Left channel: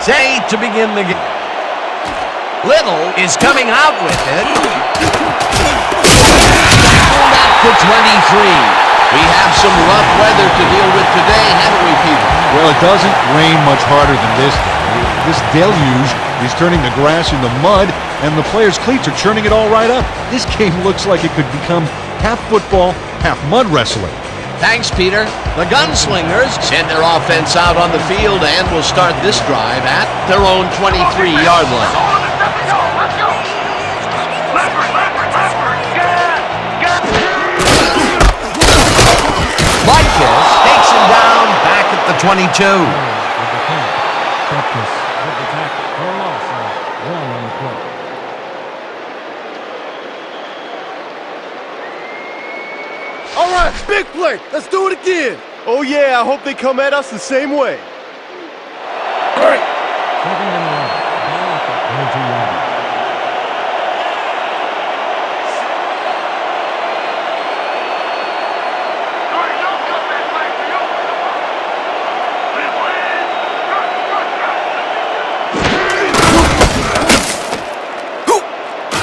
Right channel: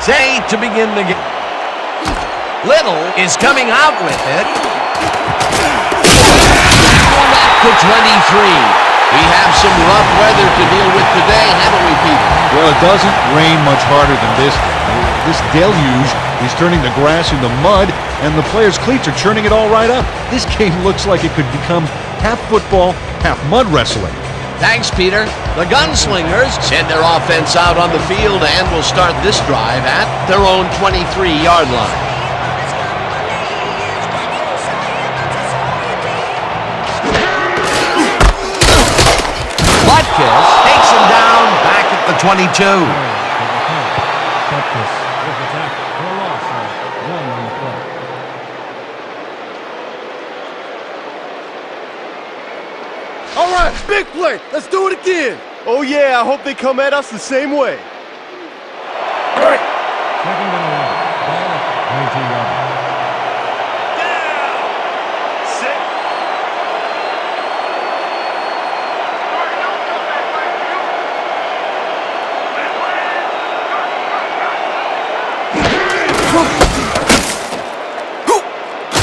Say to begin the game. Little is coming out with it. Tackled at the 23. We have some rough weather to deal with today, haven't we, Peter? Well, it doesn't rain much harder than this day. This deluge is turning the grass into mud, and the players' cleats are churning it all right up. This game looks like it could become half football, half mud wrestling. Thanks, Peter. The Gunslingers send their offense out on the field and will start this drive at their own 23-yard line. Butkus takes him down back at the 22. With the carry. Butkus with the tackle for a loss of 1 on the play. All right, big play. Let's do it again. Oh, yeah, I hope they come at us the same way. Great. 2nd and 11. Ball at the 22-yard line.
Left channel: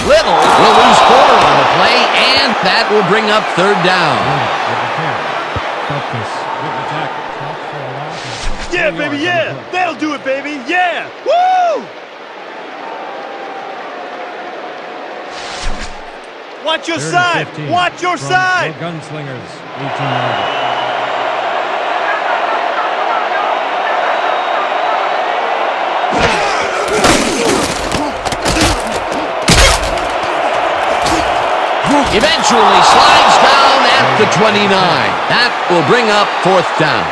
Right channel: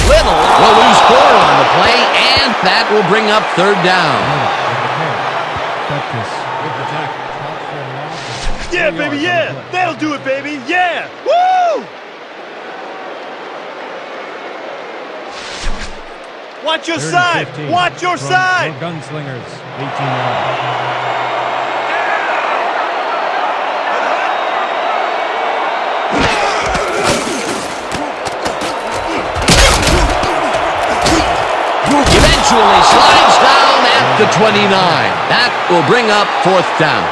Little will lose 4 on the play, and that will bring up 3rd down. With the carry. Butkus with the tackle. Stop for a loss. Yeah, baby, yeah. That'll do it, baby. Yeah. Woo! Watch your side. Watch your side. The Gunslingers, 18-yard. Eventually slides down at the 29. That will bring up 4th down.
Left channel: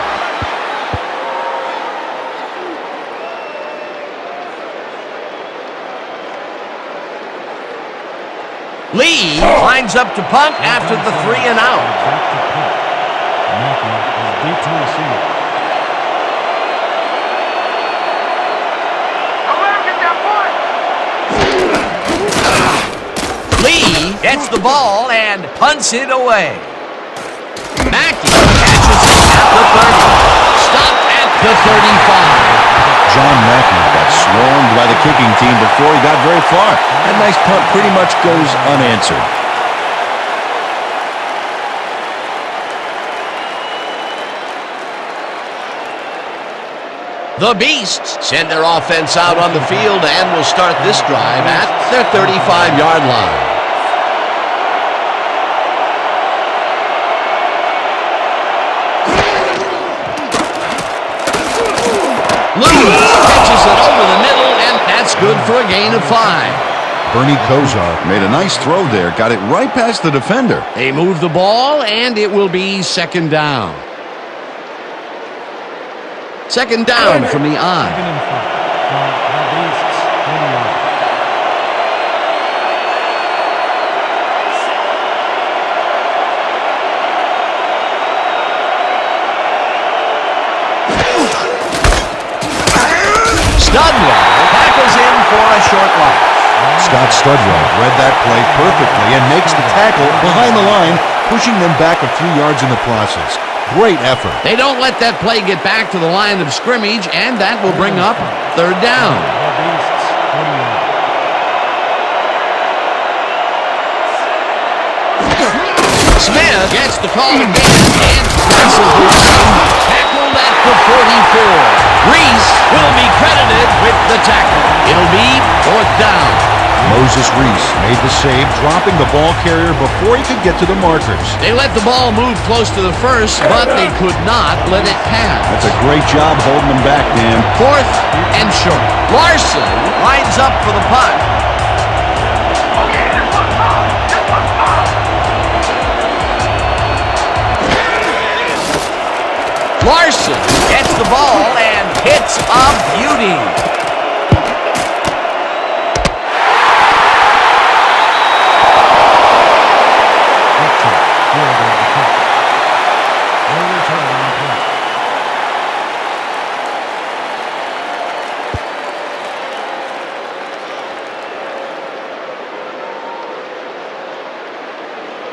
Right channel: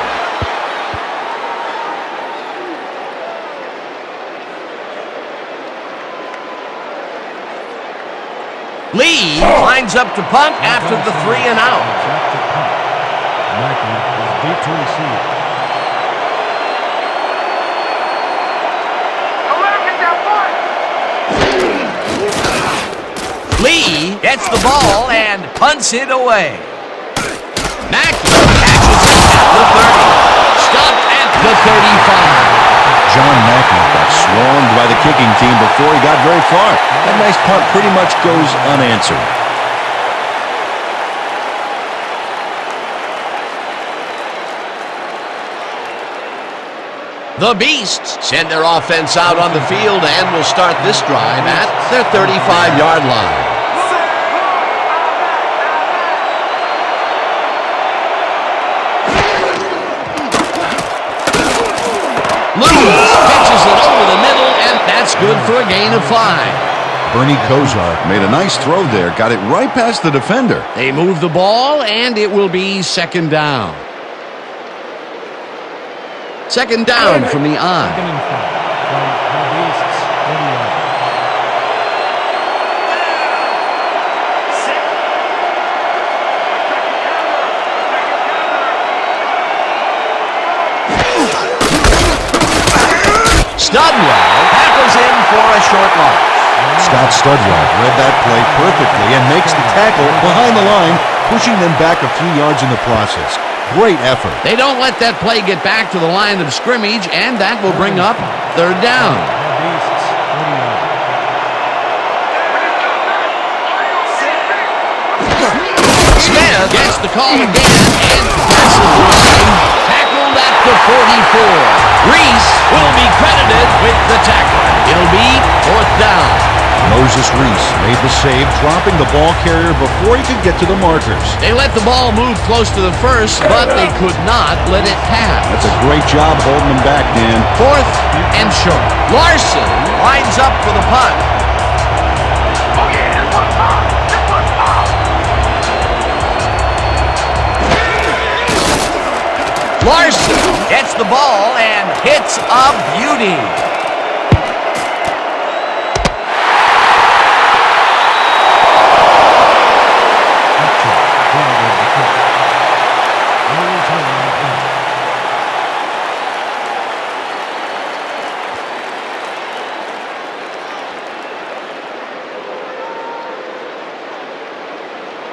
Lee lines up to punt after the 3 and out. Back to punt. Mackey is deep to receive. Don't let him get that point. Lee gets the ball and punts it away. Mackey catches it at the 30. Stopped at the 35. John Mackey got swarmed by the kicking team before he got very far. That nice punt pretty much goes unanswered. The Beasts send their offense out on the field and will start this drive at their 35-yard line. Lewis catches it over the middle, and that's good for a gain of 5. Bernie Kosar made a nice throw there, got it right past the defender. They move the ball, and it will be 2nd down. 2nd down from the I. 2nd and 5 from the Beasts, 40-yard. Studwell tackles him for a short loss. Scott Studwell read that play perfectly and makes the tackle behind the line, pushing them back a few yards in the process. Great effort. They don't let that play get back to the line of scrimmage, and that will bring up 3rd down. The Beasts, 40-yard. Smith gets the call again and passes the line. Tackled at the 44. Reese will be credited with the tackle. It'll be 4th down. Moses Reese made the save, dropping the ball carrier before he could get to the markers. They let the ball move close to the 1st, but they could not let it pass. That's a great job holding them back, Dan. 4th and short. Larson lines up for the punt. Oh, yeah, this one's mine. This one's mine. Larson gets the ball and hits a beauty.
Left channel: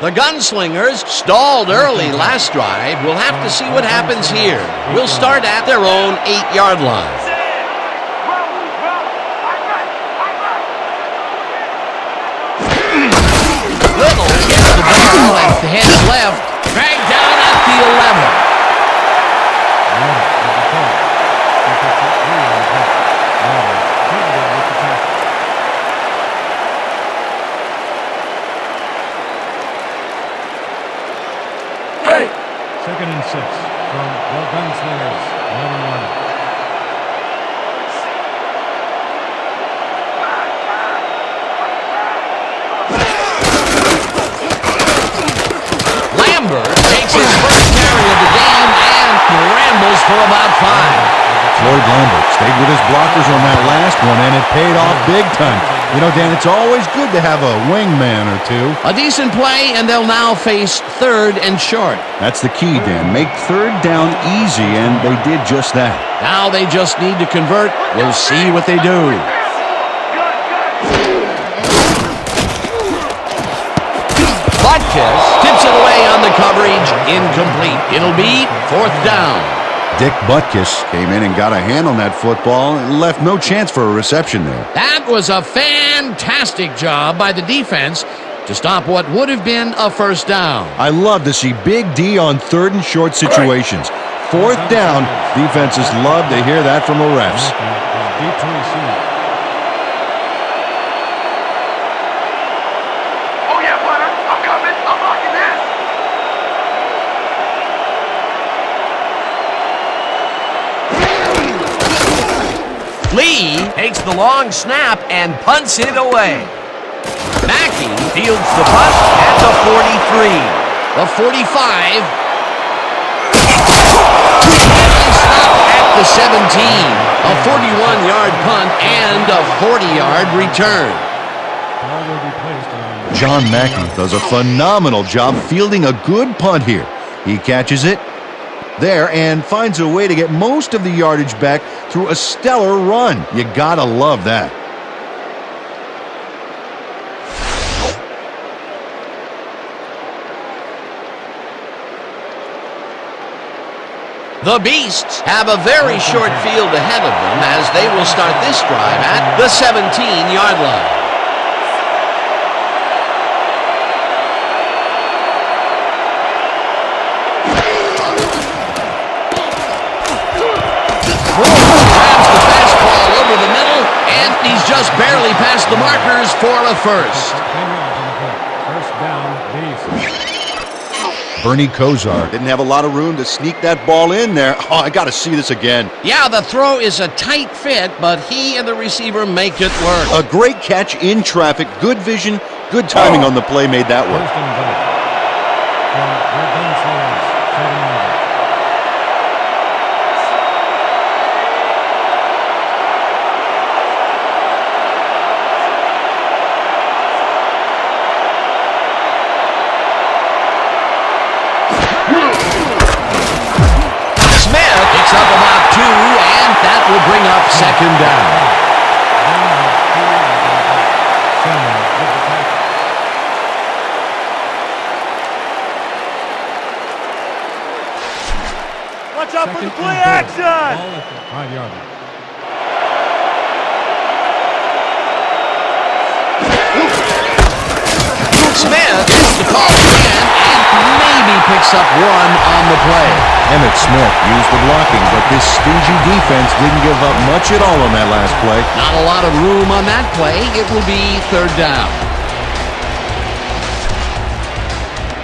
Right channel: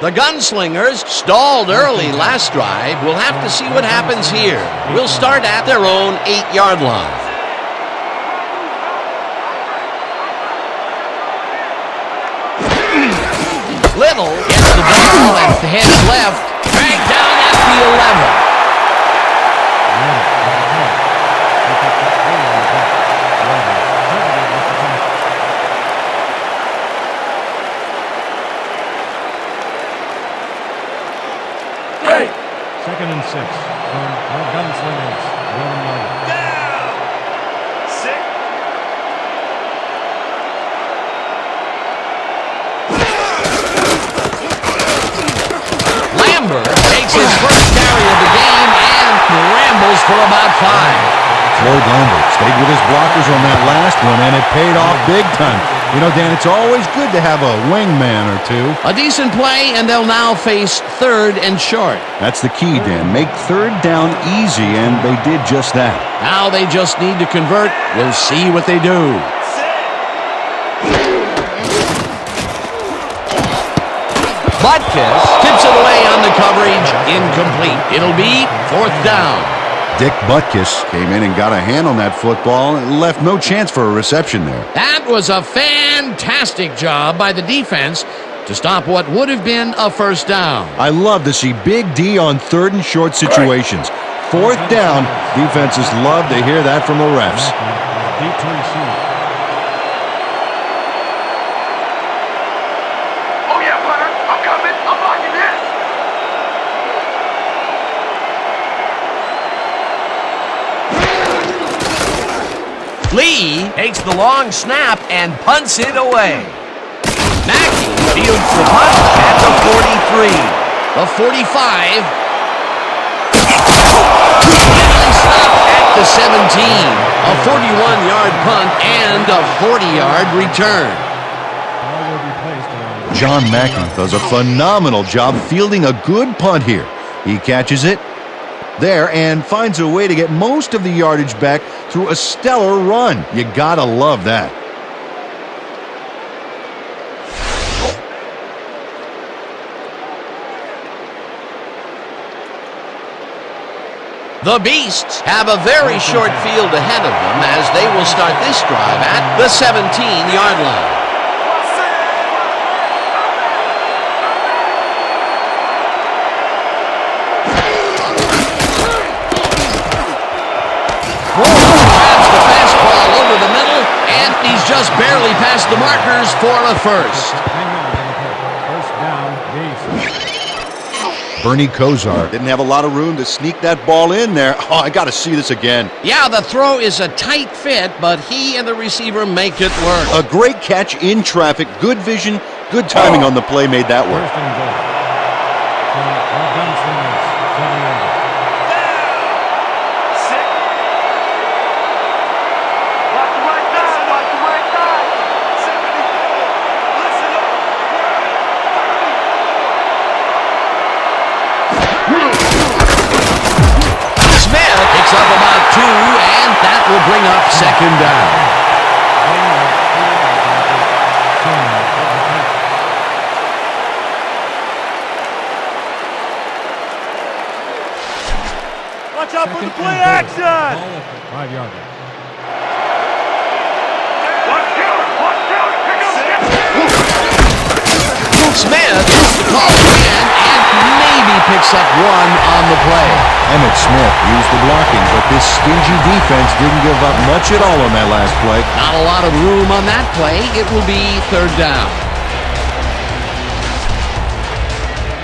The Gunslingers stalled early last drive. We'll have to see what happens here. We'll start at their own 8-yard line. Little gets the ball and heads left. Dragged down at the 11. Little with the carry. He picks up 3 on the play. Little credited with the tackle. Second and 6 from the Gunslingers, 11-yard line. Lambert takes his first carry of the game and rambles for about 5. Floyd Lambert stayed with his blockers on that last one, and it paid off big time. You know, Dan, it's always good to have a wingman or two. A decent play, and they'll now face 3rd and short. That's the key, Dan. Make 3rd down easy, and they did just that. Now they just need to convert. We'll see what they do. Butkus tips it away on the coverage. Incomplete. It'll be 4th down. Dick Butkus came in and got a hand on that football and left no chance for a reception there. That was a fantastic job by the defense to stop what would have been a 1st down. I love to see Big D on 3rd and short situations. 4th down, defenses love to hear that from the refs. Is deep to receive. Oh yeah, punter. I'm coming. I'm blocking this. Lee takes the long snap and punts it away. Mackey fields the punt at the 43. The 45. Finally stopped at the 17. A 41-yard punt and a 40-yard return. Ball will be placed around. John Mackey does a phenomenal job fielding a good punt here. He catches it there and finds a way to get most of the yardage back through a stellar run. You gotta love that. The Beasts have a very short field ahead of them as they will start this drive at the 17-yard line. Moore grabs the fastball over the middle, and he's just barely past the markers for a 1st. 10 yards on the play. 1st down, Beast. Bernie Kosar didn't have a lot of room to sneak that ball in there. Oh, I got to see this again. Yeah, the throw is a tight fit, but he and the receiver make it work. A great catch in traffic, good vision, good timing on the play made that work. 1st and goal. From the Gunslingers, 7-yard line. Smith picks up about 2, and that will bring up 2nd down. Watch out for the Second play and goal. action! Ball at the 5-yard line. Smith gets the call again and maybe picks up 1 on the play. Emmitt Smith used the blocking, but this stingy defense didn't give up much at all on that last play. Not a lot of room on that play. It will be 3rd down.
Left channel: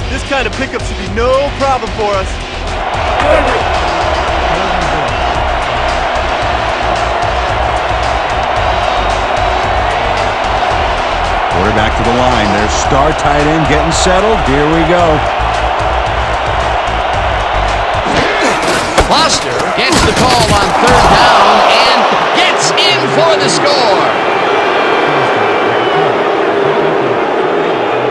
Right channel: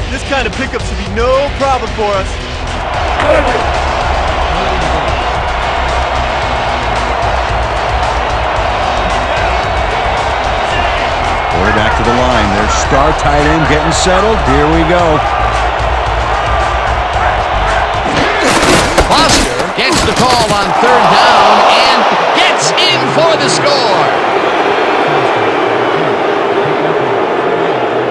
This kind of pickup should be no problem for us. 3rd and goal. Quarterback to the line. Their star tight end getting settled. Here we go. Foster gets the call on 3rd down and gets in for the score. Foster with the carry. Pick up 4 yards on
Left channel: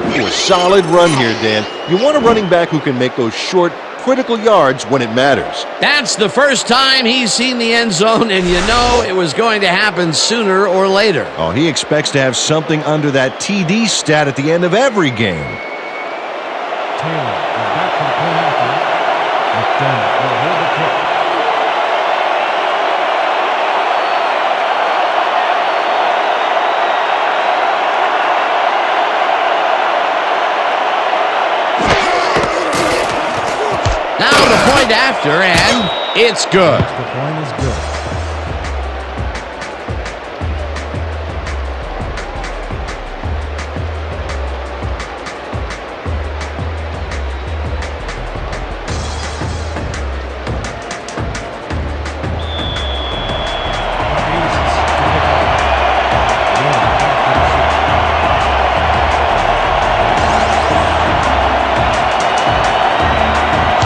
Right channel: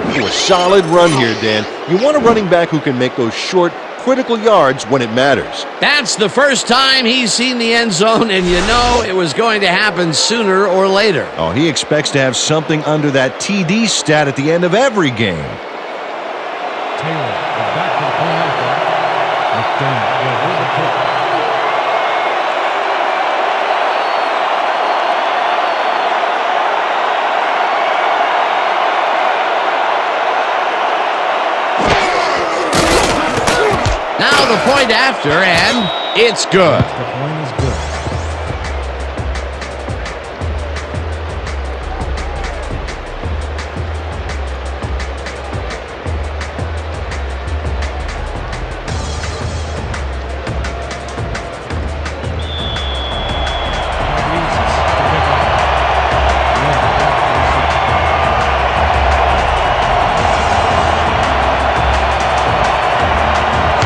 the play. A solid run here, Dan. You want a running back who can make those short, critical yards when it matters. That's the first time he's seen the end zone, and you know it was going to happen sooner or later. Oh, he expects to have something under that TD stat at the end of every game. Taylor is back for the point after. McDermott will hold the kick. Now the point after, and it's good. Extra point is good.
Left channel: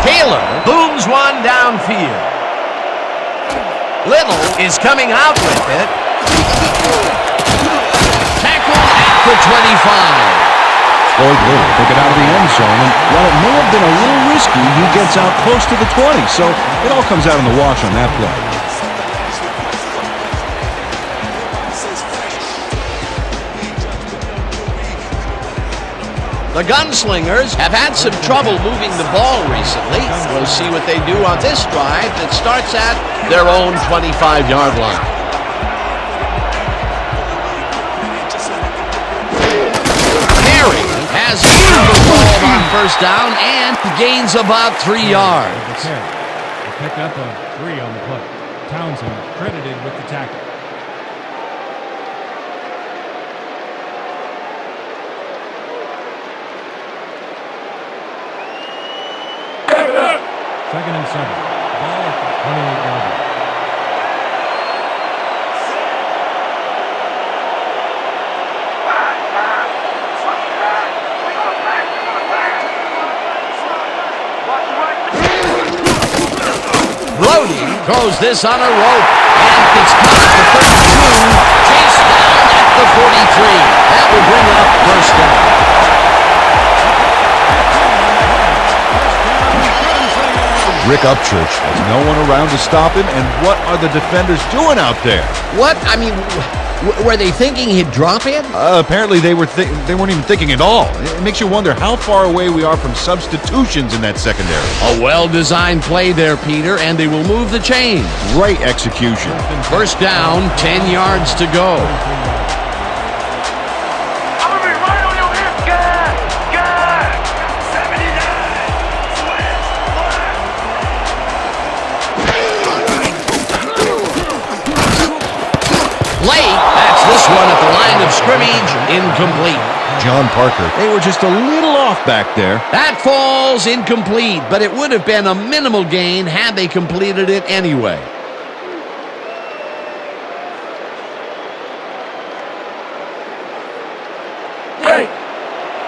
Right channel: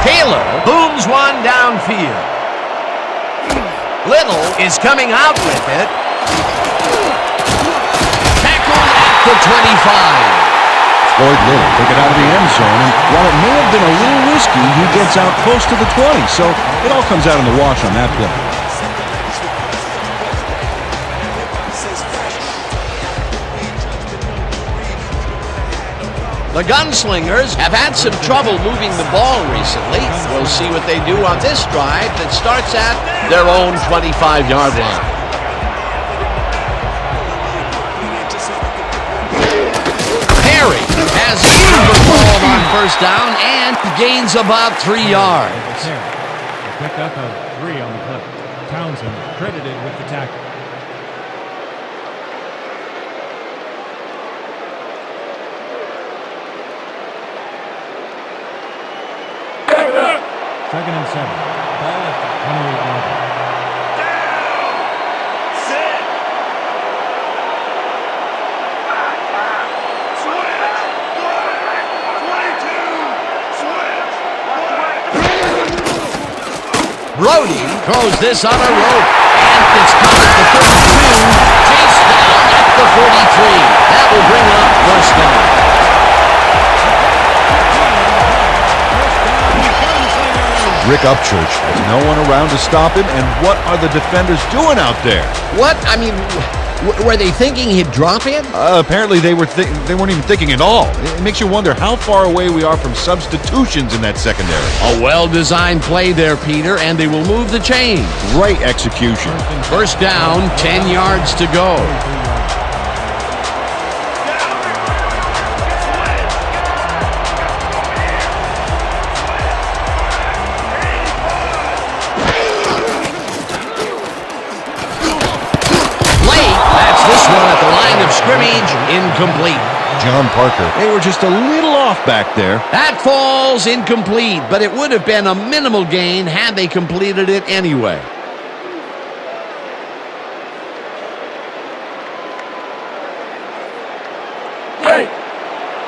Taylor booms one downfield. Little is coming out with it. Tackled at the 25. Floyd Little took it out of the end zone, and while it may have been a little risky, he gets out close to the 20, so it all comes out in the wash on that play. The Gunslingers have had some trouble moving the ball recently. We'll see what they do on this drive that starts at their own 25-yard line. Perry has a ball on first down and gains about 3 yards. A pickup of 3 on the play. Townsend credited with the tackle. Second and 7. Ball at the 28-yard line. Brody throws this on a rope, and it's caught at the 32, chased down at the 43. That will bring up first down. Rick Upchurch has no one around to stop him, and what are the defenders doing out there? What? I mean, were they thinking he'd drop it? Apparently they weren't even thinking at all. It makes you wonder how far away we are from substitutions in that secondary. A well-designed play there, Peter, and they will move the chain. Great execution. First down, 10 yards to go. That's this one at the line of scrimmage, incomplete. John Parker, they were just a little off back there. That falls incomplete, but it would have been a minimal gain had they completed it anyway.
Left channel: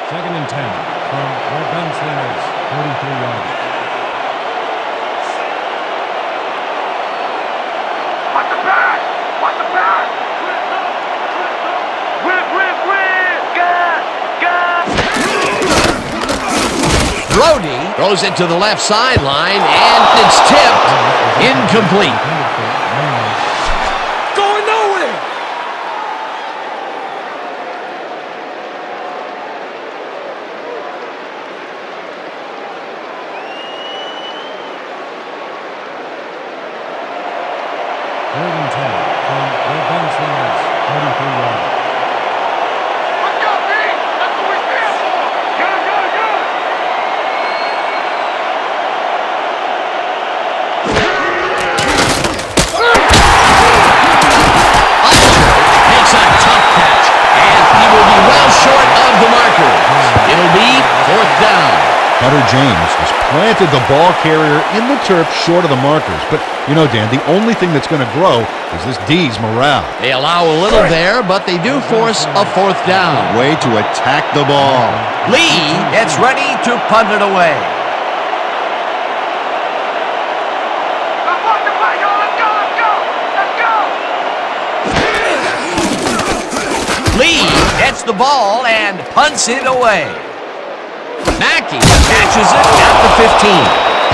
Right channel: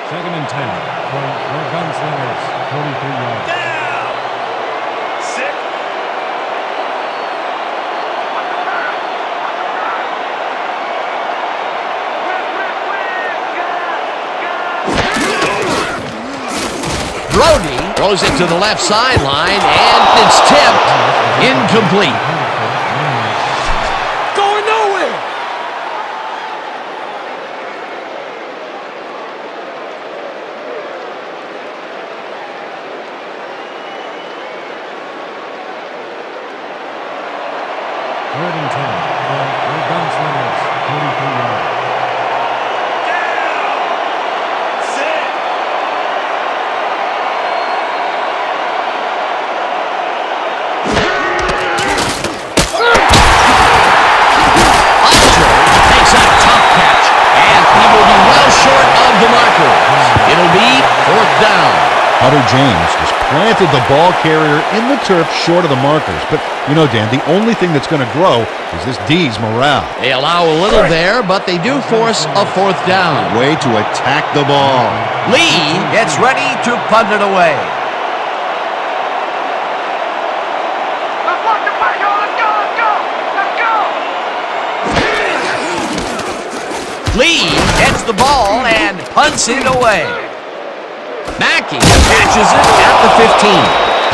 Second and 10 from your Gunslingers, 43 yards. Watch the pass! Watch the pass! Brody throws it to the left sideline, and it's tipped. Incomplete. Going nowhere! Third and 10 from your Gunslingers, 43 yards. Makes a tough catch, and he will be well short of the markers. It'll be fourth down. Hunter James just planted the ball carrier in the turf short of the markers. But, you know, Dan, the only thing that's going to grow is this D's morale. They allow a little there, but they do force a fourth down. Way to attack the ball. Lee gets ready to punt it away. Let's watch the play, y'all! Let's go! Let's go! Let's go! Lee gets the ball and punts it away. Mackey catches it at the 15.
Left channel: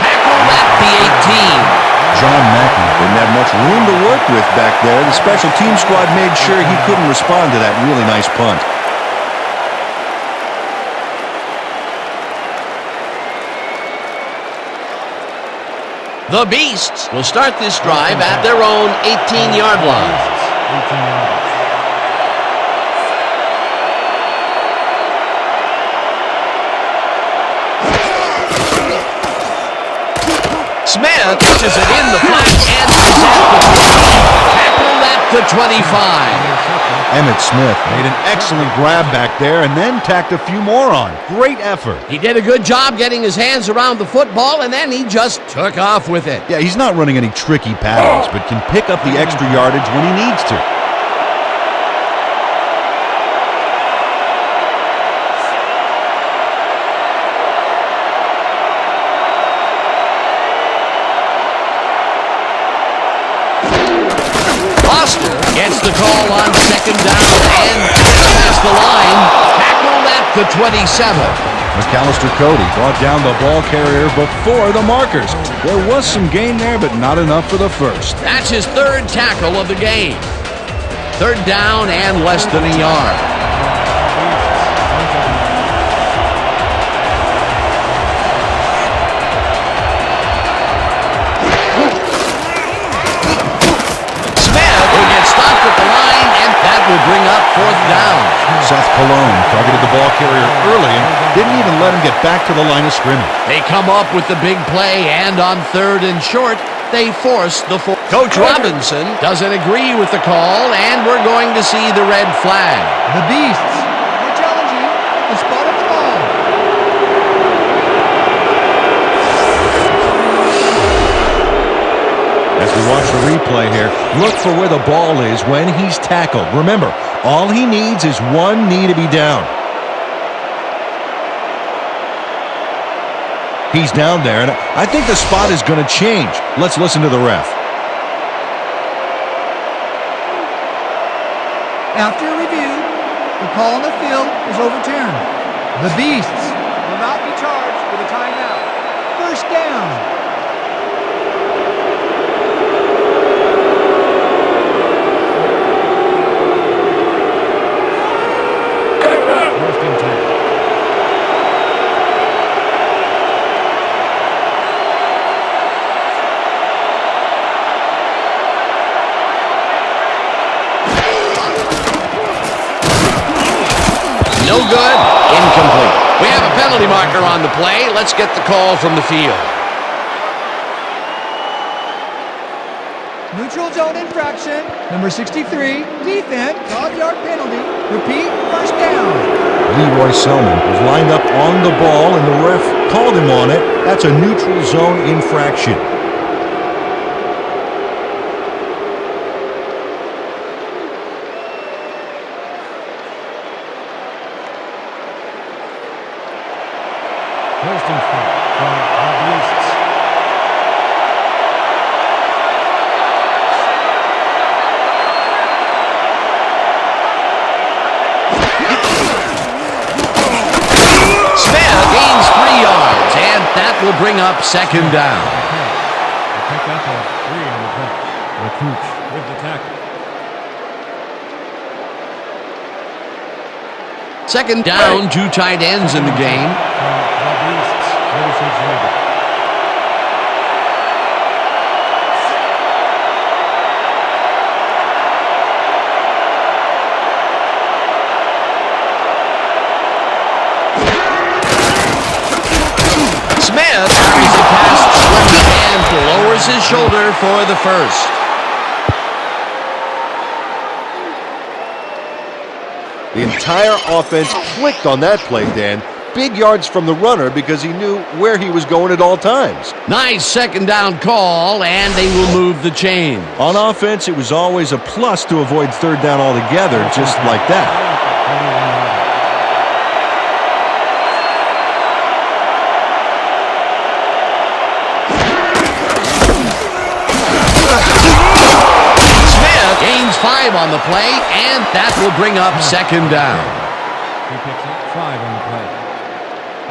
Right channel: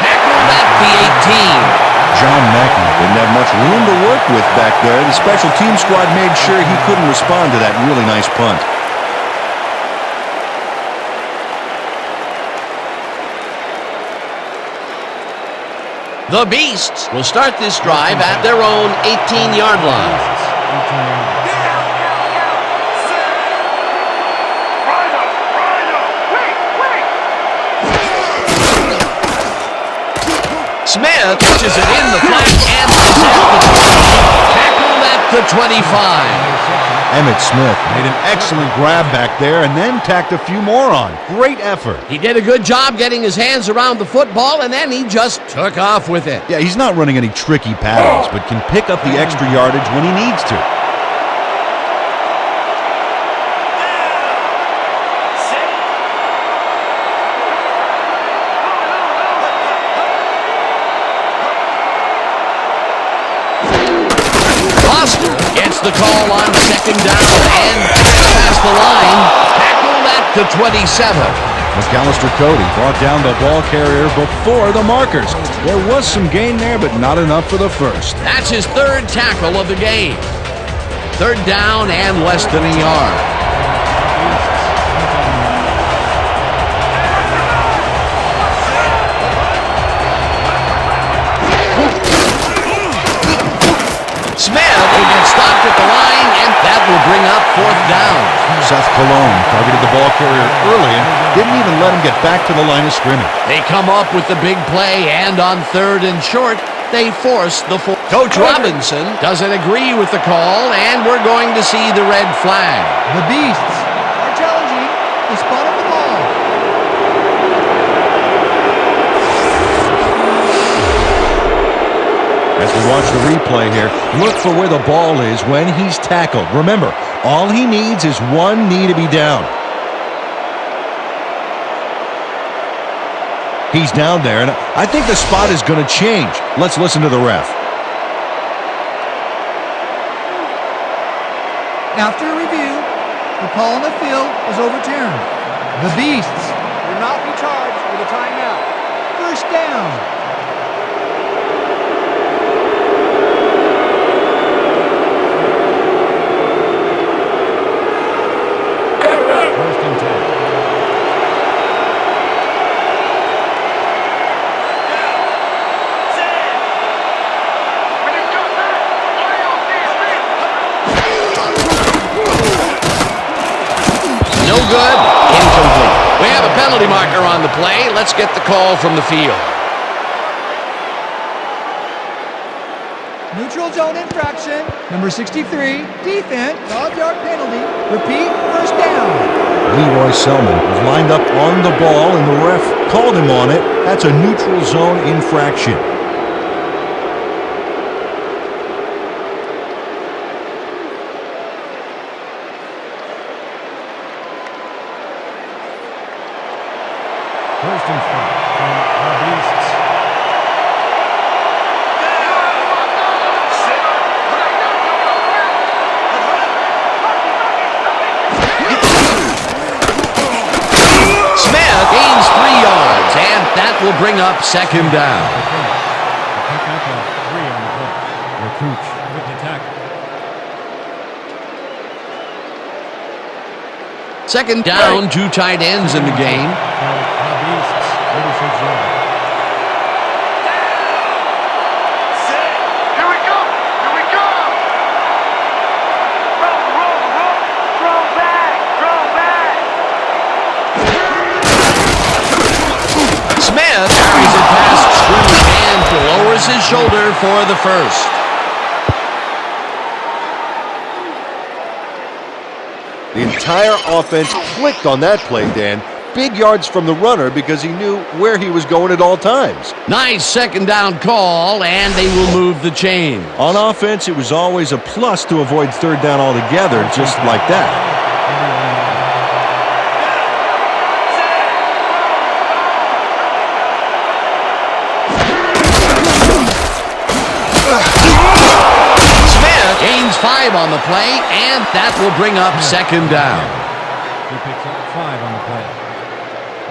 Tackled at the 18. John Mackey didn't have much room to work with back there. The special team squad made sure he couldn't respond to that really nice punt. The Beasts will start this drive at their own 18-yard line. 18 yards. Smith catches it in the flat and is at the 20. Tackled at the 25. Emmitt Smith made an excellent grab back there and then tacked a few more on. Great effort. He did a good job getting his hands around the football, and then he just took off with it. Yeah, he's not running any tricky patterns, but can pick up the extra yardage when he needs to. Foster gets the call on second down and gets past the line. Tackled at the 27. McAllister Cody brought down the ball carrier before the markers. There was some gain there, but not enough for the first. That's his third tackle of the game. Third down and less than a yard. Smith will get stopped at the line, and that will bring up fourth down. Seth Cologne targeted the ball carrier early and didn't even let him get back to the line of scrimmage. They come up with the big play, and on third and short, they force the fourth. Coach Robinson doesn't agree with the call, and we're going to see the red flag. The Beasts are challenging the spot of the ball. As we watch the replay here, look for where the ball is when he's tackled. Remember, all he needs is one knee to be down. He's down there, and I think the spot is going to change. Let's listen to the ref. After review, the call on the field is overturned. The Beasts will not be charged with a timeout. First down. First and 10. No good. Incomplete. We have a penalty marker on the play. Let's get the call from the field. Neutral zone infraction, number 63, defense, 5-yard penalty. Repeat, first down. Leroy Selman was lined up on the ball, and the ref called him on it. That's a neutral zone infraction. First and 5 from the Beasts. Smith gains 3 yards, and that will bring up second down. The pickup of 3 on the play. Recruit with the tackle. Second down, 2 tight ends in the game. From the Beasts, 36 yards. Here we go! Here we go! Roll back! Smith carries it past Slimmy and lowers his shoulder for the first. The entire offense clicked on that play, Dan. Big yards from the runner because he knew where he was going at all times. Nice second down call, and they will move the chain. On offense, it was always a plus to avoid third down altogether, just like that. 41 yards. Smith gains 5 on the play, and that will bring up second down. He picks up 5 on the play.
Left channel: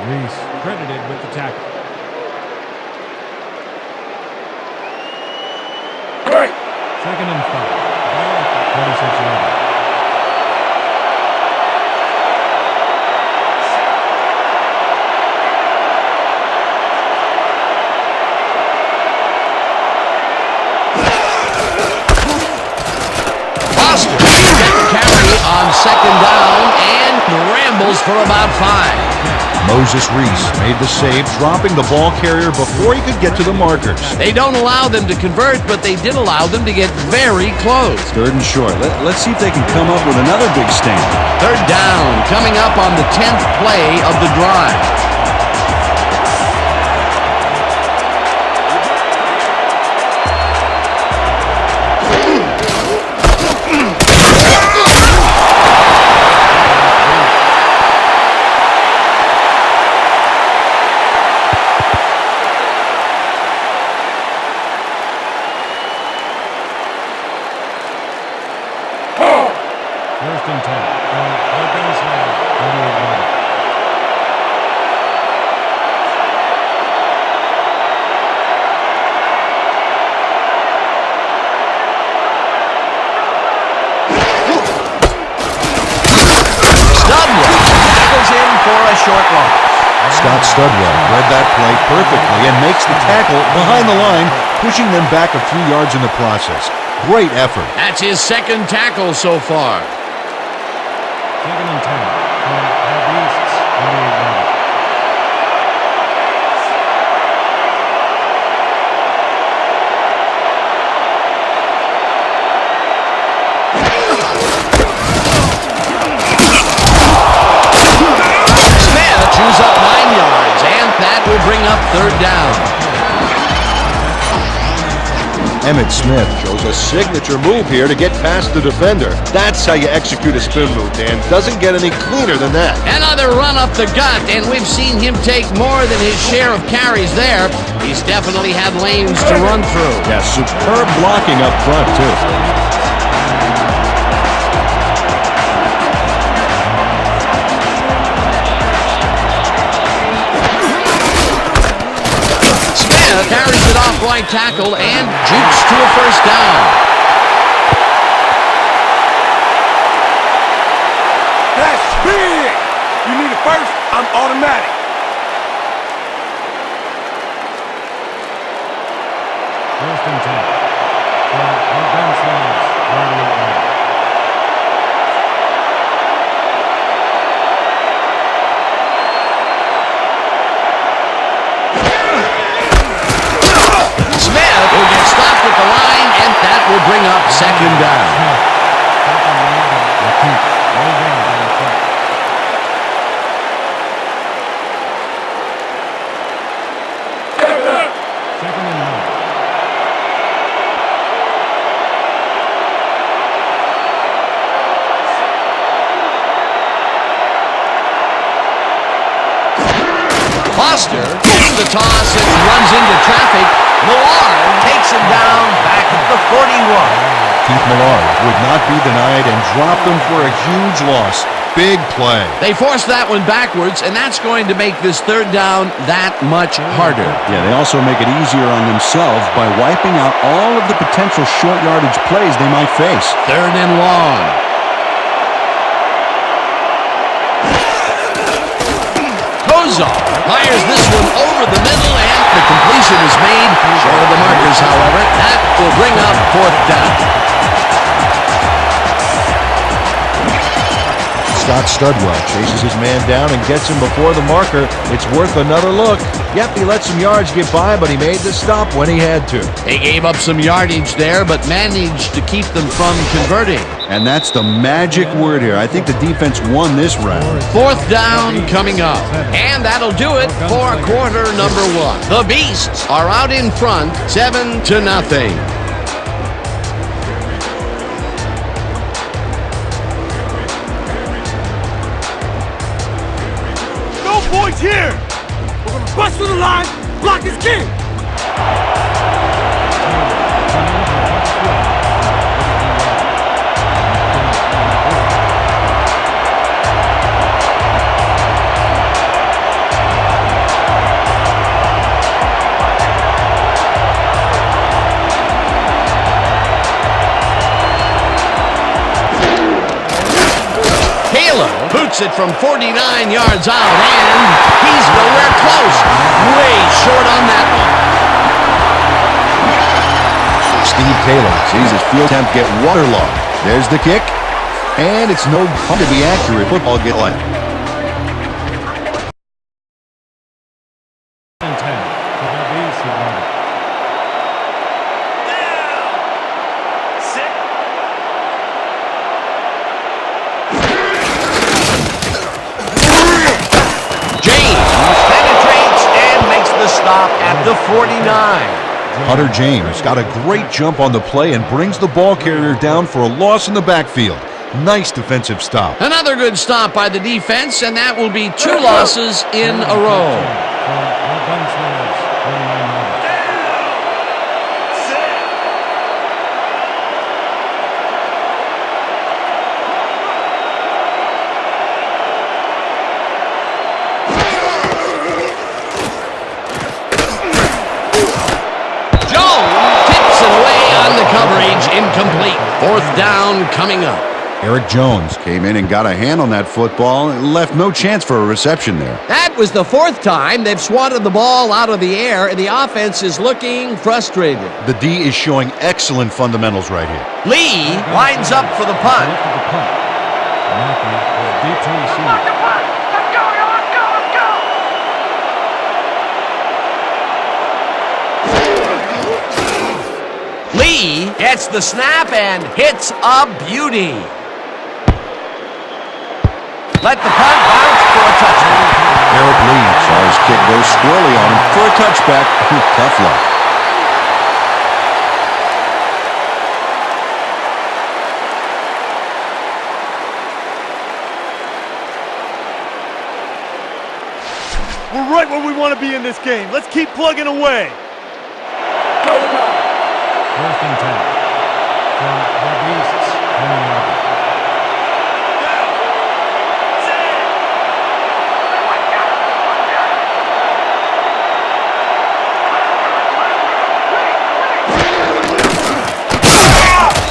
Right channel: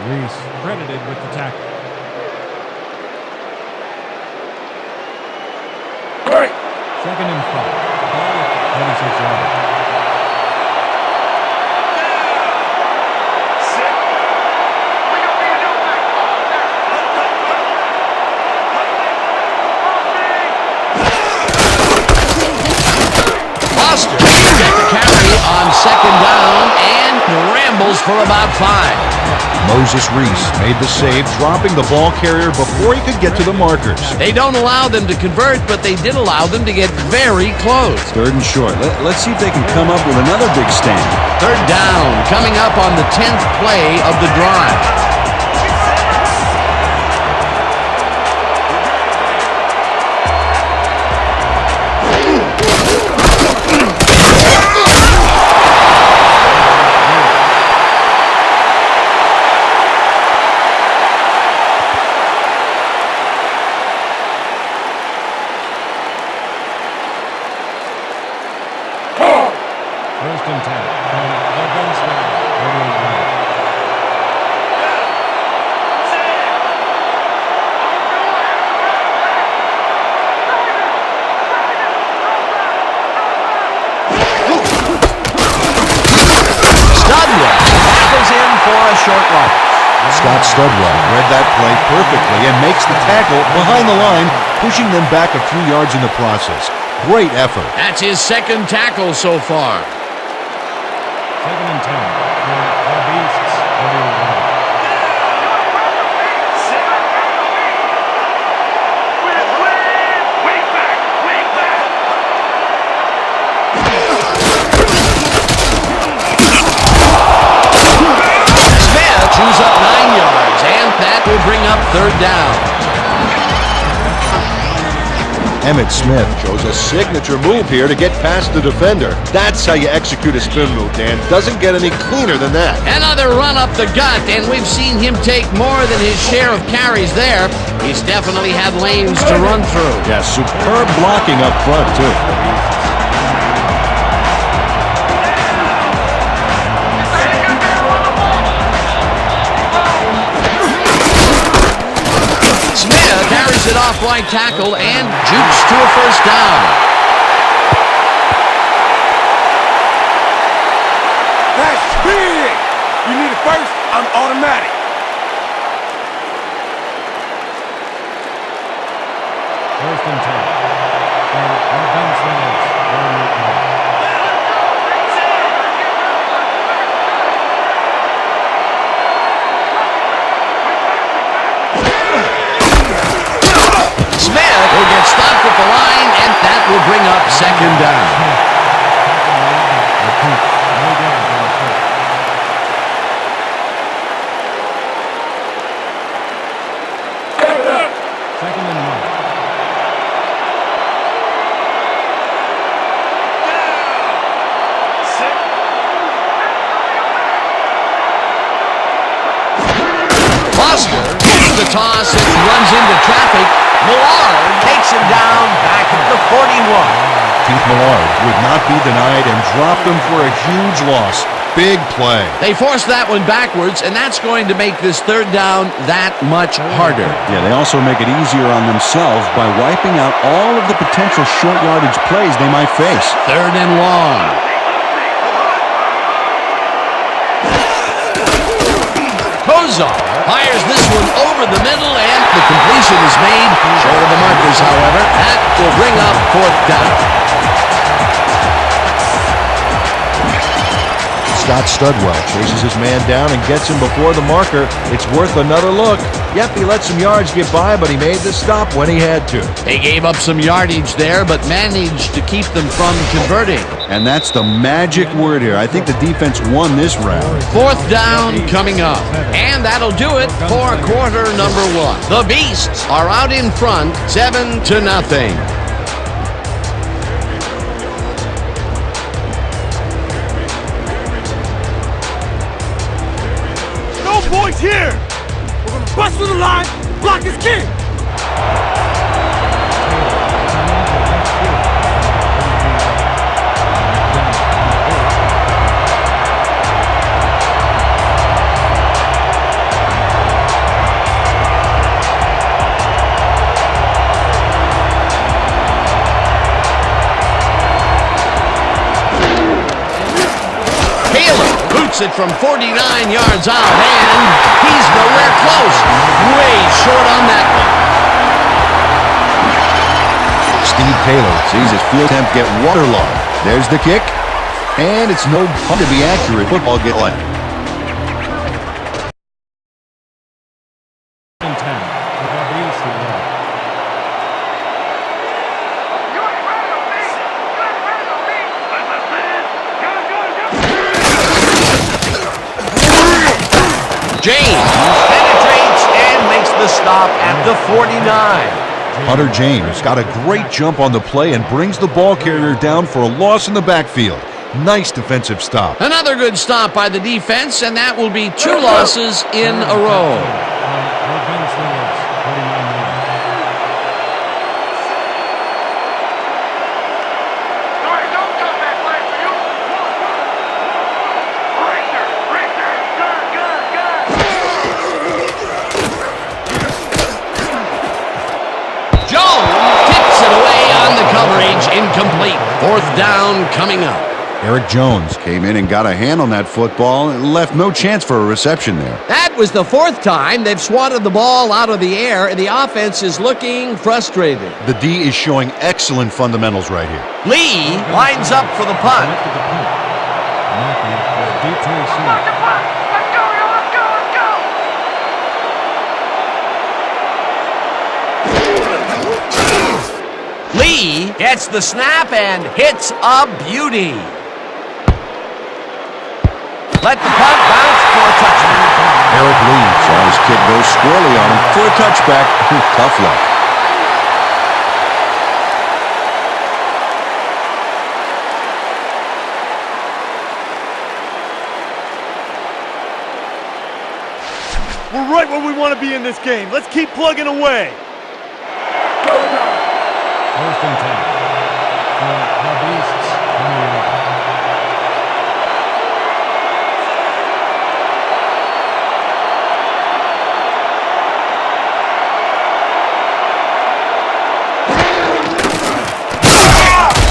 Reese credited with the tackle. Second and 5. Ball at the 46 yards. Foster will get the carry on second down and ram scrambles for about 5. Moses Reese made the save, dropping the ball carrier before he could get to the markers. They don't allow them to convert, but they did allow them to get very close. 3rd and short. Let's see if they can come up with another big stand. 3rd down, coming up on the 10th play of the drive. First and 10 from the Gunslingers, 48-yard. Studwell tackles him for a short loss. Scott Studwell read that play perfectly and makes the tackle behind the line, pushing them back a few yards in the process. Great effort. That's his 2nd tackle so far. 2nd and 10 from the Beasts, 48-yard. Smith chews up 9 yards, and that will bring up 3rd down. Emmitt Smith shows a signature move here to get past the defender. That's how you execute a spin move, Dan. Doesn't get any cleaner than that. Another run up the gut, and we've seen him take more than his share of carries there. He's definitely had lanes to run through. Yeah, superb blocking up front, too. Carries it off right tackle and jukes to a 1st down. That's big! You need a first? I'm automatic. First and 10 from the Gunslingers, 38-yard. Smith will get stopped at the line, and that will bring up 2nd down. No gains on the play. Second and 9. Foster gets the toss and runs into traffic. Millard takes him down back at the 41. Keith Millard would not be denied and dropped them for a huge loss. Big play. They forced that one backwards, and that's going to make this 3rd down that much harder. Yeah, they also make it easier on themselves by wiping out all of the potential short yardage plays they might face. 3rd and long. Kozar fires this one over the middle, and the completion is made. Short of the markers, however. That will bring up 4th down. Scott Studwell chases his man down and gets him before the marker. It's worth another look. Yep, he let some yards get by, but he made the stop when he had to. They gave up some yardage there, but managed to keep them from converting. And that's the magic word here. I think the defense won this round. 4th down coming up. And that'll do it for quarter number 1. The Beasts are out in front, 7-0. No points here! We're gonna bust through the line, block his king! Taylor boots it from 49 yards out, and he's nowhere close. Way short on that one. Steve Taylor sees his field attempt get waterlogged. There's the kick, and it's no fun to be accurate. Football get left. and 10 for the Beast 11. James penetrates and makes the stop at the 49. Hunter James got a great jump on the play and brings the ball carrier down for a loss in the backfield. Nice defensive stop. Another good stop by the defense, and that will be 2 losses in a row. From your Gunslingers, 49 yards. Jones tips it away on the coverage, incomplete. 4th down coming up. Eric Jones came in and got a hand on that football and left no chance for a reception there. That was the 4th time they've swatted the ball out of the air, and the offense is looking frustrated. The D is showing excellent fundamentals right here. Lee lines up for the punt. Selected the punt. Mackey is deep to receive. The punt! Let's go, y'all! Let's go! Let's go! Lee gets the snap and hits a beauty. Let the punt bounce for a touchdown. Eric Lee saw his kick go squirrely on him for a touchback. Tough luck. We're right where we want to be in this game. Let's keep plugging away. 1st and 10 from the Beasts, 20 yards.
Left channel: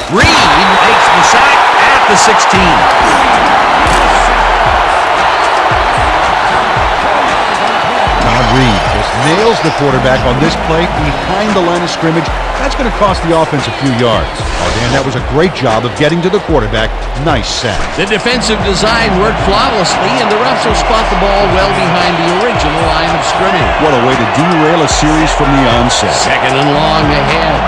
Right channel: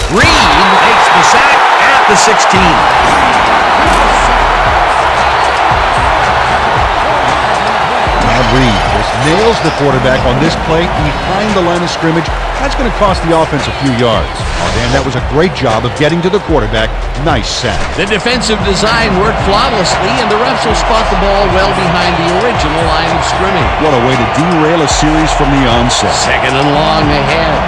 Reed makes the sack at the 16. Todd Reed just nails the quarterback on this play behind the line of scrimmage. That's going to cost the offense a few yards. Oh, Dan, that was a great job of getting to the quarterback. Nice sack. The defensive design worked flawlessly, and the refs will spot the ball well behind the original line of scrimmage. What a way to derail a series from the onset. 2nd and long ahead.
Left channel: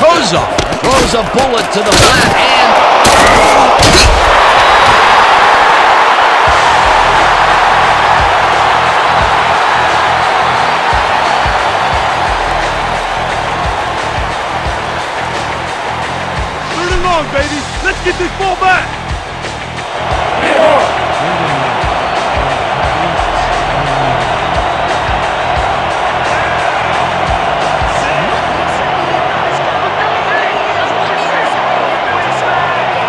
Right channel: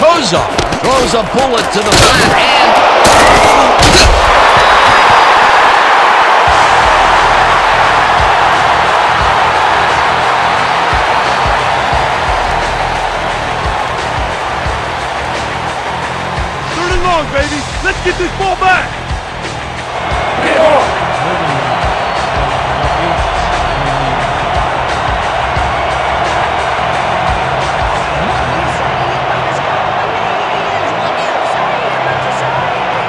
Kozar throws a bullet to the flat, and baby. Let's get this ball back. 3rd and 9 from the Beasts, 21 yards. What do you say about his company? What do you say about society?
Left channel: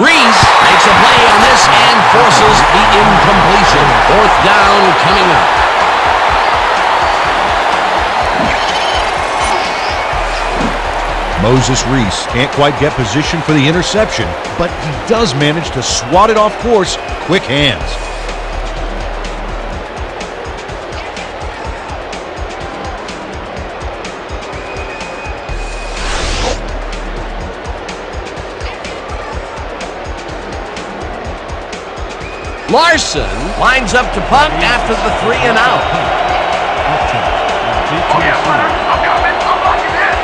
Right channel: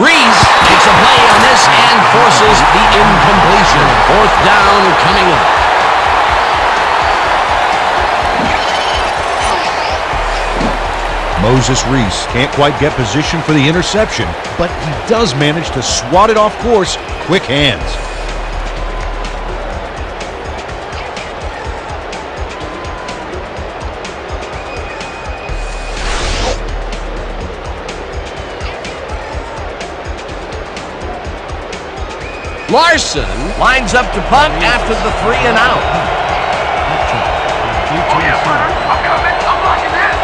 Reese makes a play on this and forces the incompletion. 4th down coming up. Moses Reese can't quite get position for the interception, but he does manage to swat it off course. Quick hands. Larson lines up to punt after the 3 and out. Upchurch is deep to Oh, yeah, receive. brother. I'm coming. I'm blocking this.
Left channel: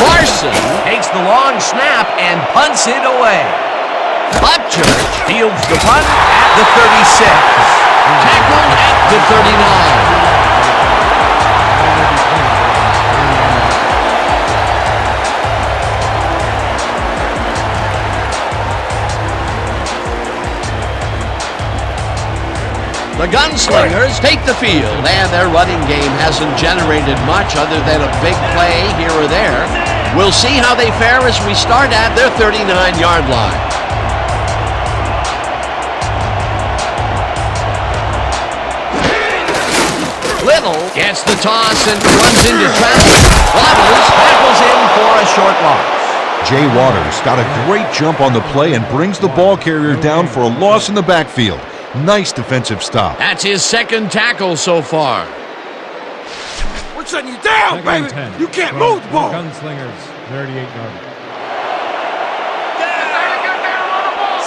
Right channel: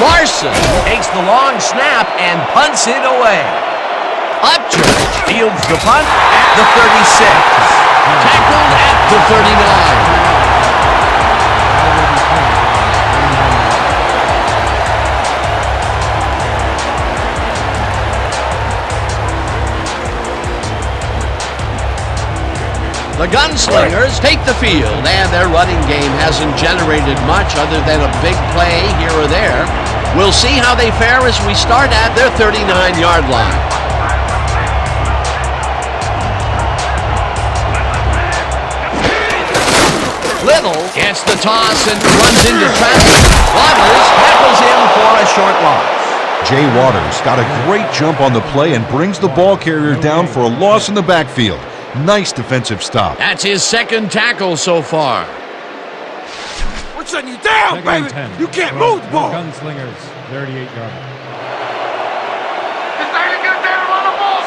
Larson takes the long snap and punts it away. Upchurch fields the punt at the 36. Tackled at the 39. The Gunslingers take the field, and their running game hasn't generated much other than a big play here or there. We'll see how they fare as we start at their 39-yard line. Little gets the toss and runs into traffic. Waters tackles him for a short loss. Jay Waters got a great jump on the play and brings the ball carrier down for a loss in the backfield. Nice defensive stop. That's his 2nd tackle so far. We're shutting you down, Second baby. and 10. You can't From move the ball. Gunslingers, 38-yard line. This ain't a good day to run the ball.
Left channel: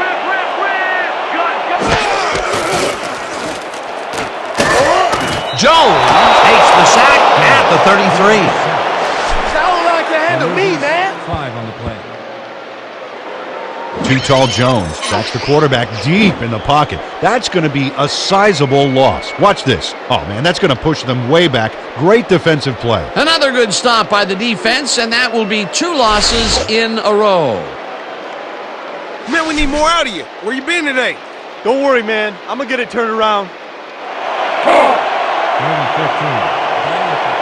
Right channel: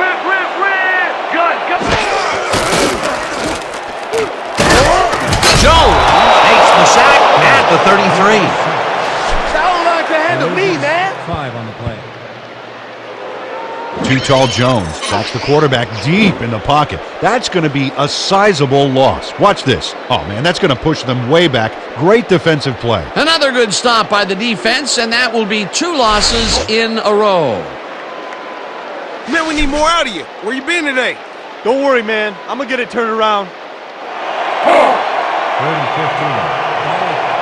Rip, rip, rip. Gun. Jones takes the sack at the 33. How line can handle me, man? 5 on the play. Too tall Jones sacks the quarterback deep in the pocket. That's going to be a sizable loss. Watch this. Oh, man, that's going to push them way back. Great defensive play. Another good stop by the defense, and that will be 2 losses in a row. Man, we need more out of you. Where you been today? Don't worry, man. I'm going to get it turned around. 3rd and 15. Ball at the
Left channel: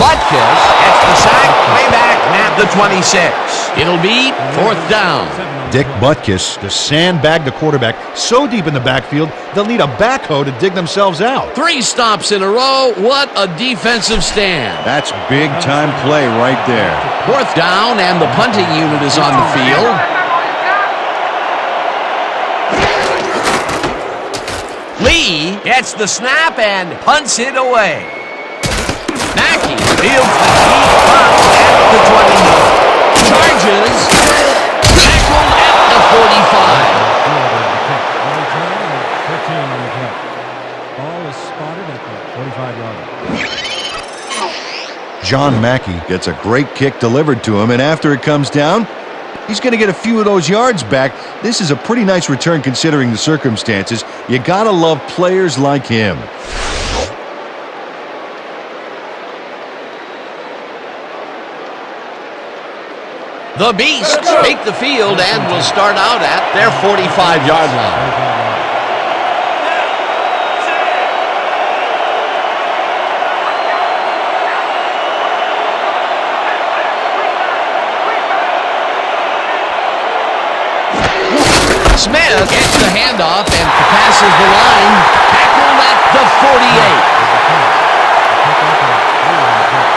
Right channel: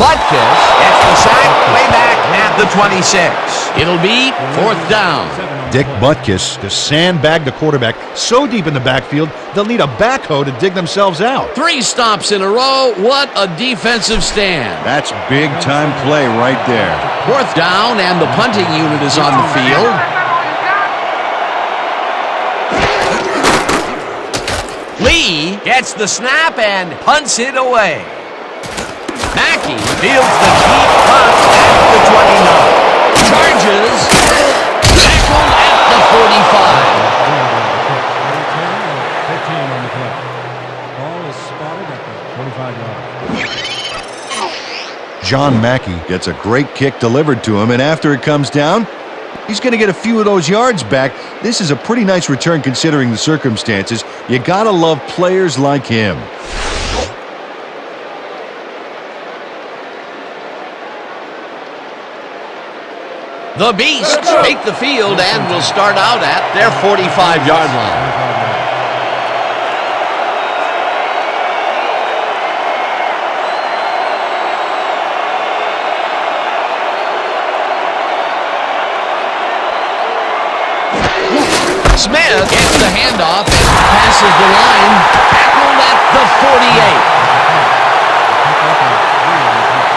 Butkus gets the sack way back at the 26. It'll be 4th down. 7 on the Dick play. Butkus to sandbag the quarterback so deep in the backfield, they'll need a backhoe to dig themselves out. 3 stops in a row. What a defensive stand. That's big-time play right there. 4th down, and the punting unit is on the field. That's all you got? Lee gets the snap and punts it away. Mackey fields the deep punt at the 29. Charges. Tackled at the 45. Fielded the kick. A return of 15 on the play. Ball is spotted at the 45-yard line. John Mackey Gets a great kick delivered to him, and after it comes down, he's going to get a few of those yards back. This is a pretty nice return considering the circumstances. You got to love players like him. The Beasts take the field and will start out at their 45-yard line. 45-yard line. Smith gets the handoff and passes the line. Tackled at the 48. There's a punt. A pickup of 3 on the punt.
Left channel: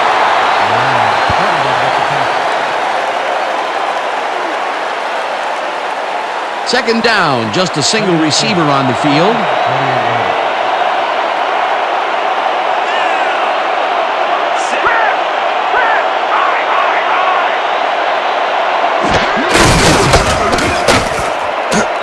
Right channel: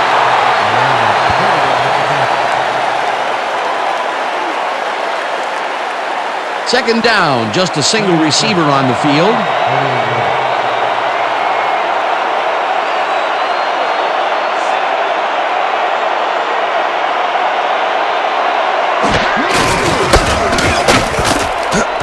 Malone credited with the tackle. 2nd down, just a single receiver on the field. 48-yard line.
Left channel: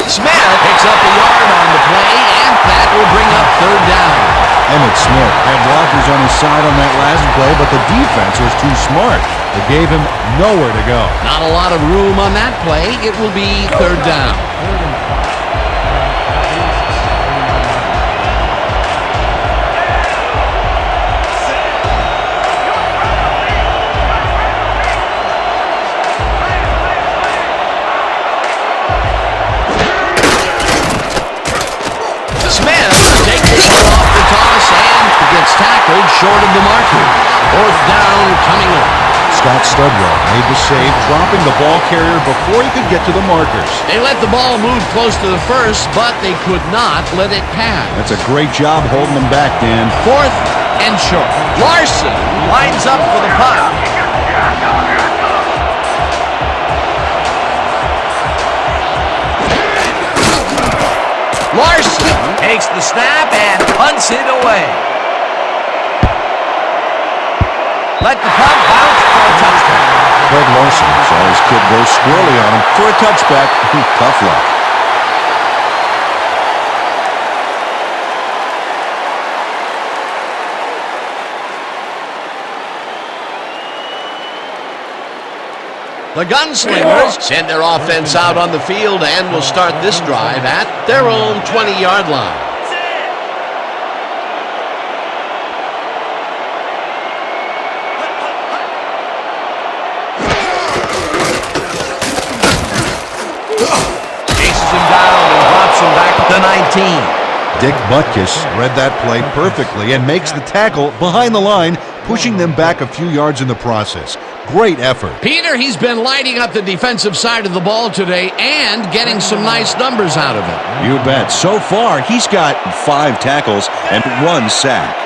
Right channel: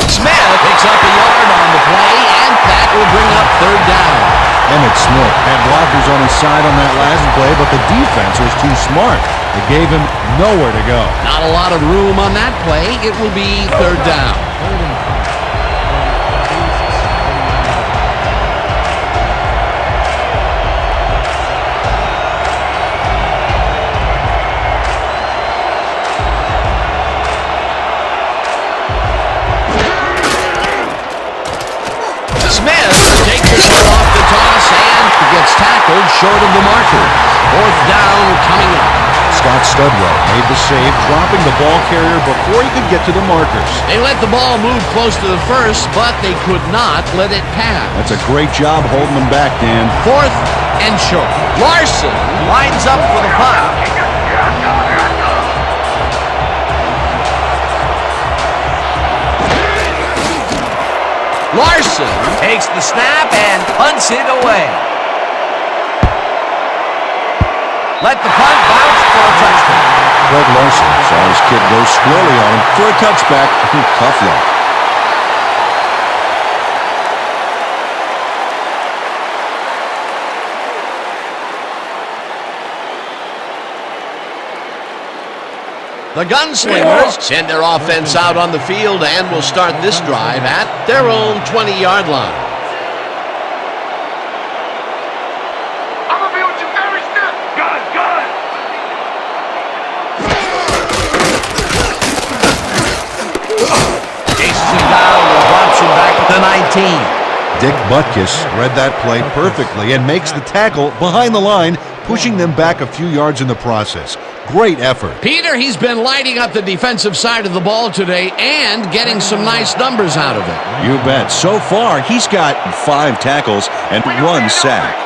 Smith picks up a yard on the play, and that will bring up 3rd down. Emmett Smith had blockers on his side on that last play, but the defense was too smart. It gave him nowhere to go. Not a lot of room on that play. It will be 3rd down. 3rd and 5. From the Beasts, 39-yard line. Smith takes this one off the toss and gets tackled short of the markers. 4th down coming up. Scott Studwell made the save, dropping the ball carrier before he could get to the markers. They let the ball move close to the first, but they could not let it pass. That's a great job holding them back, Dan. 4th and short. Larson lines up for the punt. Larson takes the snap and punts it away. Let the punt bounce for a touchdown. Greg Larson saw his kid go squirrely on him for a touchback. Tough luck. The Gunslingers send their offense out on the field and will start this drive at their own 20-yard line. I'm gonna be with you every step. Gun. Chases him down and drops him back at the 19. Dick Butkus read that play perfectly and makes the tackle behind the line, pushing them back a few yards in the process. Great effort. Peter, he's been lighting up the defensive side of the ball today and getting some nice numbers out of it. You bet. So far, he's got 5 tackles and 1 sack.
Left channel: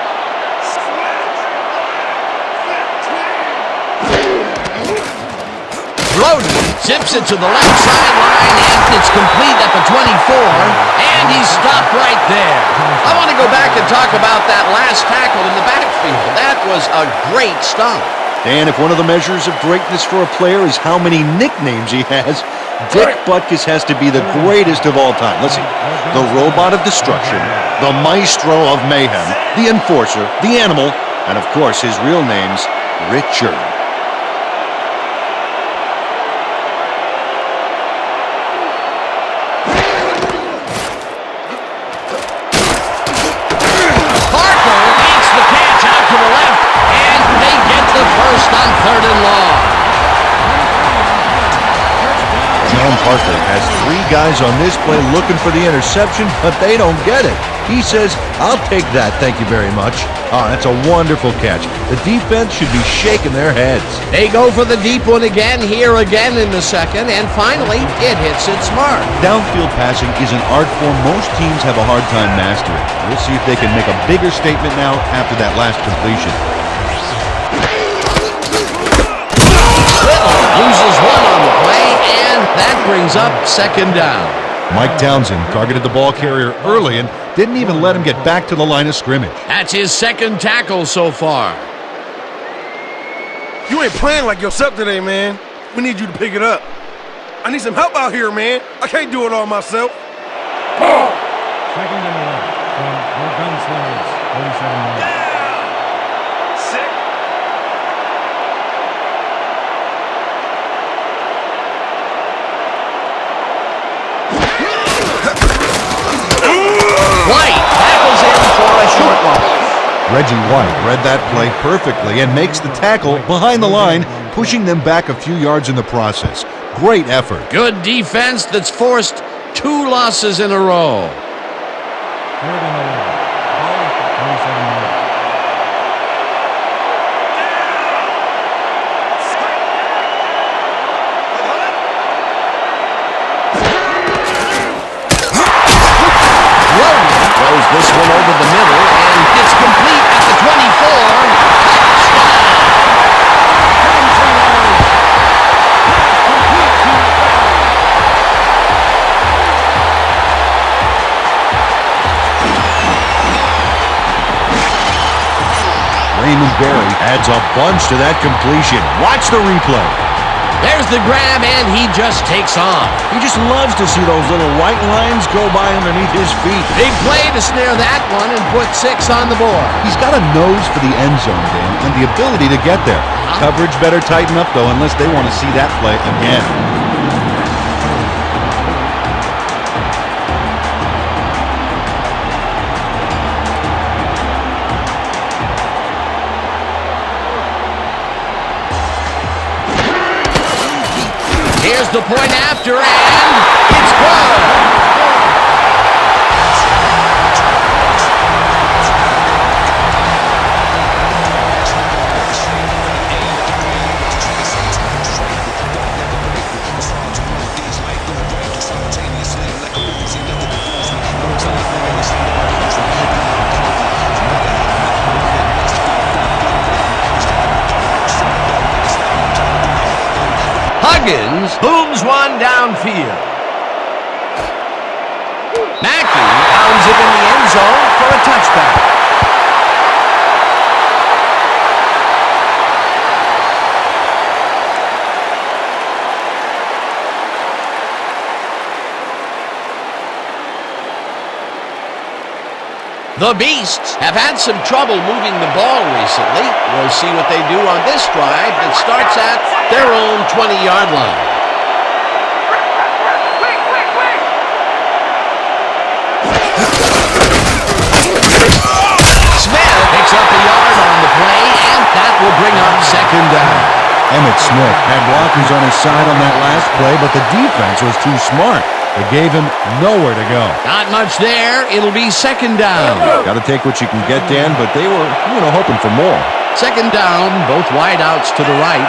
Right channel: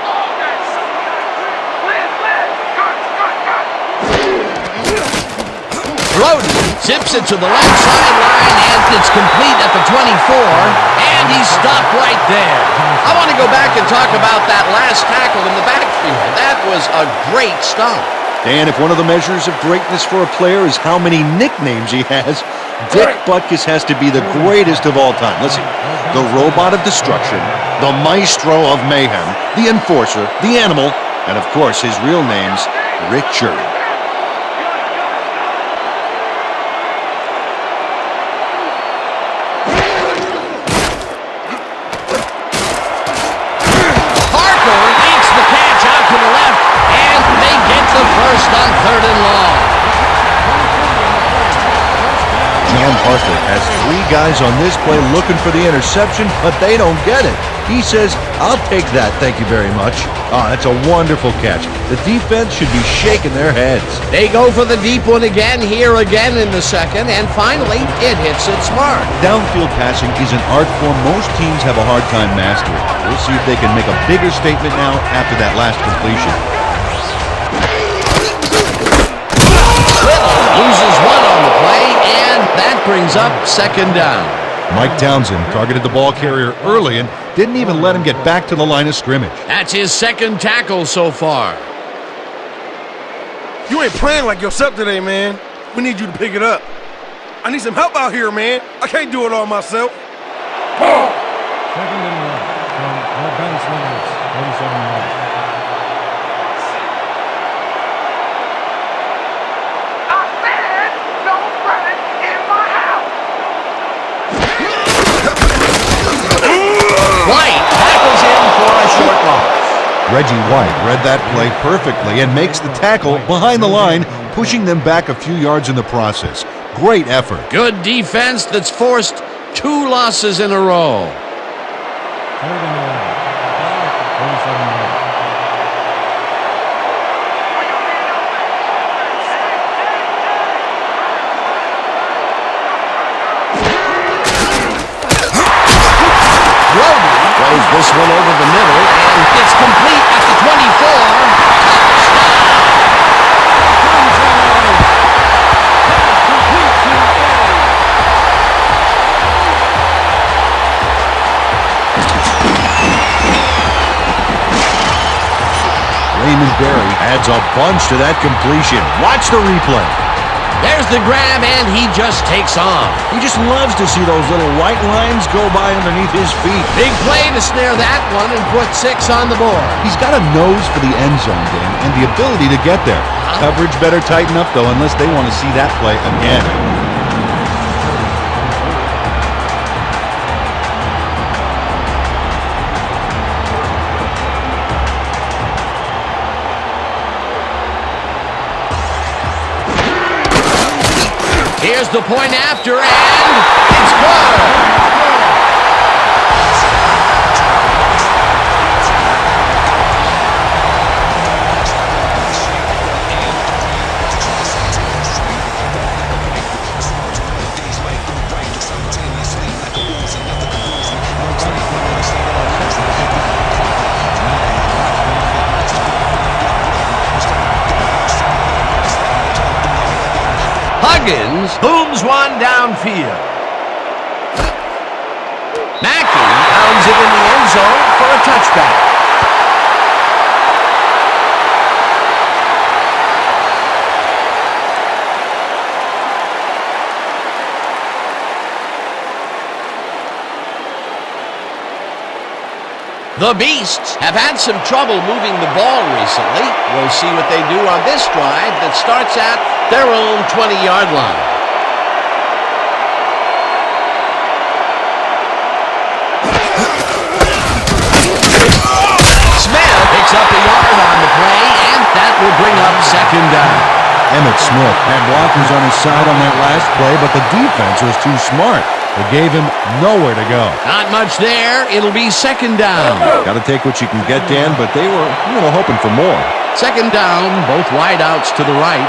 Brody zips it to the left sideline, and it's complete at the 24, and he's stopped right there. I want to go back and talk about that last tackle in the backfield. That was a great stop. Dan, if one of the measures of greatness for a player is how many nicknames he has, Dick Butkus has to be the greatest of all time. Let's see. The Robot of Destruction, the Maestro of Mayhem, the Enforcer, the Animal, and of course his real name's Richard. Parker makes the catch out to the left, and they get the first on 3rd and long. John Parker has 3 guys on this play looking for the interception, but they don't get it. He says, "I'll take that, thank you very much." Oh, that's a wonderful catch. The defense should be shaking their heads. They go for the deep one again in the second, and finally, it hits its mark. Downfield passing is an art form most teams have a hard time mastering. We'll see if they can make a bigger statement now after that last completion. Little loses one on the play, and that brings up 2nd down. Mike Townsend targeted the ball carrier early and didn't even let him get back to the line of scrimmage. That's his 2nd tackle so far. You ain't playing like yourself today, man. We need you to pick it up. I need some help out here, man. I can't do it all myself. 2nd and 11 from your Gunslingers, 47 yards. I said no running in my house. White tackles him for a short loss. Reggie White read that play perfectly and makes the tackle behind the line, pushing them back a few yards in the process. Great effort. Good defense that's forced 2 losses in a row. 3rd and 11. Ball at the 47 yard. Brody throws this one over the middle, and it's complete at the 24. Touchdown! Raymond Berry adds a bunch to that completion. Watch the replay. There's the grab, and he just takes off. He just loves to see those little white lines go by underneath his feet. Big play to snare that one and put 6 on the board. He's got a nose for the end zone, Dan, and the ability to get there. Coverage better tighten up, though, unless they want to see that play again. Here's the point after, and it's good. Huggins booms one downfield. Mackey pounds it in the end zone for a touchback. The Beasts have had some trouble moving the ball recently. We'll see what they do on this drive that starts at their own 20-yard line. Smith picks up a yard on the play, and that will bring up 2nd down. Emmett Smith had blockers on his side on that last play, but the defense was too smart. They gave him nowhere to go. Not much there. It'll be 2nd down. Got to take what you can get, Dan, but they were, hoping for more. 2nd down, both wideouts to the right.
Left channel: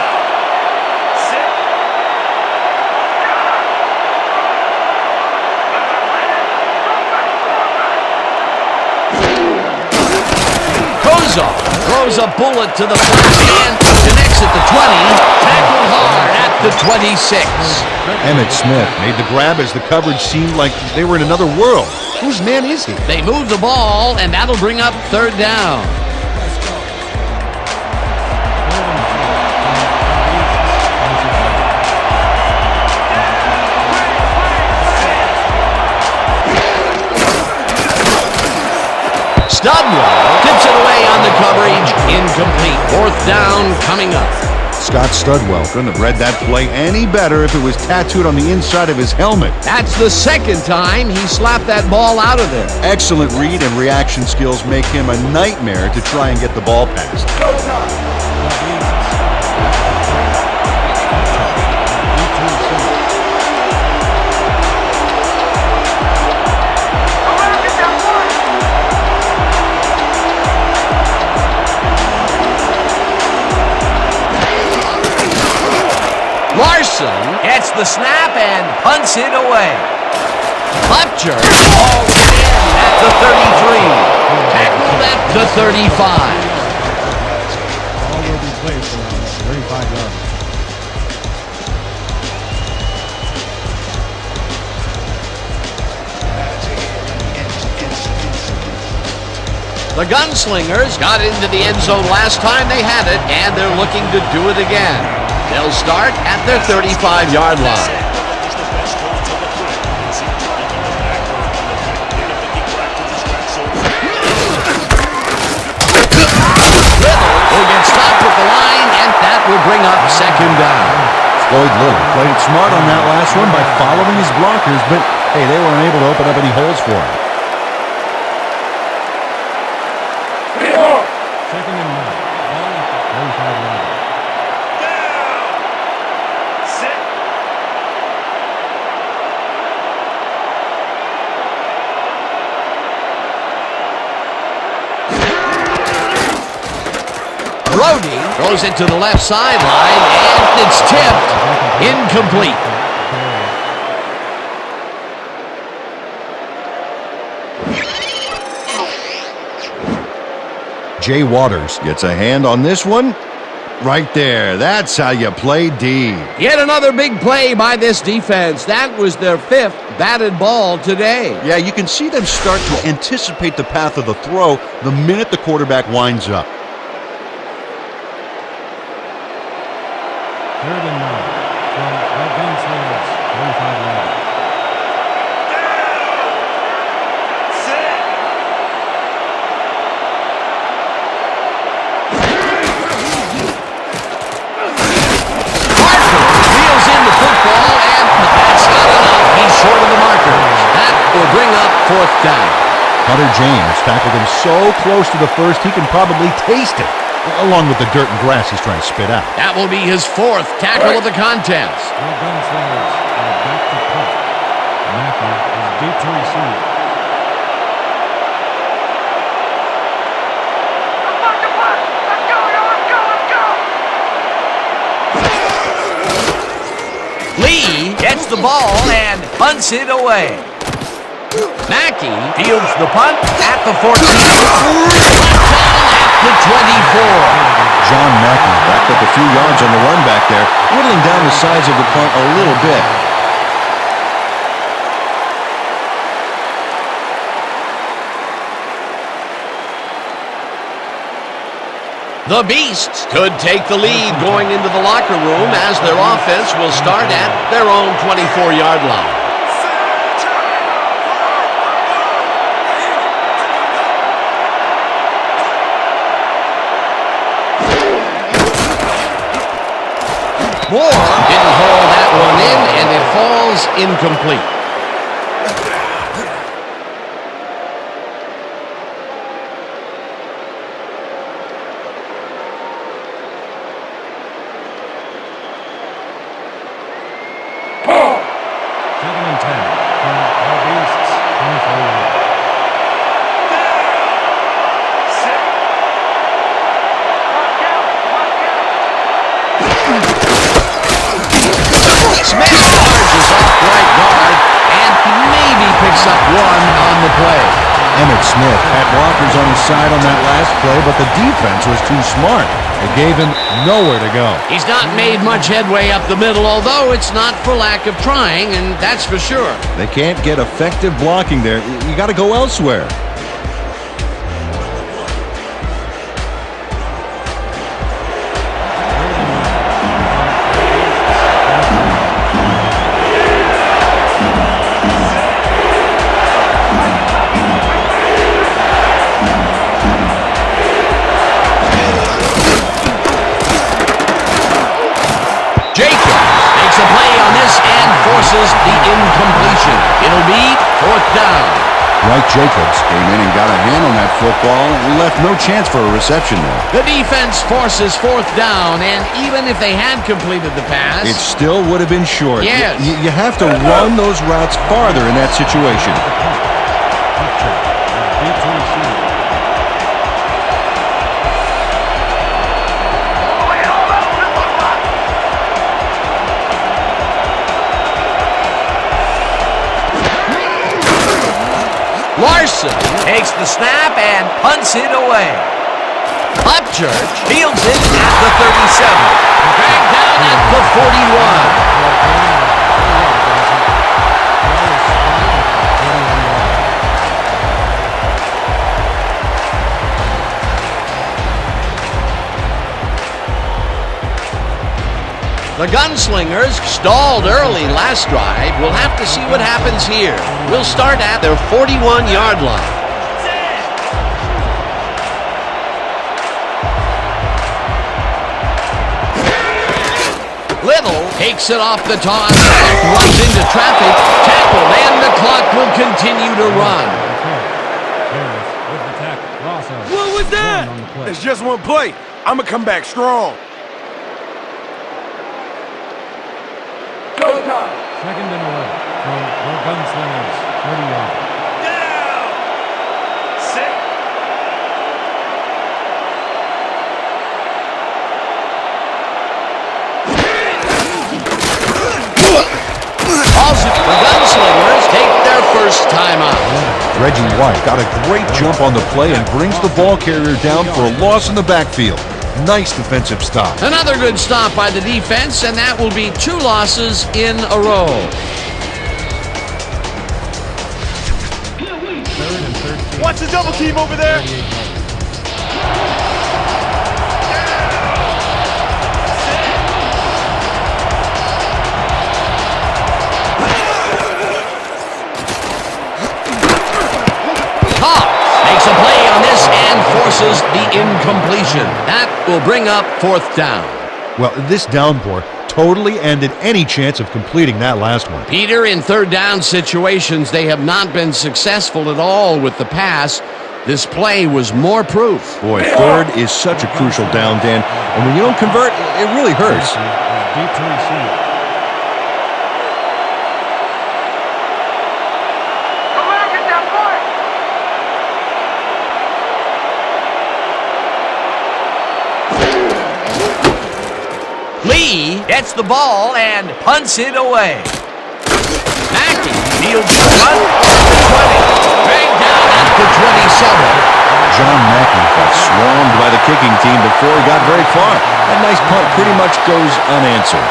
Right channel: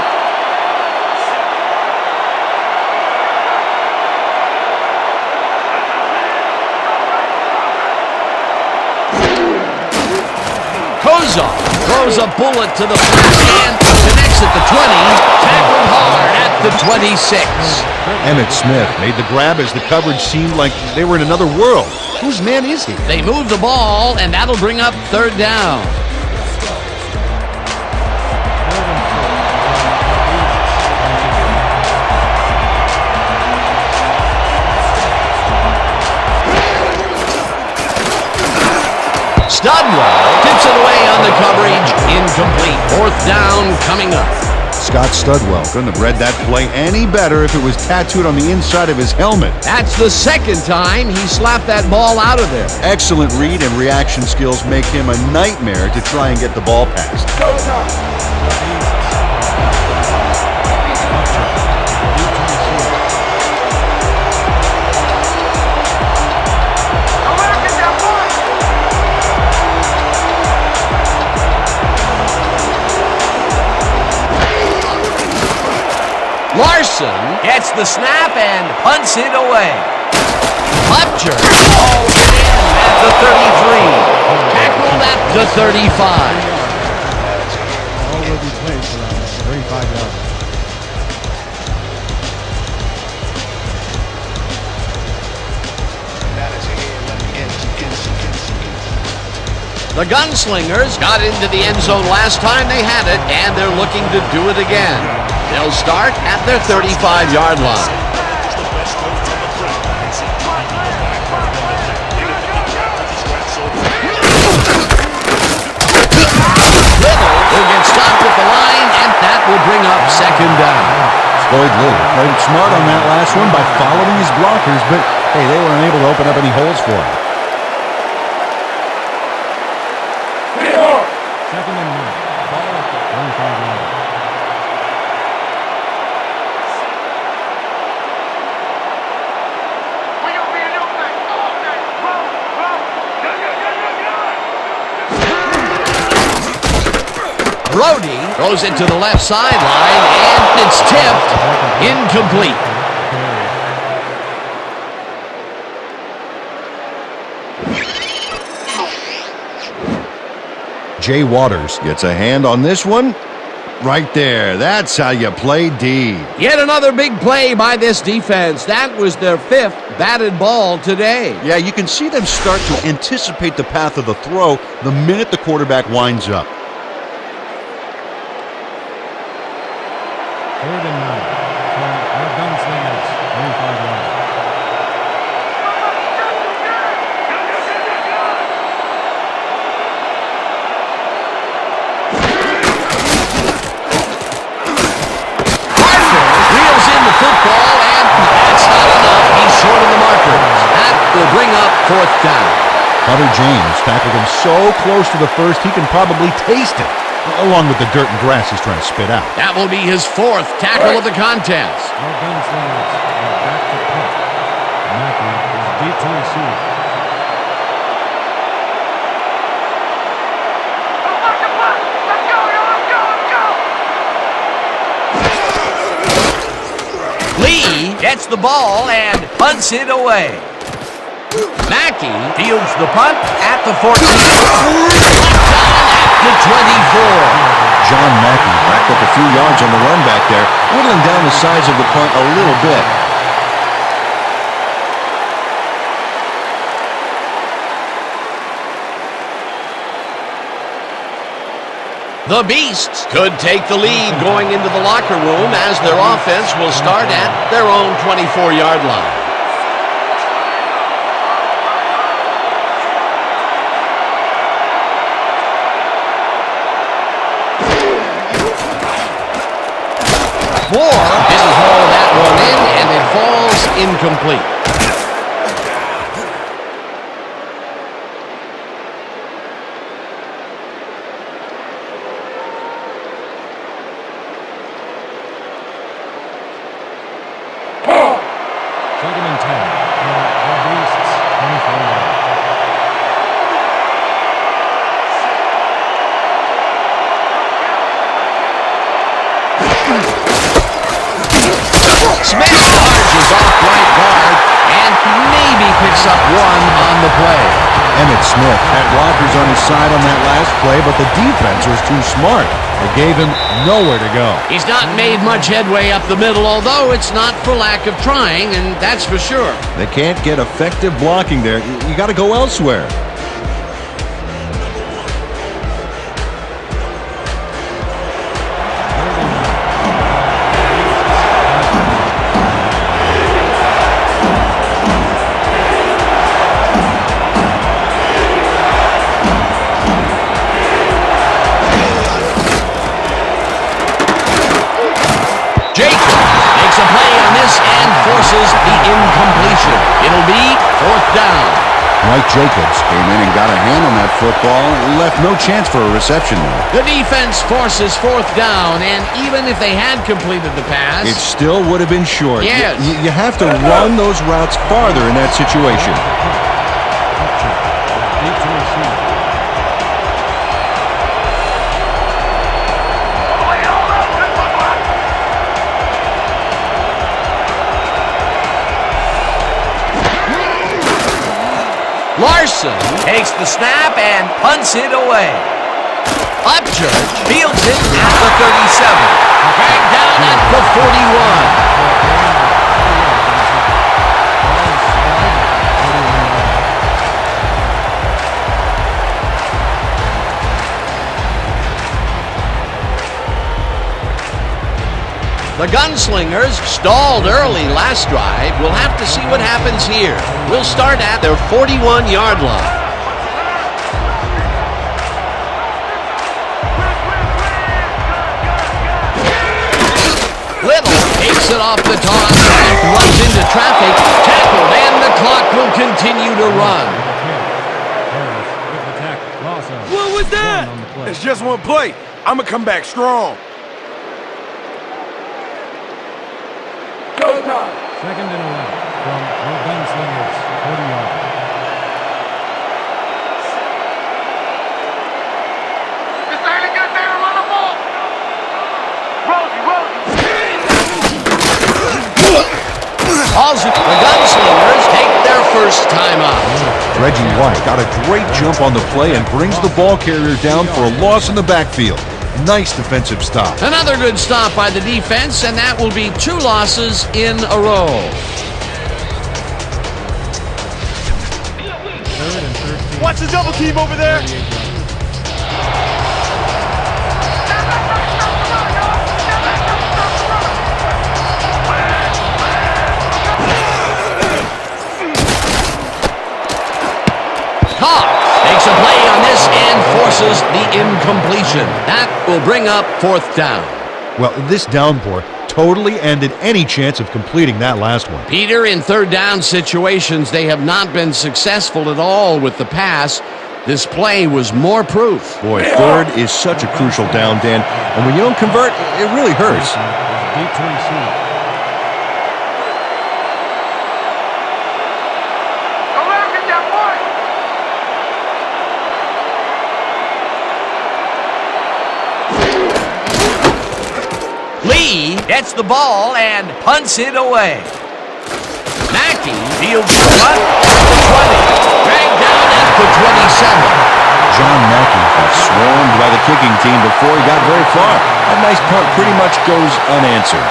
Kozar throws a bullet to the flat and connects at the 20. Tackled hard at the 26. Emmitt Smith made the grab as the coverage seemed like they were in another world. Whose man is he? They move the ball, and that'll bring up third down. 3rd and 4 from the Beasts. 26 yards. Studwell tips it away on the coverage. Incomplete. 4th down coming up. Scott Studwell couldn't have read that play any better if it was tattooed on the inside of his helmet. That's the second time he slapped that ball out of there. Excellent read and reaction skills make him a nightmare to try and get the ball past. The Beasts are back to punt. Upchurch. Deep to receive. Don't let him get that point. Larson gets the snap and punts it away. Upchurch hauls it in at the 33. Tackled at the 35. Ball will be placed around 35 yards. The Gunslingers got into the end zone last time they had it, and they're looking to do it again. They'll start at their 35-yard line. Little will get stopped at the line, and that will bring up second down. Floyd Little played it smart on that last one by following his blockers, but hey, they were unable to open up any holes for him. 2nd and 9. Ball at the 35-yard line. Brody throws it to the left sideline, and it's tipped. Incomplete. Jay Waters gets a hand on this one. Right there. That's how you play D. Yet another big play by this defense. That was their 5th batted ball today. Yeah, you can see them start to anticipate the path of the throw the minute the quarterback winds up. 3rd and 9 from the Gunslingers. 35-yard line. Reels in the football, and that's not enough. He's short of the markers. That will bring up 4th down. Hunter James tackled him so close to the first he can probably taste it, along with the dirt and grass he's trying to spit out. That will be his 4th tackle of the contest. The Gunslingers are back to punt. Mackey is deep to receive. Let's mark the punt. Let's go, yo. Let's go. Let's go. Lee gets the ball and punts it away. Mackey fields the punt at the 14. Brought down at the 24. John Mackey racked up a few yards on the run back there, whittling down the size of the punt a little bit. The Beasts could take the lead going into the locker room as their offense will start at their own 24-yard line. Moore didn't haul that one in, and it falls incomplete. Second and 10 from the Beasts, 24 yards. Smith charges off right guard and maybe picks up one on the play. Emmitt Smith had blockers on his side on that last play, but the defense was too smart. It gave him nowhere to go. He's not made much headway up the middle, although it's not for lack of trying, and that's for sure. They can't get effective blocking there. You got to go elsewhere. Jacobs makes a play on this and forces the incompletion. It'll be 4th down. Mike Jacobs came in and got a hand on that football and left no chance for a reception there. The defense forces 4th down, and even if they had completed the pass, It still would have been short. Yes. You have to run those routes farther in that situation. Upchurch is deep to receive. Lay it all out on this one block. Larson takes the snap and punts it away. Upchurch fields it at the 37. Dragged down at the 41. The Gunslingers stalled early last drive. We'll have to see what happens here. We'll start at their 41-yard line. Little takes it off the toss and runs into traffic. Tackled, and the clock will continue to run. Harris with the tackle. Loss of What was that? 1 on the play. It's just one play. I'm going to come back strong. Second and 11 from the Gunslingers, 40 yards. This ain't a good day to run the ball. The Gunslingers take their first time out. Reggie White got a great jump on the play and brings the ball carrier down for a loss in the backfield. Nice defensive stop. Another good stop by the defense, and that will be 2 losses in a row. Third and 13. Watch the double team over there. 38 yards. Cox makes a play on this and forces the incompletion. That will bring up 4th down. Well, this downpour totally ended any chance of completing that last one. Peter, in 3rd down situations, they have not been successful at all with the pass. This play was more proof. Boy, 3rd is such a crucial down, Dan. And when you don't convert, it really hurts. Is deep to receive. Don't let him get that point. Lee gets the ball and punts it away. Mackey fields the punt at the 20. Dragged down at the 27. John Mackey got swarmed by the kicking team before he got very far. That nice punt pretty much goes unanswered.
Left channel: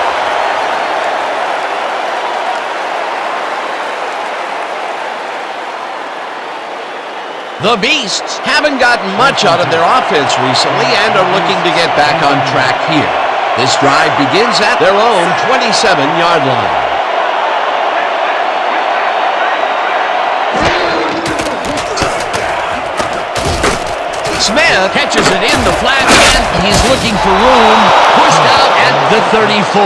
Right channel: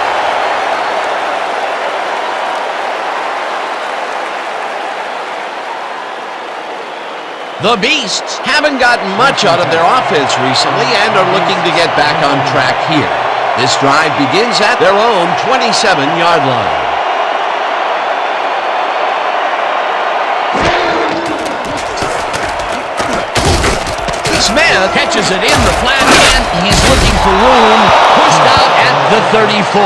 The Beasts haven't gotten much out of their offense recently and are looking to get back on track here. This drive begins at their own 27-yard line. Smith catches it in the flat, and he's looking for room. Pushed out at the 34.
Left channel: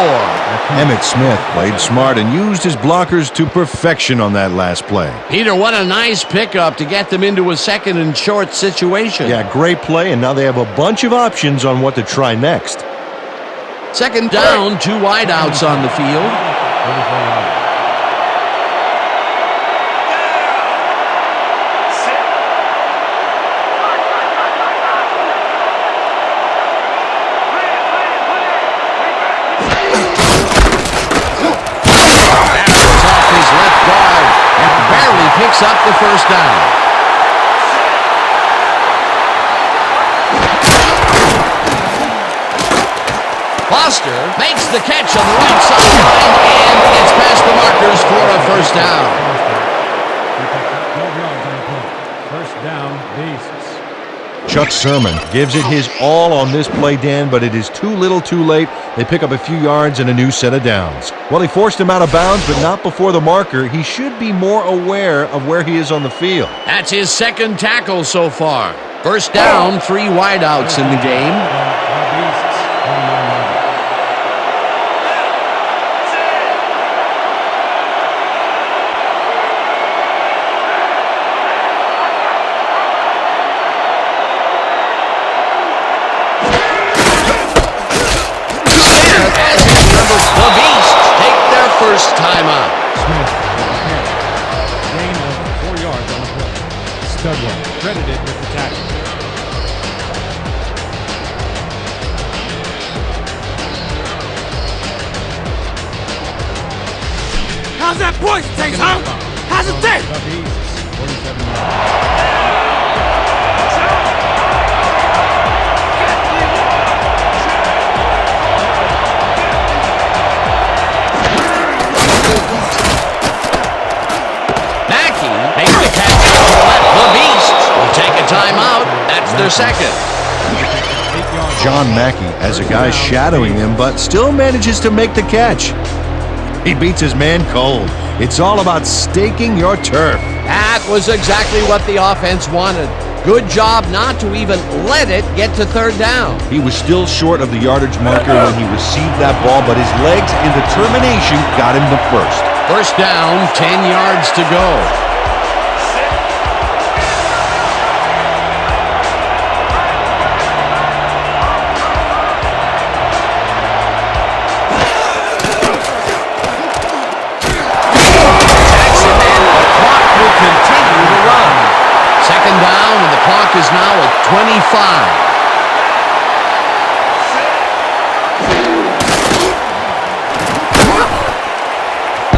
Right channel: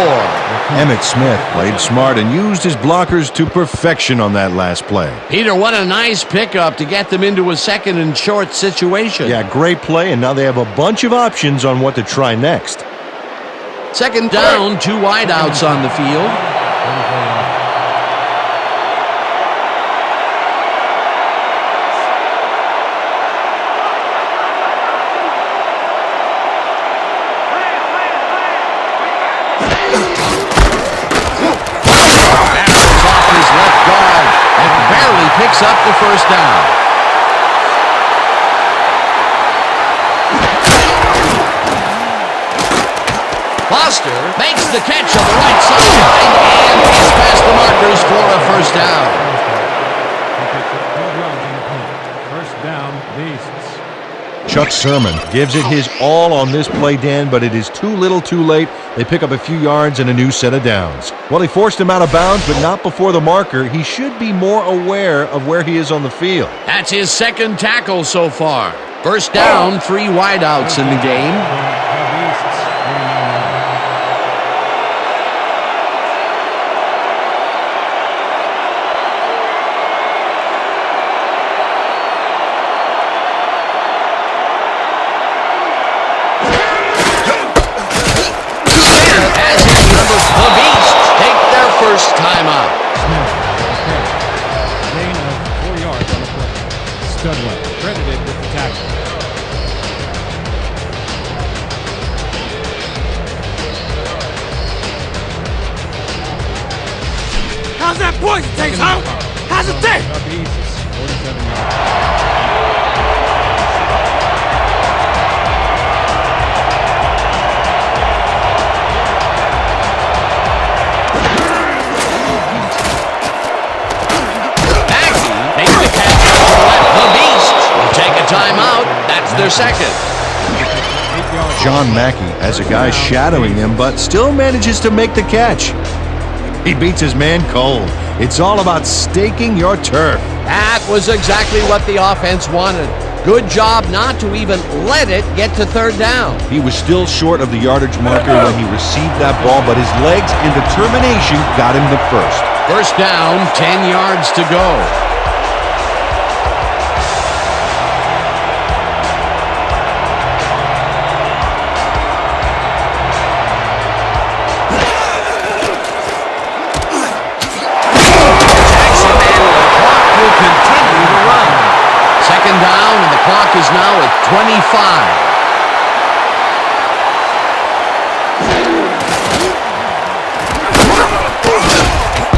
Emmitt Smith played smart and used his blockers to perfection on that last play. Peter, what a nice pickup to get them into a 2nd and short situation. Yeah, great play, and now they have a bunch of options on what to try next. 2nd down, 2 wideouts on the field. 34 yards. Barrels off his left guard and barely picks up the 1st down. Foster makes the catch on the right sideline and gets past the markers for a first down. He picks up 12 yards on the play. First down, Beasts. Chuck Sermon gives it his all on this play, Dan, but it is too little too late. They pick up a few yards and a new set of downs. Well, he forced him out of bounds, but not before the marker. He should be more aware of where he is on the field. That's his second tackle so far. First down, 3 wideouts in the game. From the Beasts, 49 yards. As his number, the Beasts take their first time out. Smith, gain of 4 yards on the play. Studwell credited with the tackle. How's that poison taste, huh? How's it taste? The Beasts, 47 yards. Makes the catch out to the left. The Beasts will take a timeout. That's their second. John Mackey has a guy shadowing him, but still manages to make the catch. He beats his man cold. It's all about staking your turf. That was exactly what the offense wanted. Good job not to even let it get to third down. He was still short of the yardage marker when he received that ball, but his legs and determination got him the first. First down, 10 yards to go. Will continue to run. Second down, and the clock is now at 25.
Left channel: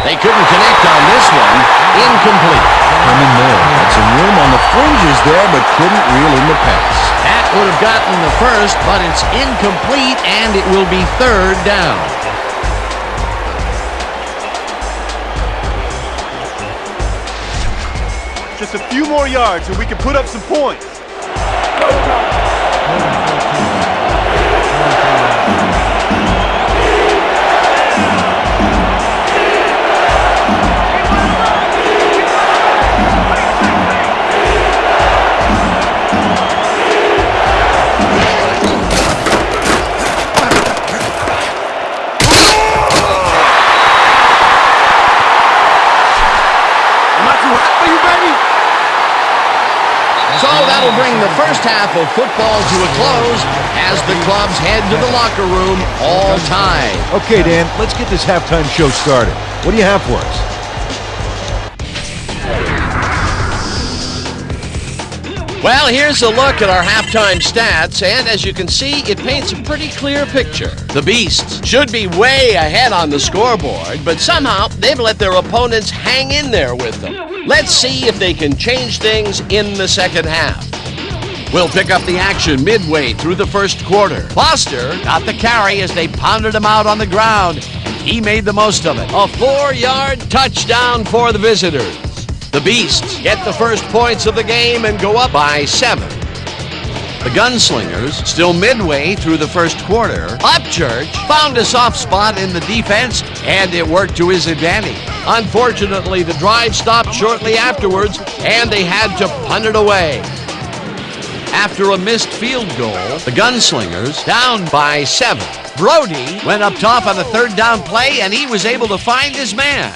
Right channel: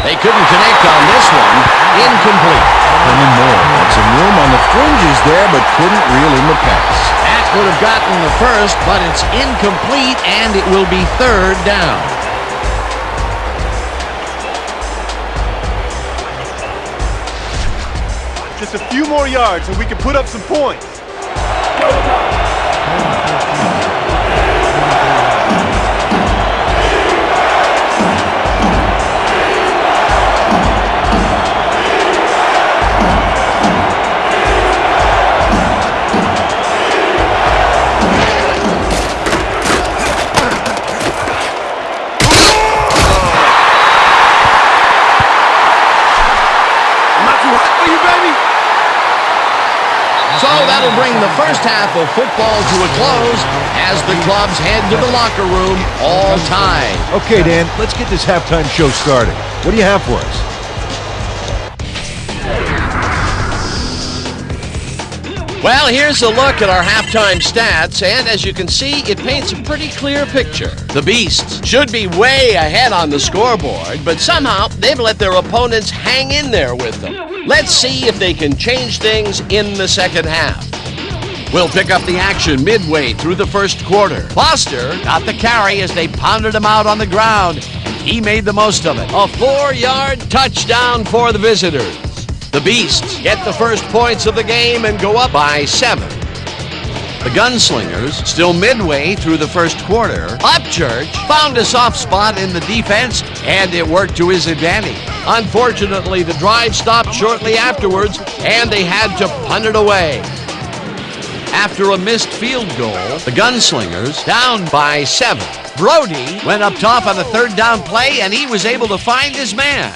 They couldn't connect on this one. Incomplete. Herman Moore had some room on the fringes there, but couldn't reel in the pass. That would have gotten the first, but it's incomplete, and it will be third down. Just a few more yards and we can put up some points. Am I too hot for you, baby? So that'll bring the first half of football to a close as the clubs head to the locker room, all tied. Okay, Dan, let's get this halftime show started. What do you have for us? Well, here's a look at our halftime stats, and as you can see, it paints a pretty clear picture. The Beasts should be way ahead on the scoreboard, but somehow they've let their opponents hang in there with them. Let's see if they can change things in the second half. We'll pick up the action midway through the first quarter. Foster got the carry as they pounded him out on the ground, and he made the most of it. A 4-yard touchdown for the visitors. The Beasts get the first points of the game and go up by 7. The Gunslingers, still midway through the first quarter, Upchurch found a soft spot in the defense, and it worked to his advantage. Unfortunately, the drive stopped shortly afterwards, and they had to punt it away. After a missed field goal, the Gunslingers down by 7. Brody went up top on a third down play, and he was able to find his man.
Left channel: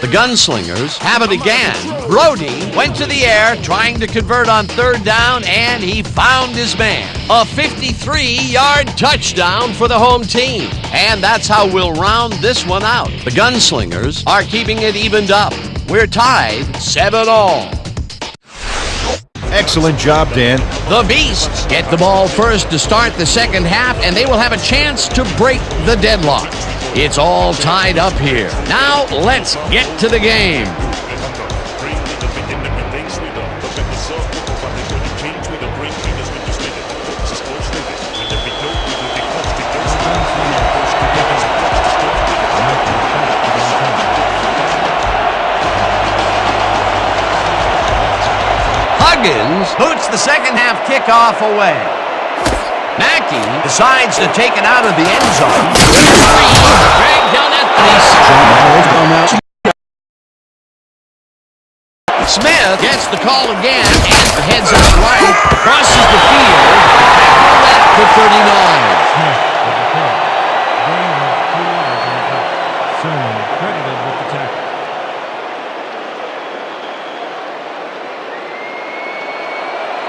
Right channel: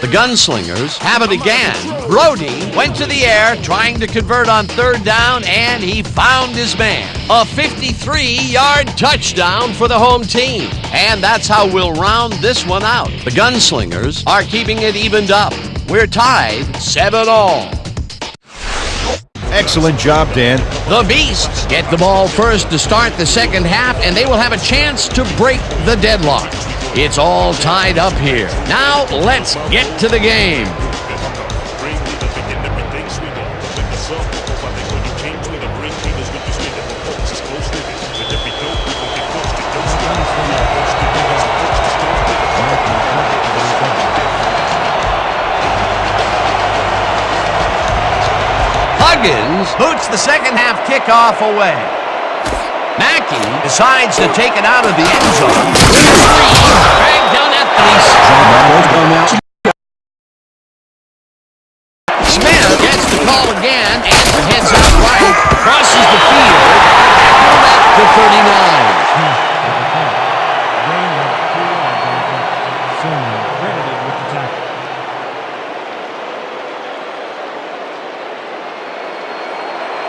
The Gunslingers have it again. Brody went to the air trying to convert on third down, and he found his man. A 53-yard touchdown for the home team. And that's how we'll round this one out. The Gunslingers are keeping it evened up. We're tied 7-all. Excellent job, Dan. The Beasts get the ball first to start the second half, and they will have a chance to break the deadlock. It's all tied up here. Now, let's get to the game. we don't bring heaters when you spit it, but folks is close living. With every dope, we gon' get folks, they don't spit it. Gunslingers Folks to pick up, folks just don't spit it. Mackey back to the return. Huggins boots the second half kickoff away. Mackey decides to take it out of the end zone. With a three, dragged down at the John Michaels on now. Smith gets the call again and heads out right, crosses the field, tackled at the 39. Smith with the carry. Gain of 2 yards on the play. Sermon credited with the tackle.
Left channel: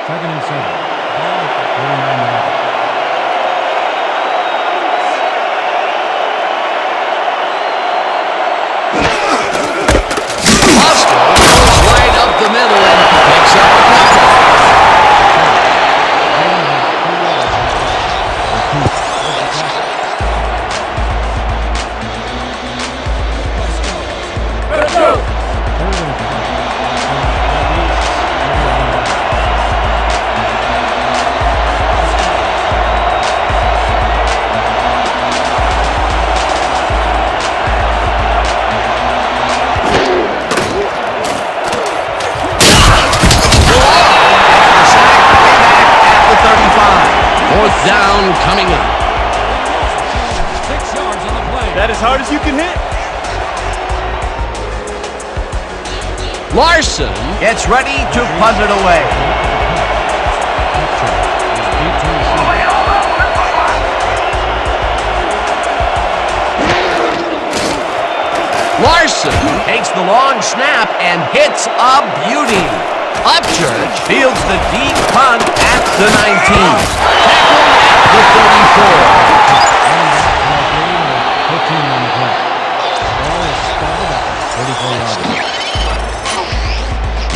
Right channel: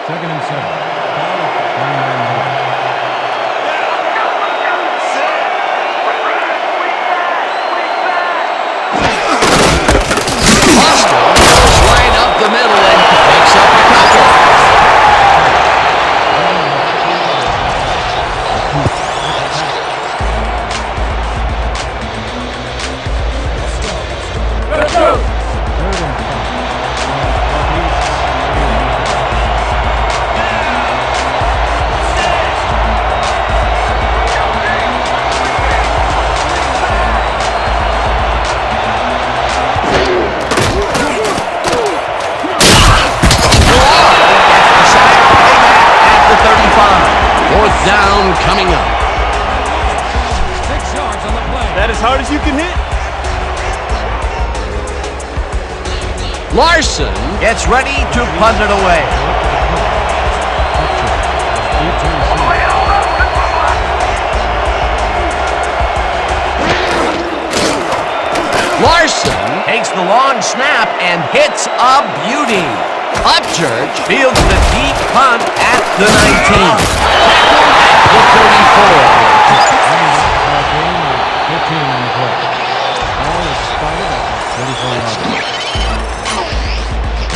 Second and 7. Ball at the 39-yard. Hostel goes right up the middle and picks up a couple. Gain of 2 yards on the play. Recruit with the tackle. Third and 5 from the Beasts 31-yard. Gets the sack way back at the 35. Fourth down coming up. 6 yards on the play. That as hard as you can hit? Larson gets ready to punt it away. Upchurch is deep to receive. Larson takes the long snap and hits a beauty. Upchurch fields the deep punt at the 19. Tackled at the 34.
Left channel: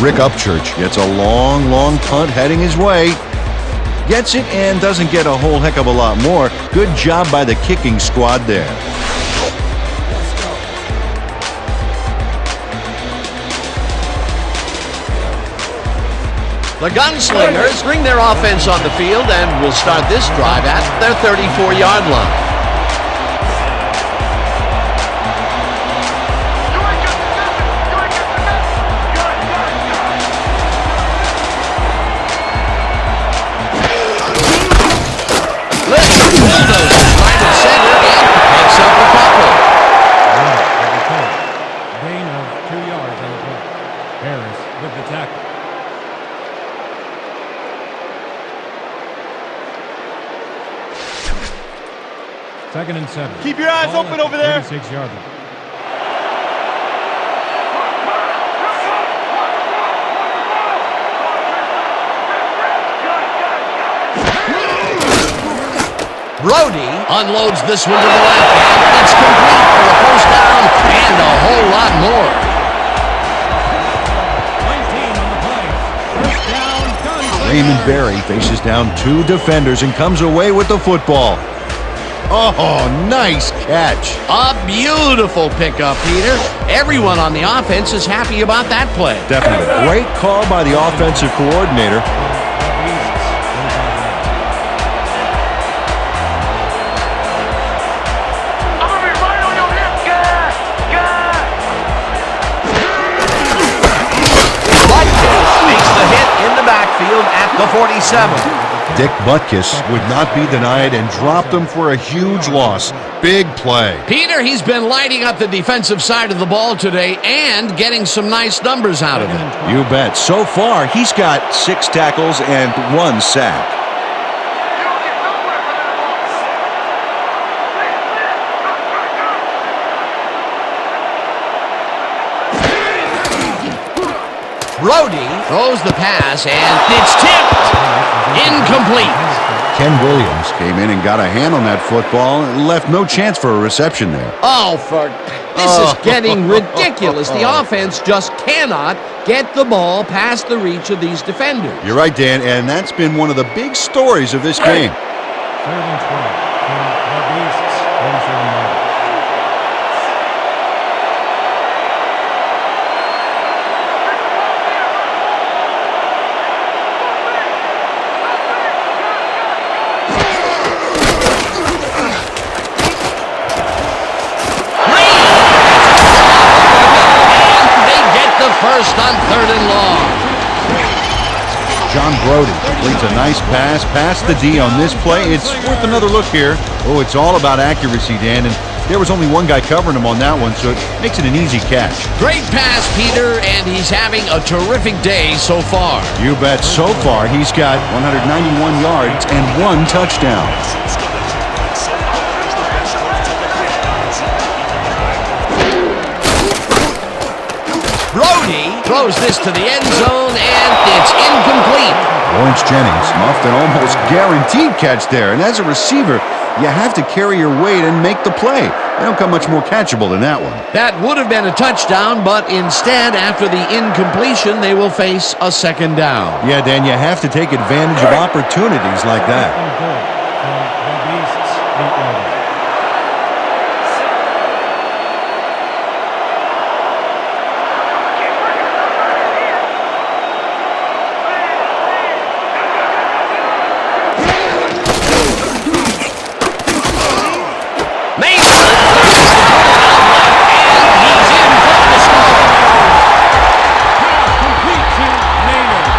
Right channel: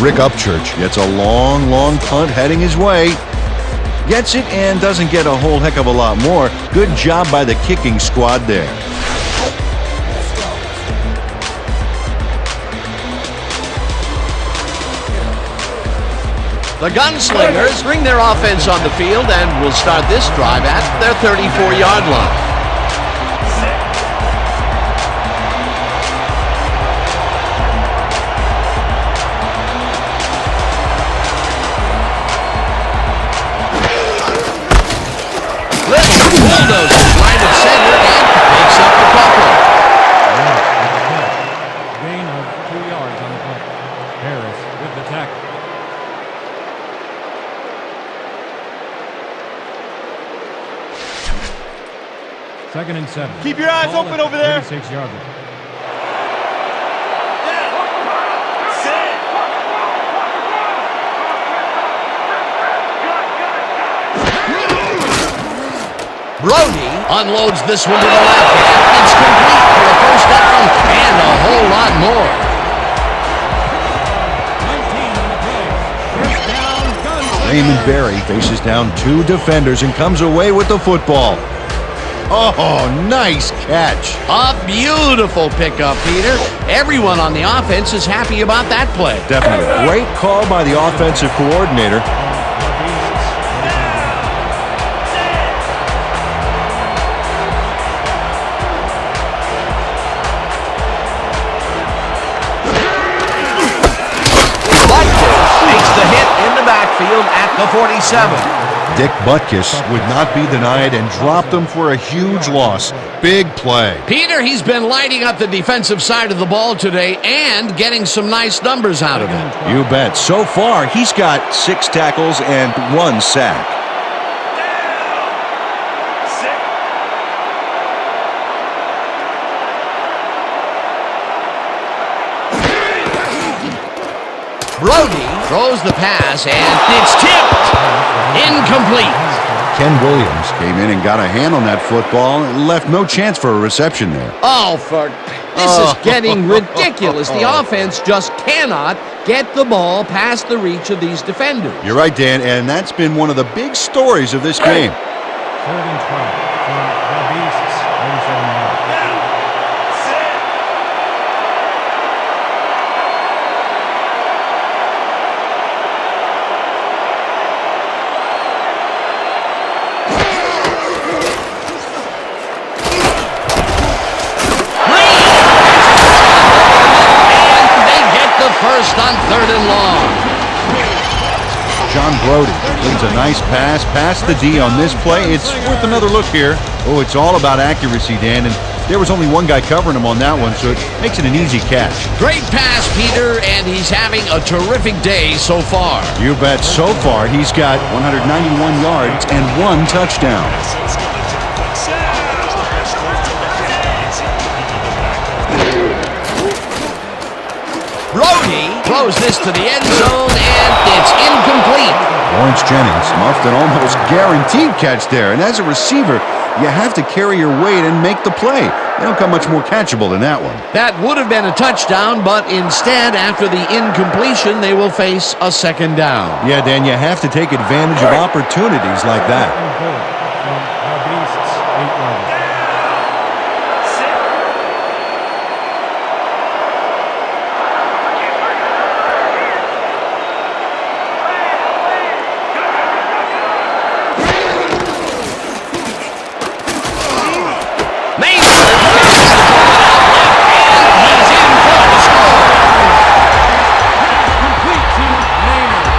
Rick Upchurch gets a long, long punt heading his way. Gets it and doesn't get a whole heck of a lot more. Good job by the kicking squad there. The Gunslingers bring their offense on the field and will start this drive at their 34-yard line. Little bulldozes right at center and picks up a couple. With the carry. Gain of 2 yards on the play. Harris with the tackle. Second and 7. Keep your eyes Ball open at over the there. 36-yard line. Watch the pass! Here it goes! Watch the throw! Watch the throw! Cross, Chris, up! Rip! Gun! Brody unloads this one to the left, and it's complete for a first down and a whole lot more. 19 on the play. First down, Gunslingers. Raymond Berry faces down 2 defenders and comes away with the football. Oh, nice catch. A beautiful pickup, Peter. Everyone on the offense is happy about that play. Definitely. Great call by the offensive coordinator. From the Beasts, 35 yards. I'm gonna be right on your hip, guy! Butkus makes the hit in the backfield at the 47. Dick Butkus would not be denied and dropped him for a huge loss. Big play. Peter, he's been lighting up the defensive side of the ball today and getting some nice numbers out of it. You bet. So far, he's got 6 tackles and 1 sack. Brody throws the pass, and it's tipped. Incomplete. Ken Williams came in and got a hand on that football and left no chance for a reception there. Oh, this is getting ridiculous. The offense just cannot get the ball past the reach of these defenders. You're right, Dan, and that's been one of the big stories of this game. Third and 12 from the Beasts, 47 yards. the first on 3rd and long. John Brody completes a nice pass past the D on this play. It's worth another look here. Oh, it's all about accuracy, Dan, and there was only one guy covering him on that one, so it makes it an easy catch. Great pass, Peter, and he's having a terrific day so far. You bet. So far, he's got 191 yards and 1 touchdown. Exoskeleton, exoskeleton is the best close to the frame. And seems to be the back door. Brody throws this to the end zone, and it's incomplete. Lawrence Jennings muffed an almost guaranteed catch there, and as a receiver, you have to carry your weight and make the play. They don't come much more catchable than that one. That would have been a touchdown, but instead, after the incompletion, they will face a 2nd down. Yeah, Dan, you have to take advantage of opportunities like that. And goal from the Beasts, 8-yard line. Maynard passes the bullet out left, and he's in for the score. Complete to Maynard.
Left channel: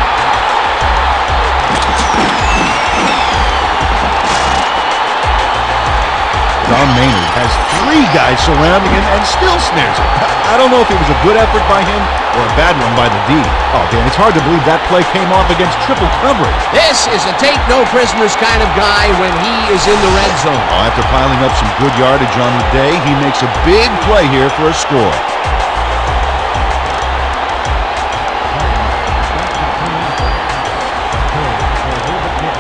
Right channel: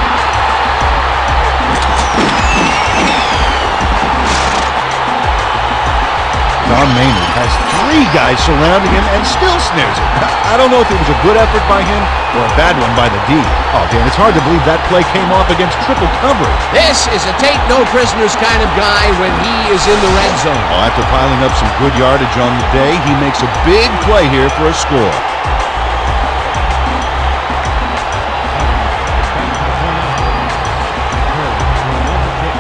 Don Maynard has 3 guys surrounding him and still snares it. I don't know if it was a good effort by him or a bad one by the D. Oh, Dan, it's hard to believe that play came off against triple coverage. This is a take-no-prisoners kind of guy when he is in the red zone. Oh, after piling up some good yardage on the day, he makes a big play here for a score. Huggins is back to the point after. And Curley will hold the kick.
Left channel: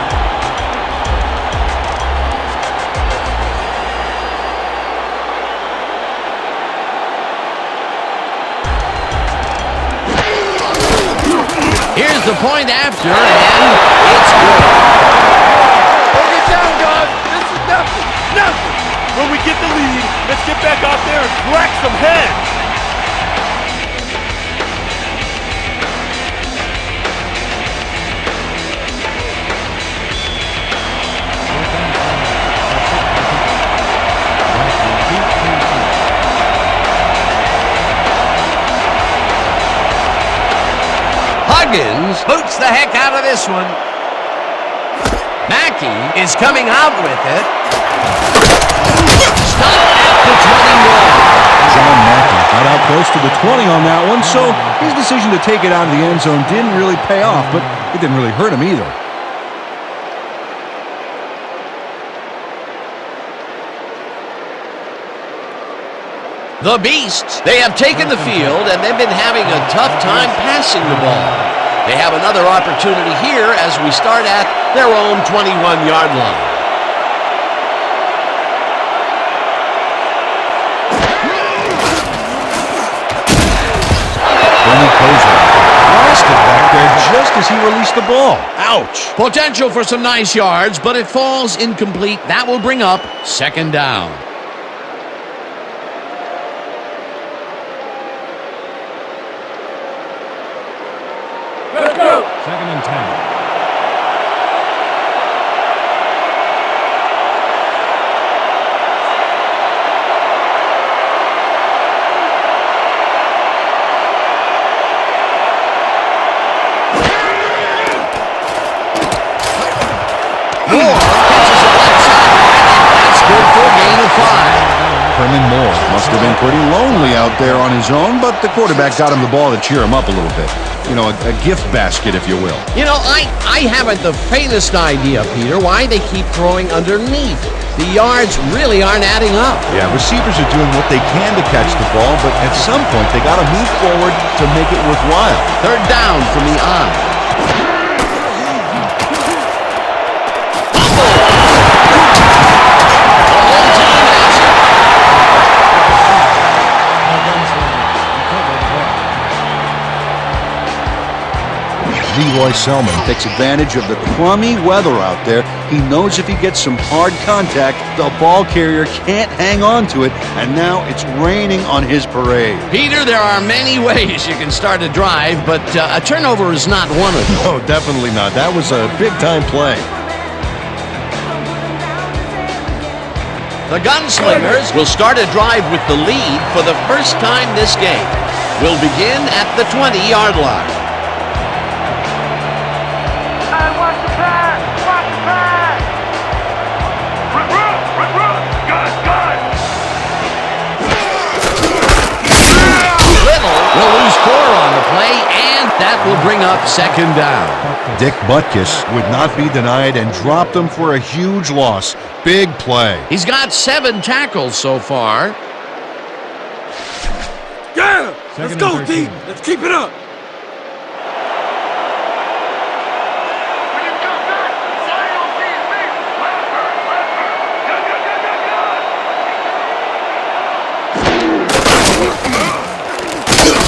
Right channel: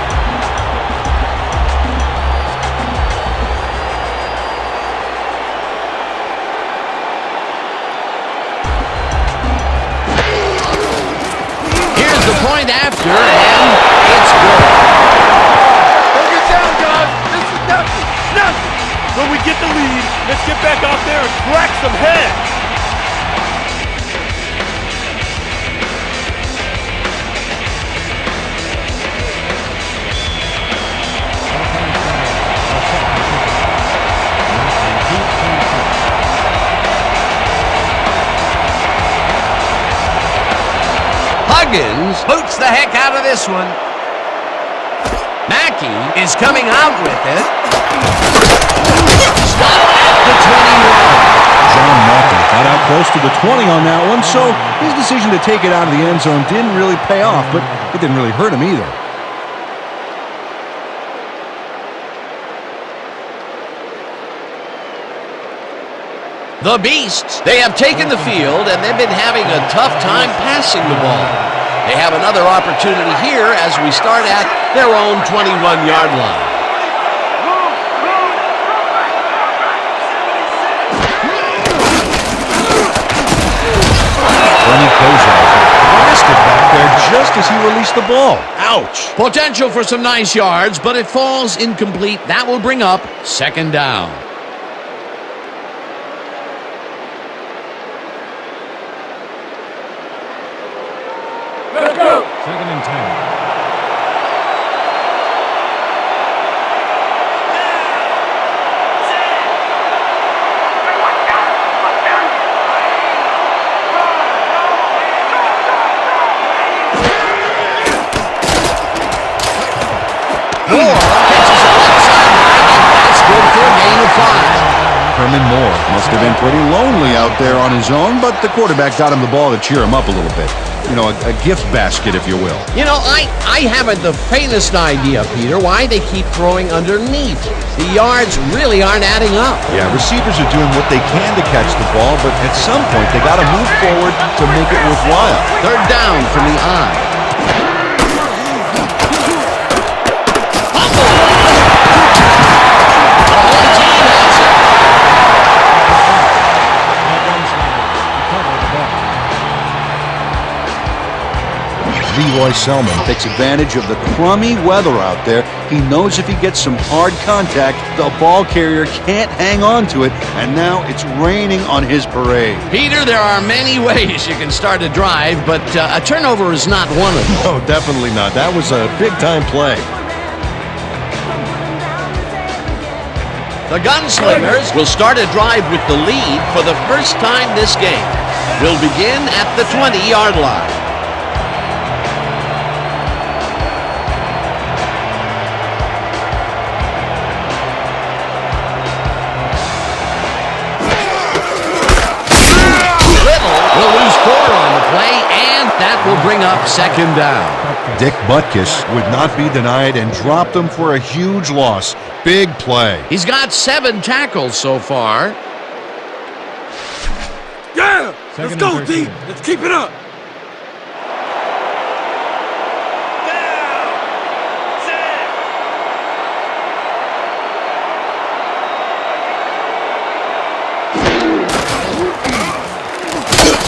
Here's the point after, and it's good. Don't get down, guys. This is nothing. Nothing. When we get the lead, let's get back out there and crack some heads. Huggins boots the heck out of this one. Mackey is coming out with it. Stopped at the 21. John Mackey got out close to the 20 on that one, so his decision to take it out of the end zone didn't really pay off, but it didn't really hurt him either. The Beasts, they have taken the field, and they've been having a tough time passing the ball. They have another opportunity here as we start at their own 21-yard line. Bernie Kosar got blasted back there just as he released the ball. Ouch! Potential for some nice yards, but it falls incomplete. That will bring up 2nd down. Let's go. 2nd and 10. Moore catches it left sideline, and that's good for a gain of 5. Herman Moore must have been pretty lonely out there on his own, but the quarterback got him the ball to cheer him up a little bit. You know, a gift basket, if you will. You know, I haven't the faintest idea, Peter, why they keep throwing underneath. The yards really aren't adding up. Yeah, receivers are doing what they can to catch the ball, but at some point they got to move forward to make it worthwhile. 3rd down from the eye. Fumble! The home team has it. Leroy Selman takes advantage of the crummy weather out there. He knows if he gets some hard contact, the ball carrier can't hang on to it, and now it's raining on his parade. Peter, there are many ways you can start a drive, but a turnover is not one of them. No, definitely not. That was a big-time play. The Gunslingers will start a drive with the lead for the first time this game. will begin at the 20-yard line. Watch the pass! Watch the pass! Little will lose 4 on the play, and that will bring up second down. Dick Butkus would not be denied and dropped them for a huge loss. Big play. He's got 7 tackles so far. Yeah! Second Let's go, and D! 13. Let's keep it up!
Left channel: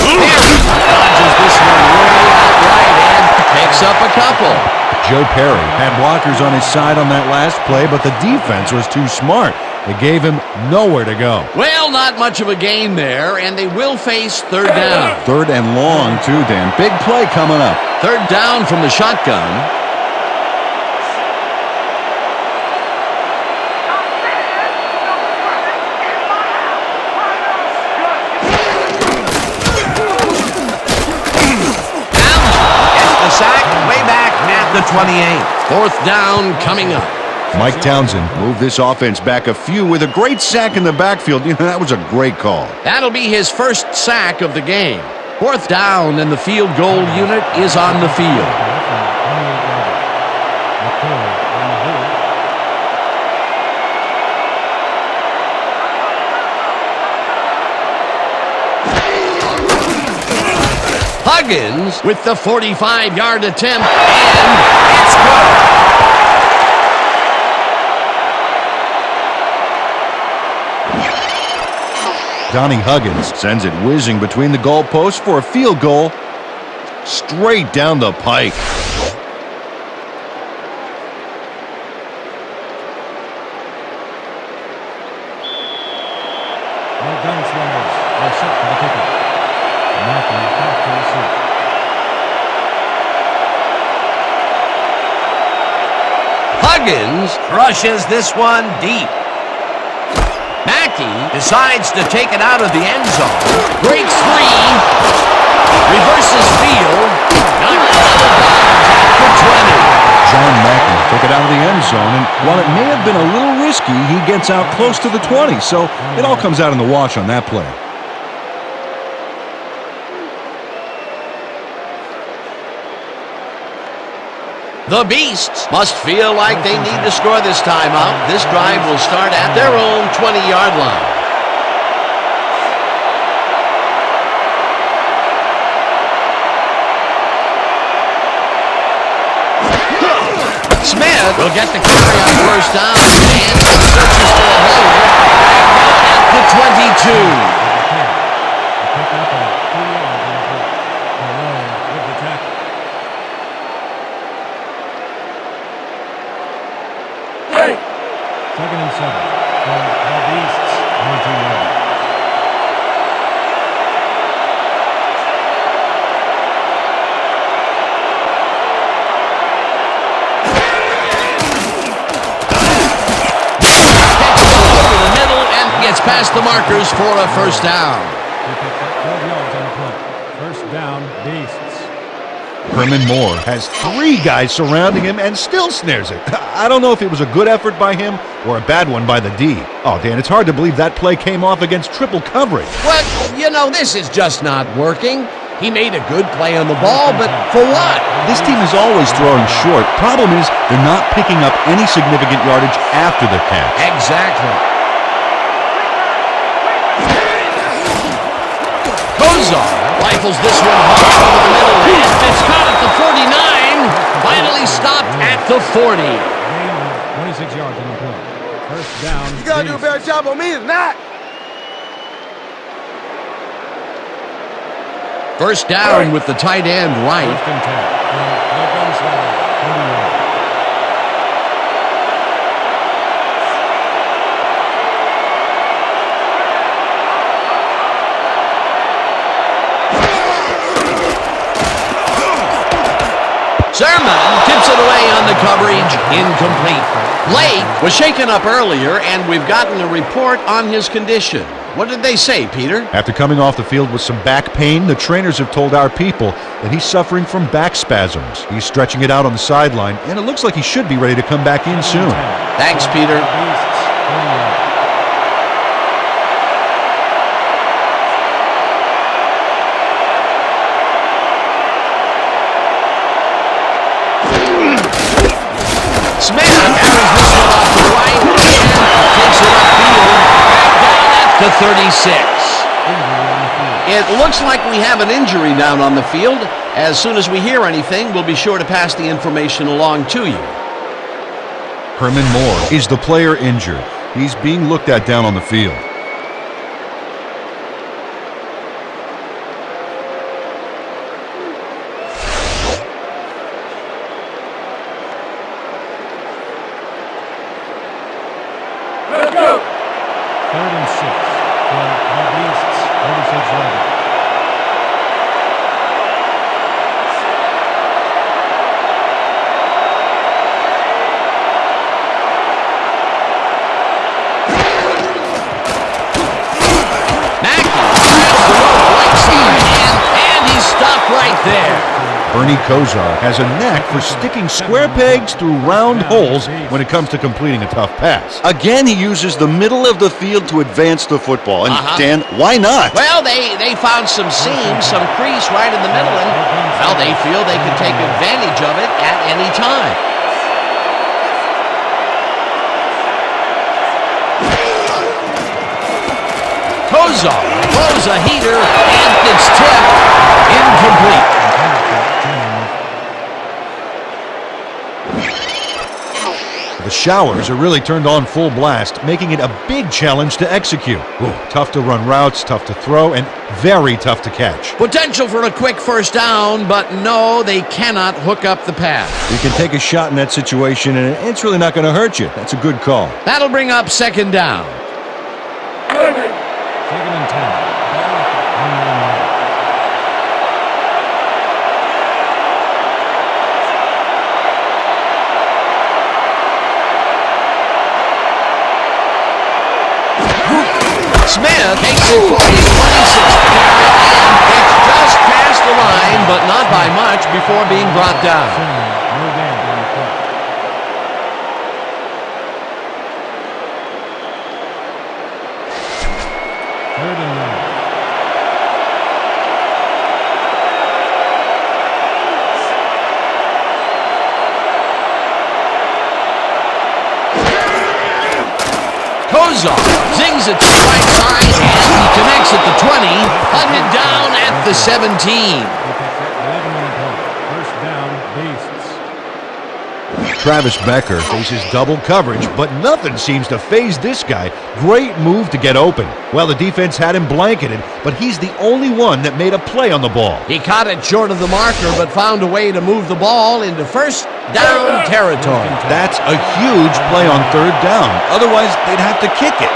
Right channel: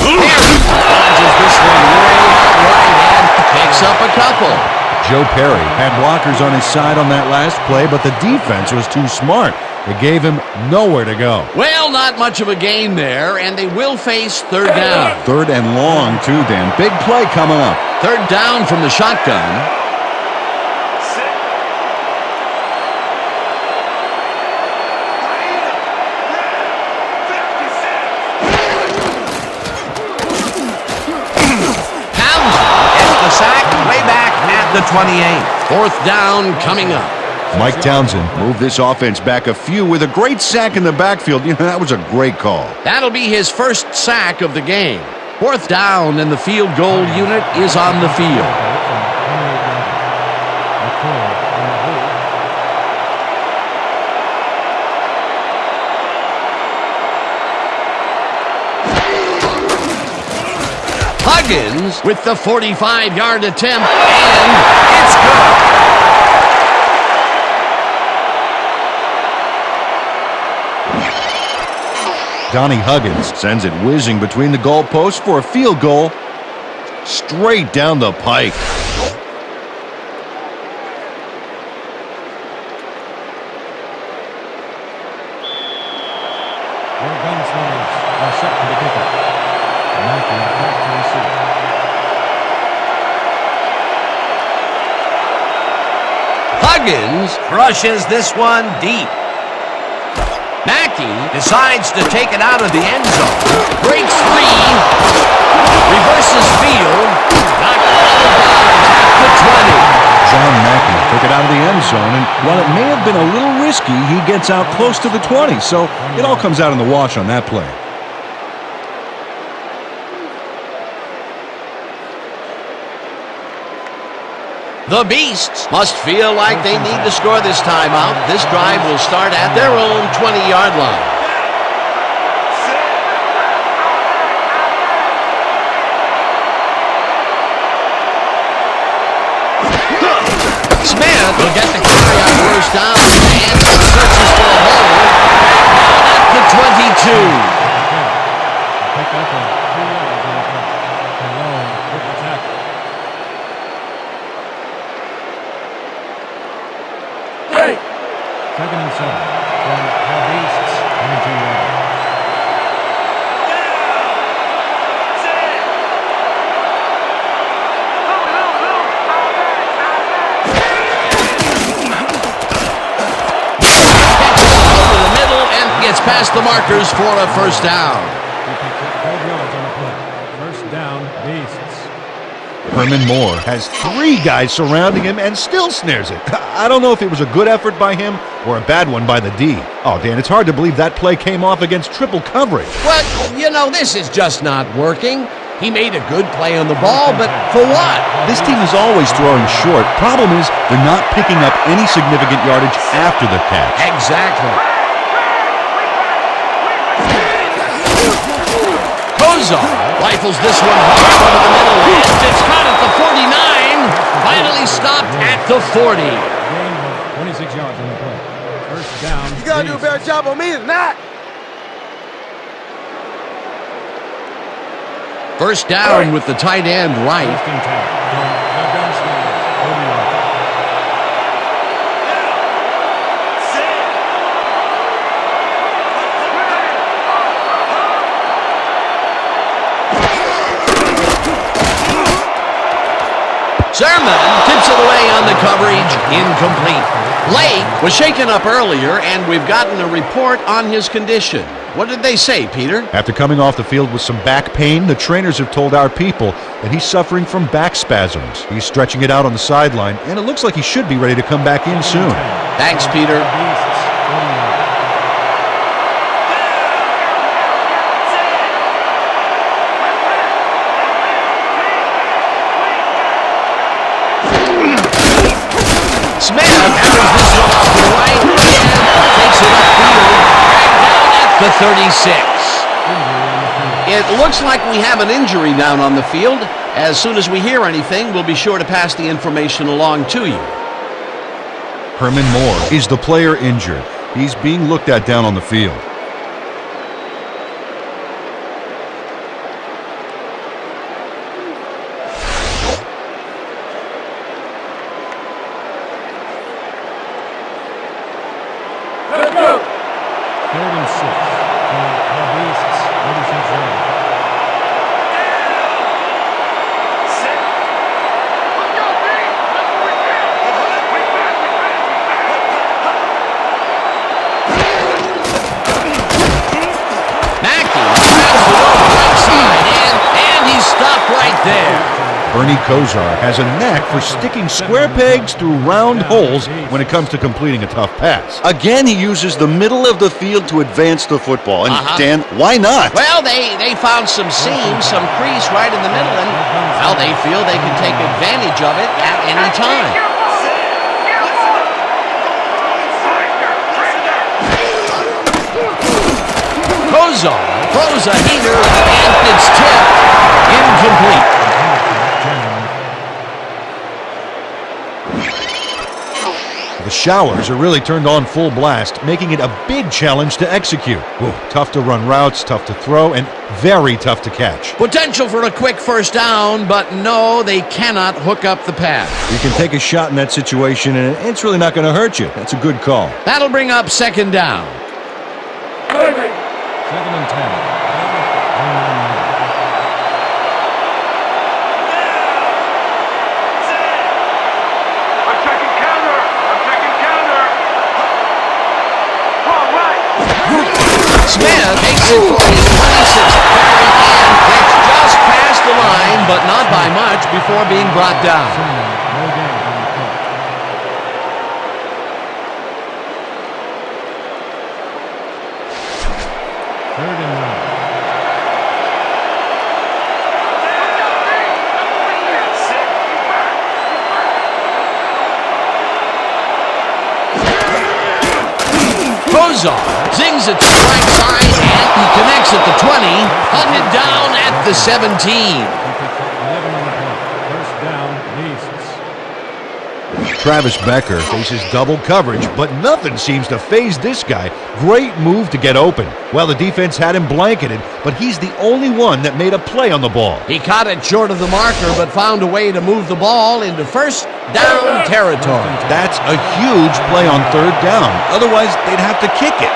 Perry dodges this one way out right and picks up a couple. Joe Perry had blockers on his side on that last play, but the defense was too smart. It gave him nowhere to go. Well, not much of a gain there, and they will face third down. Third and long, too, Dan. Big play coming up. Third down from the shotgun. The sack way back at the 28. Fourth down coming up. Mike Townsend moved this offense back a few with a great sack in the backfield. You know, that was a great call. That'll be his first sack of the game. Fourth down, and the field goal unit is on the field. Huggins with the 45-yard attempt, and it's good. Donnie Huggins sends it whizzing between the goalposts for a field goal straight down the pike. Your Gunslingers are set for the kickoff. Mackey back to receive. Huggins crushes this one deep. Mackey decides to take it out of the end zone, breaks free, reverses field, knocked out of bounds at the 20. John Mackey took it out of the end zone, and while it may have been a little risky, he gets out close to the 20, so it all comes out in the wash on that play. The Beasts must feel like they need to score this timeout. This drive will start at their own 20-yard line. Smith will get the carry on first down and searches for a hole. Back down at the 22. With the carry. A pickup of 3 yards on the play. Malone with the tackle. Second and 7 from the Beasts, 22-yard line. Catches it over the middle and gets past the markers for a first down. He picks up 12 yards on the play. First down, Beasts. Herman Moore has 3 guys surrounding him and still snares it. I don't know if it was a good effort by him or a bad one by the D. Oh, Dan, it's hard to believe that play came off against triple coverage. Well, you know, this is just not working. He made a good play on the ball, but for what? This team is always throwing short. Problem is, they're not picking up any significant yardage after the catch. Exactly. Kozar rifles this one hard over the middle, and it's caught at the 49. Finally stopped at the 40. Gain of 26 yards on the play. First down. You gotta do a better job on me than that! First down with the tight end right. First and 10 from the Gunslingers, 40 yards. Sermon tips it away on the coverage, incomplete. Lake was shaken up earlier, and we've gotten a report on his condition. What did they say, Peter? After coming off the field with some back pain, the trainers have told our people that he's suffering from back spasms. He's stretching it out on the sideline, and it looks like he should be ready to come back in soon. Thanks, Peter. Beasts, 40 yards. Smith carries this one off to the right and takes it upfield, dragged down at the 36. It looks like we have an injury down on the field. As soon as we hear anything, we'll be sure to pass the information along to you. Herman Moore is the player injured. He's being looked at down on the field. Let's go. 3rd and 6 from the Beasts, 36-yard line. Mackey grabs the rope right side, and he's stopped right there. Bernie Kosar has a knack for sticking square pegs through round holes when it comes to completing a tough pass. Again, he uses the middle of the field to advance the football. And Dan, why not? Well, they found some seam, some crease right in the middle, and, well, they feel they can take advantage of it at any time. Kosar throws a heater, and it's tipped incomplete. The showers are really turned on full blast, making it a big challenge to execute. Ooh, tough to run routes, tough to throw, and very tough to catch. Potential for a quick first down, but no, they cannot hook up the pass. You can take a shot in that situation, and it's really not going to hurt you. That's a good call. That'll bring up 2nd down. 2nd and 10. Ball at the 29-yard line. I'm taking counter. All right. Smith takes it for his 26th carry and gets just past the line, but not by much before being brought down. No gain on the play. Third and 9. Kosar zings it to the right side, and he connects at the 20, hunted down at the 17. He picks up 11 on the play. First down, Beasts. Travis Becker faces double coverage, but nothing seems to faze this guy. Great move to get open. Well, the defense had him blanketed, but he's the only one that made a play on the ball. He caught it short of the marker, but found a way to move the ball into first down territory. That's a huge play on 3rd down. Otherwise, they'd have to kick it.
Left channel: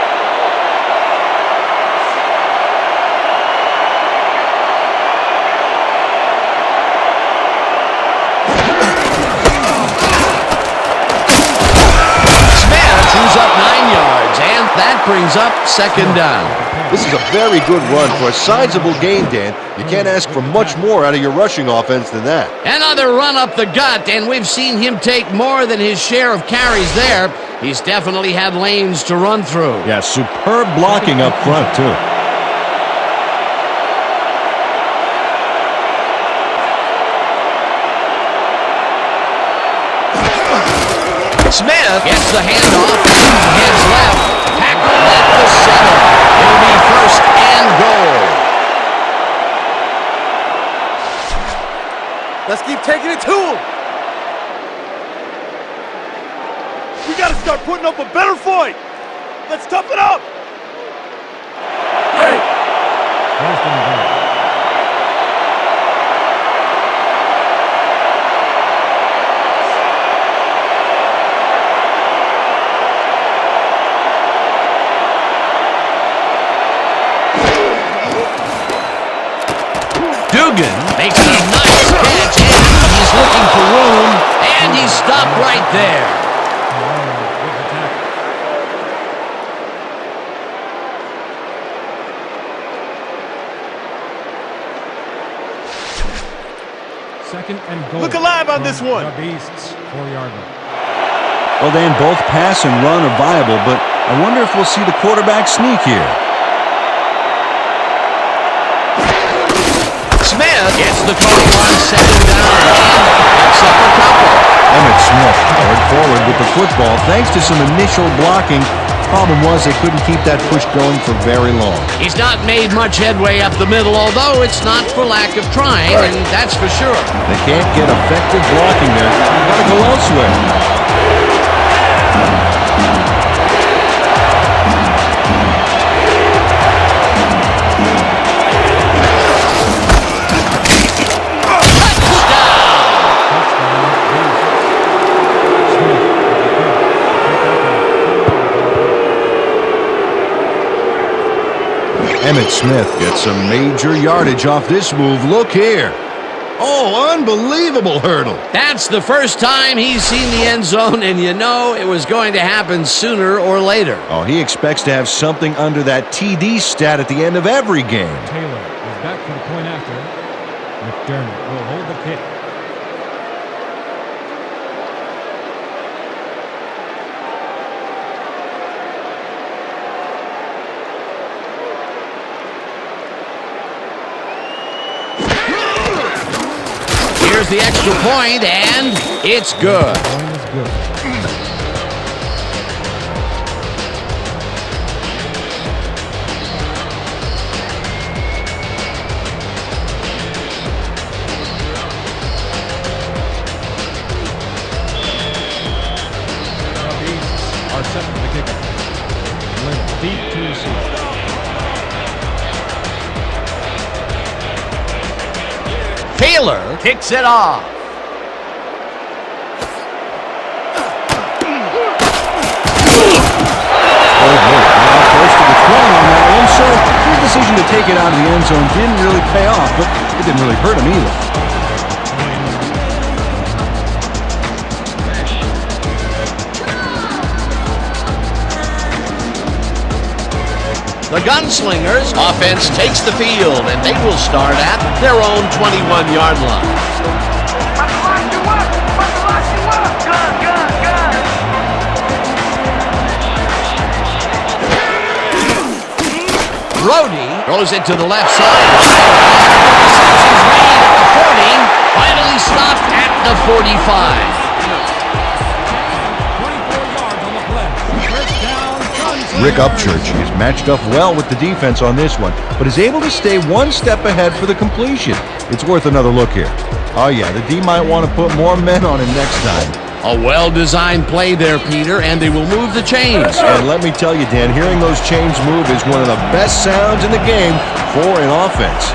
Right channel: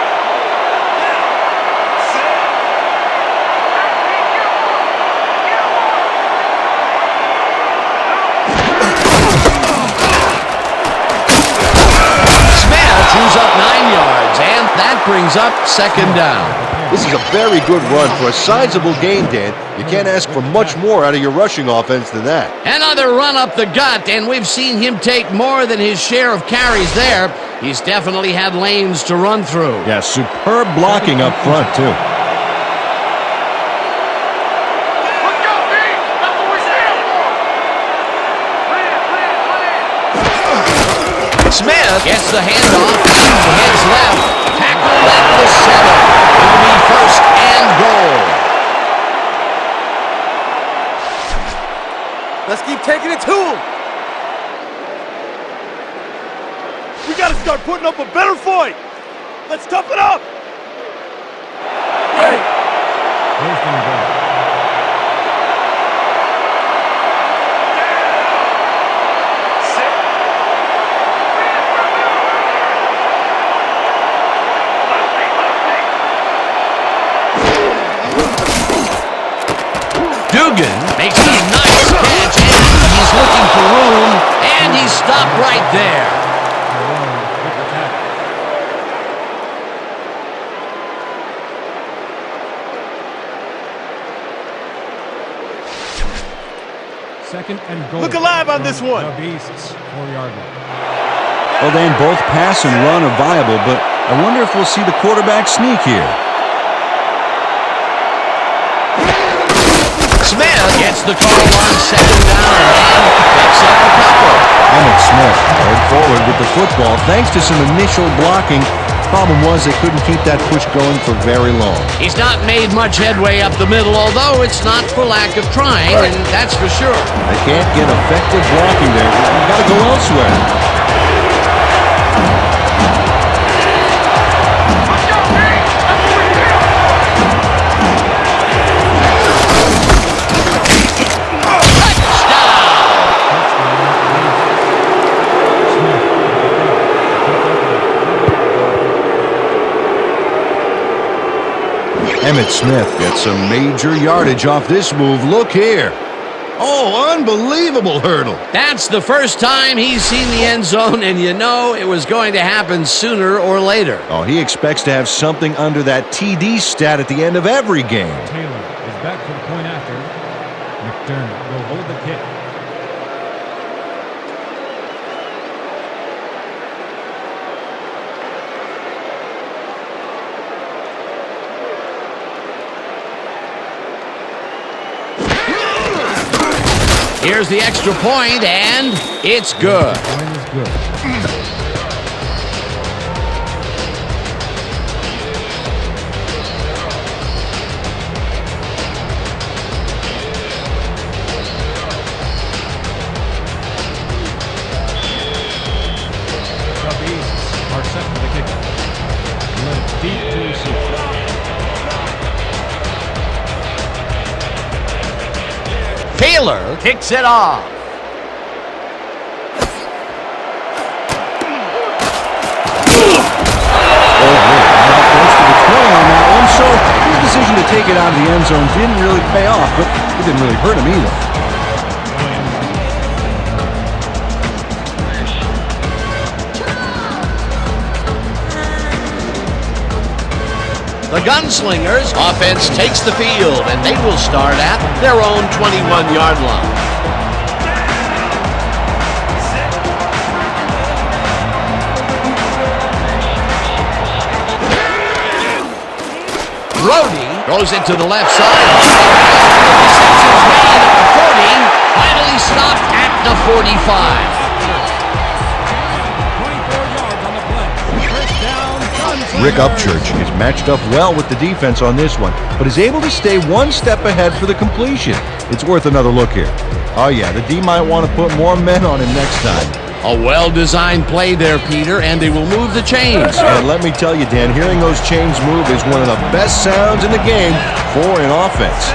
Chews up 9 yards, and that brings up 2nd down. This is a very good run for a sizable gain, Dan. You can't ask for much more out of your rushing offense than that. Another run up the gut, and we've seen him take more than his share of carries there. He's definitely had lanes to run through. Yeah, superb blocking up front, too. Smith gets the handoff and heads left. Tackled at the 7. It'll be 1st and goal. Let's keep taking it to him. We got to start putting up a better fight. Let's tough it up. Hey. 1st and goal. Dugan makes a nice catch, and he's looking for room, and he's stopped right there. Second and goal. Look alive on from this one. The Beasts, 4-yard line. Well, Dan, both pass and run are viable, but I wonder if we'll see the quarterback sneak here. Smith gets the call on second down and picks up a couple. Emmitt Smith powered forward with the football thanks to some initial blocking. Problem was they couldn't keep that push going for very long. He's not made much headway up the middle, although it's not for lack of trying, and that's for sure. They can't get effective blocking there. You've got to go elsewhere. Emmitt Smith gets some major yardage off this move. Look here. Oh, unbelievable hurdle. That's the first time he's seen the end zone, and you know it was going to happen sooner or later. Oh, he expects to have something under that TD stat at the end of every game. Taylor is back for the point after. McDermott will hold the kick. Here's the extra point, and it's good. The point is good. The Beasts are set for the kickoff. Little deep to receive. Taylor kicks it off. Floyd Little got out close to the 20 on that one, so his decision to take it out of the end zone didn't really pay off, but it didn't really hurt him either. The Gunslingers offense takes the field, and they will start at their own 21-yard line. Brody goes it to the left sideline, and the reception's made at the 40, finally stopped at the 45. 24 yards on the play. First down, Gunslingers. Rick Upchurch is matched up well with the defense on this one, but is able to stay one step ahead for the completion. It's worth another look here. Oh yeah, the D might want to put more men on him next time. A well-designed play there, Peter, and they will move the chains. And let me tell you, Dan, hearing those chains move is one of the best sounds in the game for an offense.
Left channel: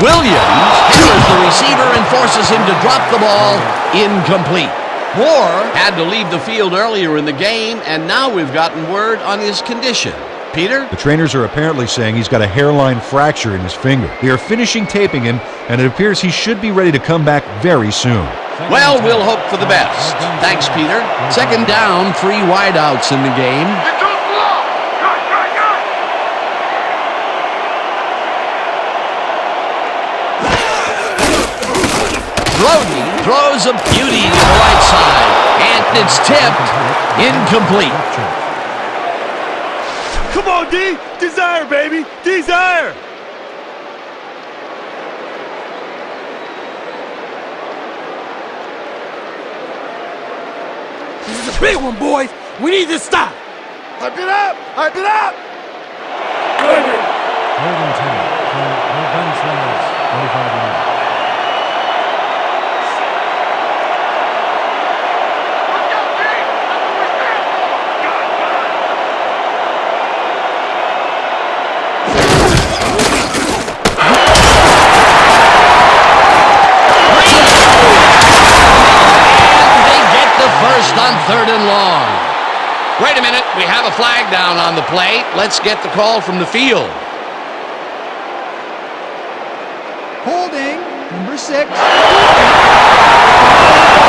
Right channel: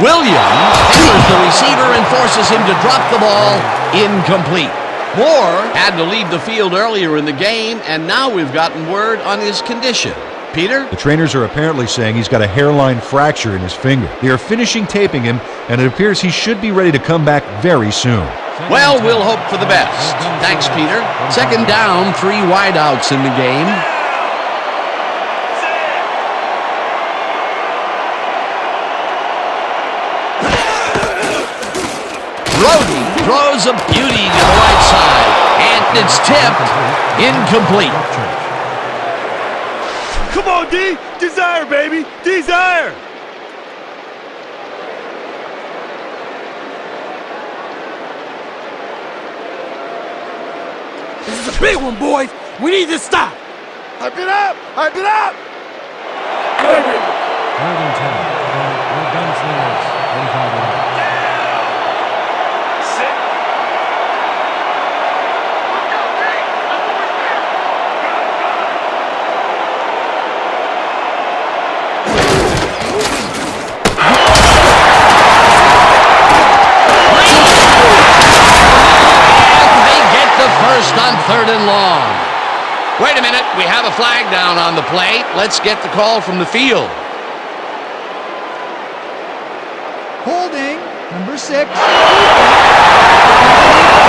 Williams hammers the receiver and forces him to drop the ball incomplete. Moore had to leave the field earlier in the game, and now we've gotten word on his condition. Peter? The trainers are apparently saying he's got a hairline fracture in his finger. They are finishing taping him, and it appears he should be ready to come back very soon. Well, we'll hope for the best. Thanks, Peter. Second down, 3 wideouts in the game. Brody throws a beauty to the right side, and it's tipped incomplete. Come on, D! Desire, baby! Desire! This is a big one, boys. We need to stop. Hype it up! Hype it up! Third and 10 from the Gunslingers, 45 yards. Let's go, D! That's what we stand for! Got it! And they get the first on 3rd and long. Wait a minute, we have a flag down on the plate. Let's get the call from the field. Holding Number 6, defense. The penalty.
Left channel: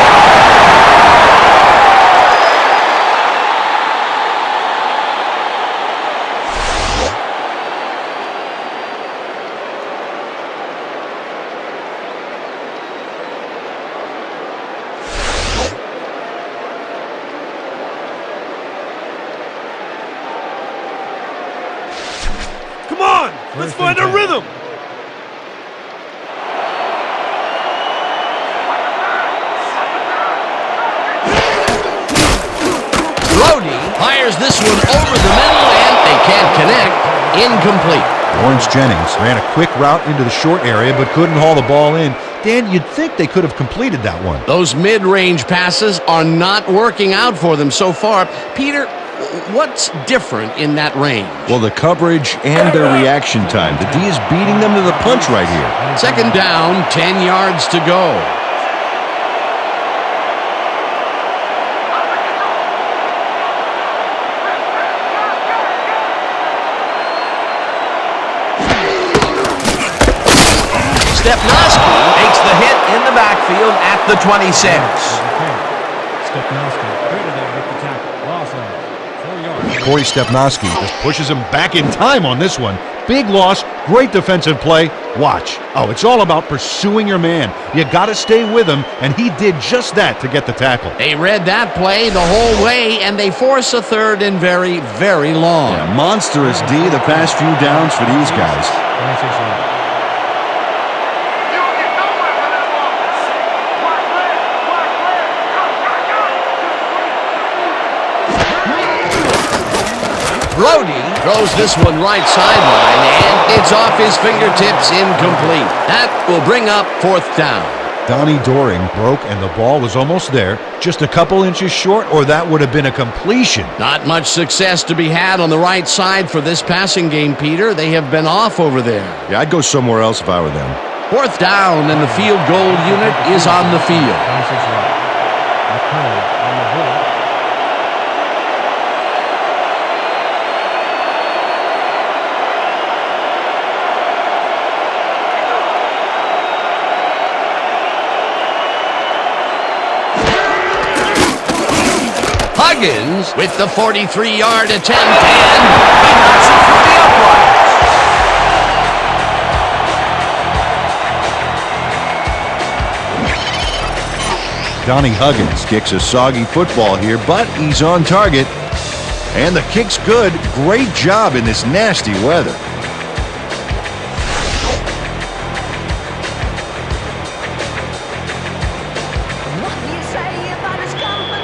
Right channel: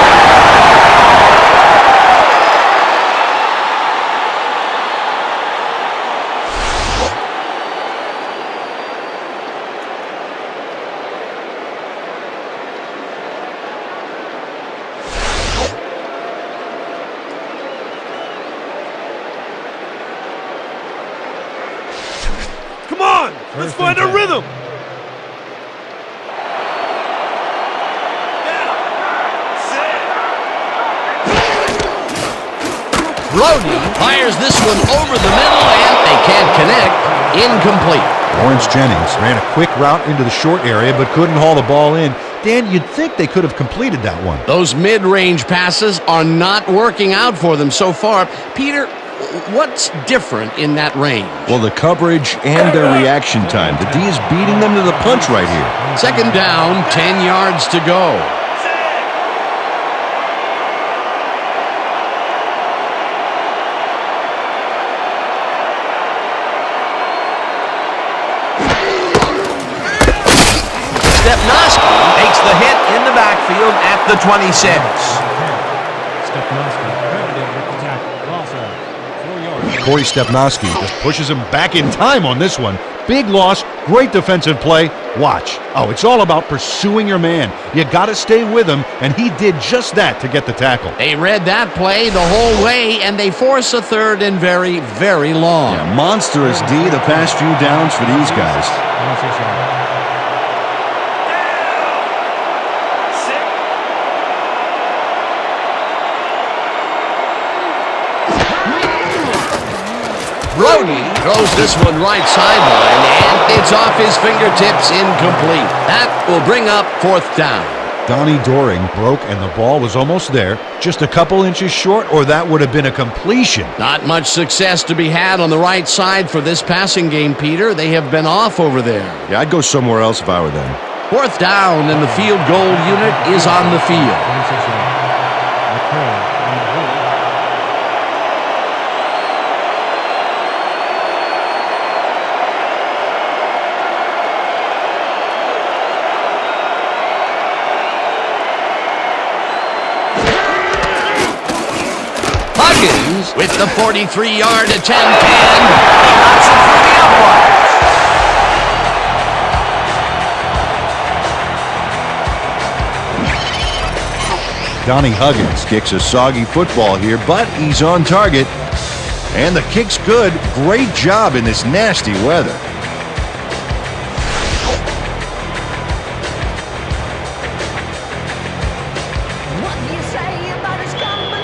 Come on, let's First find and a 10. rhythm. Brody fires this one over the middle, and they can't connect. Incomplete. Lawrence Jennings ran a quick route into the short area but couldn't haul the ball in. Dan, you'd think they could have completed that one. Those mid-range passes are not working out for them so far. Peter, what's different in that range? Well, the coverage and their reaction time. The D is beating them to the punch right here. Second down, 10 yards to go. Stepnoski makes the hit in the backfield at the 26. Stepnoski credited with the tackle. Loss of 4 yards. Corey Stepnoski just pushes him back in time on this one. Big loss, great defensive play. Watch. Oh, it's all about pursuing your man. You got to stay with him, and he did just that to get the tackle. They read that play the whole way, and they force a third and very, very long. Yeah, monstrous D the past few downs for these guys. 26 yards. Brody throws this one right sideline, and it's off his fingertips, incomplete. That will bring up fourth down. Donnie Doring broke, and the ball was almost there. Just a couple inches short, or that would have been a completion. Not much success to be had on the right side for this passing game, Peter. They have been off over there. Yeah, I'd go somewhere else if I were them. Fourth down, and the field goal unit is on the field. 26 yards. McCurley on the hold. Huggins with the 43-yard attempt, and he knocks it through the uprights. Donnie Huggins Kicks a soggy football here, but he's on target. And the kick's good. Great job in this nasty weather. What do you say about his company?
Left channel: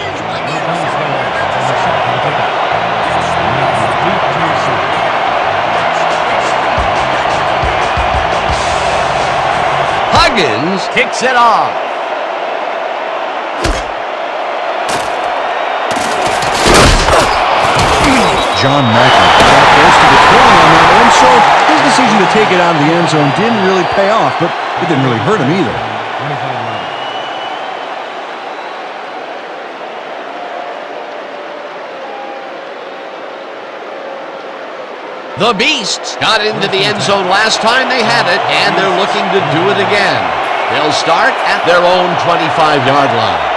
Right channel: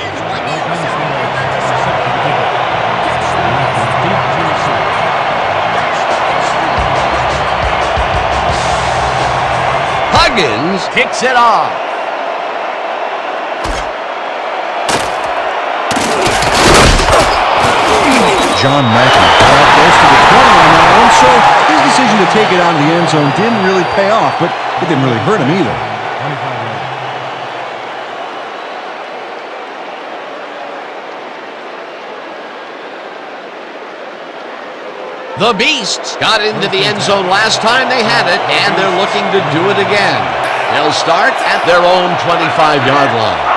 Is what do you say Gunslingers about his are set for the kickoff. Catch the Matthew mystery. deep to receive. Catch the mystery. Catch the mystery. Huggins kicks it off. John Mackey Got out close to the 20 on that one, so his decision to take it out of the end zone didn't really pay off, but it didn't really hurt him either. 25 yards. The Beasts got into the end zone last time they had it, and they're looking to do it again. They'll start at their own 25-yard line.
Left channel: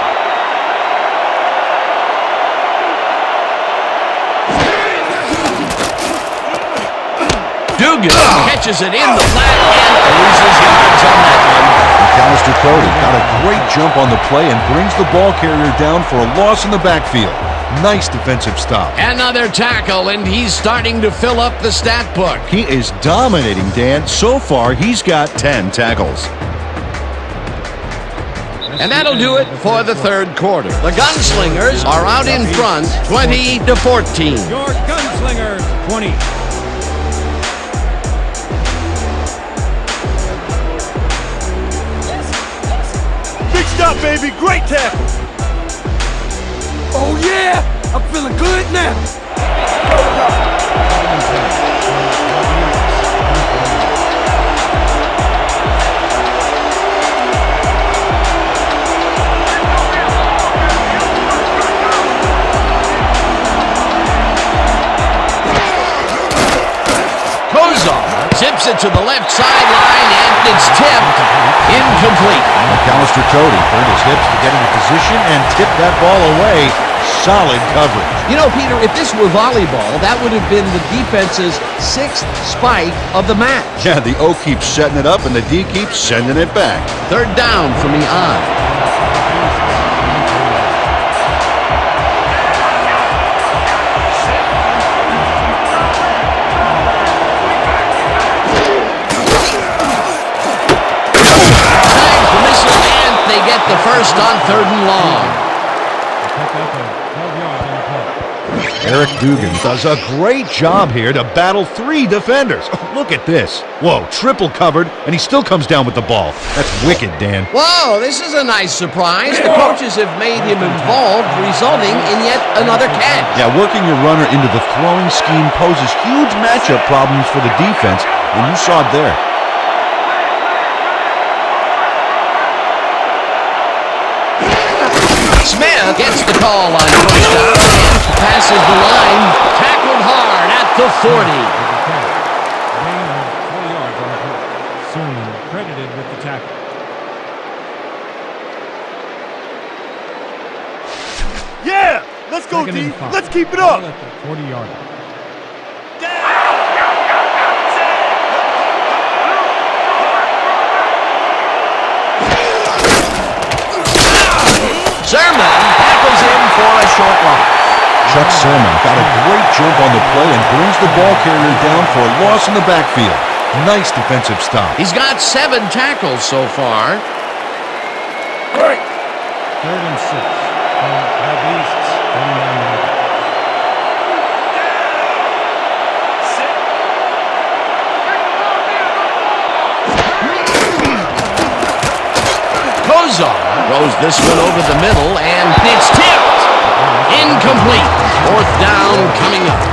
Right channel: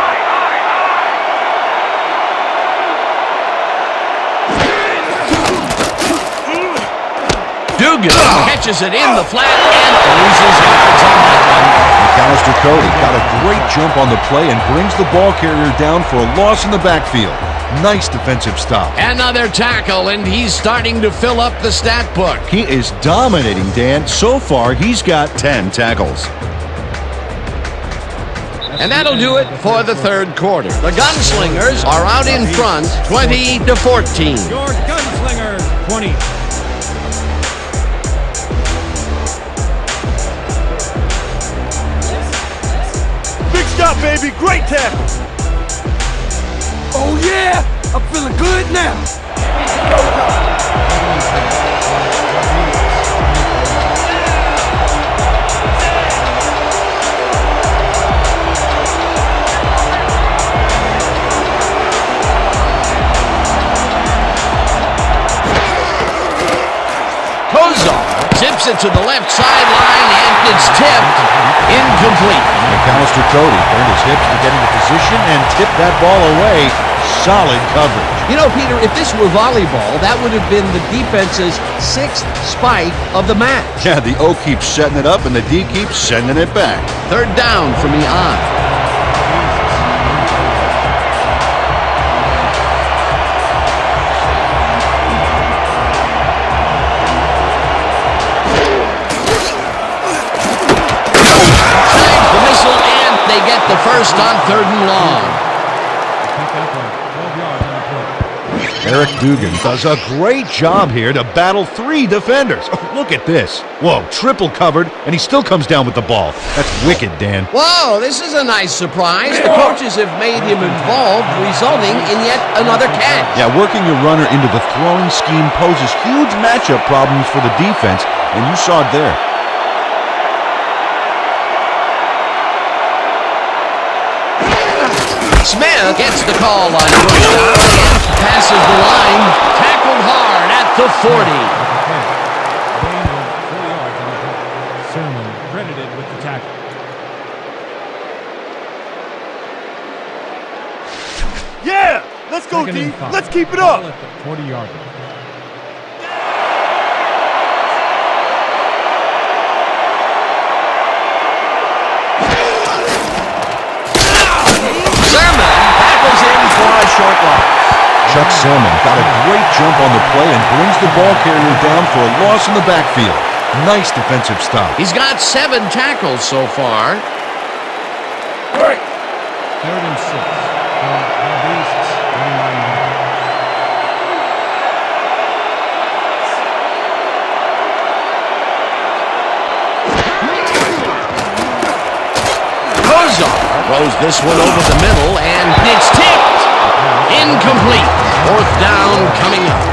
Dugan catches it in the flat and loses yards on that one. McAllister Cody got a great jump on the play and brings the ball carrier down for a loss in the backfield. Nice defensive stop. Another tackle, and he's starting to fill up the stat book. He is dominating, Dan. So far, he's got 10 tackles. And that'll do it for the third quarter. The Gunslingers are out in front, 20-14. Your Gunslingers, 20. Big stop, baby. Great tackle. Oh, yeah! I'm feeling good now. Second and 10. For the Beasts, 24 yards. Kozar Zips it to the left sideline, and it's tipped. Incomplete. McAllister Cody turned his hips to get into position and tipped that ball away. Solid coverage. You know, Peter, if this were volleyball, that would have been the defense's 6th spike of the match. Yeah, the O keeps setting it up and the D keeps sending it back. Third down from the I. Times the missile, and they get the first on 3rd and long. Pickup of 12 yards on the play. Eric Dugan does a great job here to battle 3 defenders. Oh, look at this. Whoa, triple covered, and he still comes down with the ball. That's wicked, Dan. Whoa, this is a nice surprise. The coaches have made him involved, resulting in yet another catch. Yeah, working your runner into the throwing scheme poses huge matchup problems for the defense, and you saw it there. Smith gets the call on first down and passes the line. Tackled hard at the 40. Gain of 4 yards on the play. Sermon credited with the tackle. Yeah! Let's go, Second D. and 5. Let's keep it Ball up. at the 40-yard line. Sermon tackles him for a short loss. Chuck Sermon got a great jump on the play and brings the ball carrier down for a loss in the backfield. Nice defensive stop. He's got 7 tackles so far. 3rd and 6 from the Beasts, 39-yard line. Kozar throws this one over the middle, and it's tipped. Incomplete. 4th down coming up.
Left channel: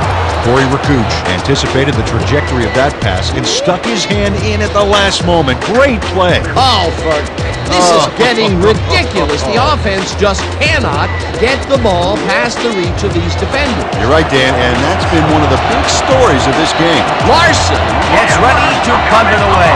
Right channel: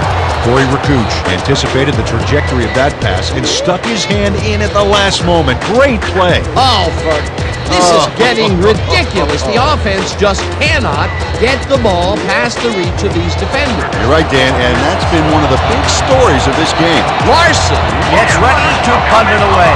Corey Rakuch anticipated the trajectory of that pass and stuck his hand in at the last moment. Great play. This is getting ridiculous. The offense just cannot get the ball past the reach of these defenders. You're right, Dan, and that's been one of the big stories of this game. Larson gets ready to punt it away.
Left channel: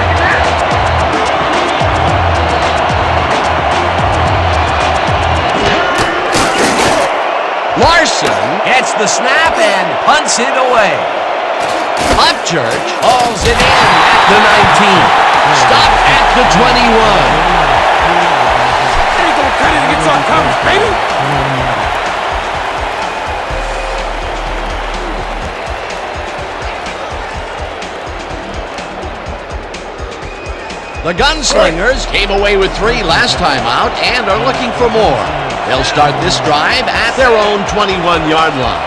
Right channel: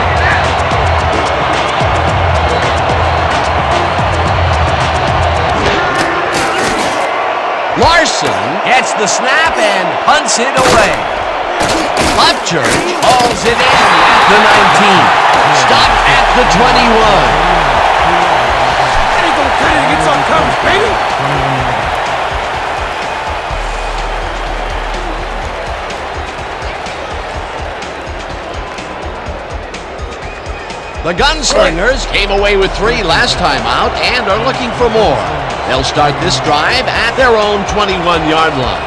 Larson gets the snap and punts it away. Upchurch hauls it in at the 19. Stopped at the 21. That ain't gonna cut it against our coverage, baby. The Gunslingers came away with 3 last time out and are looking for more. They'll start this drive at their own 21-yard line.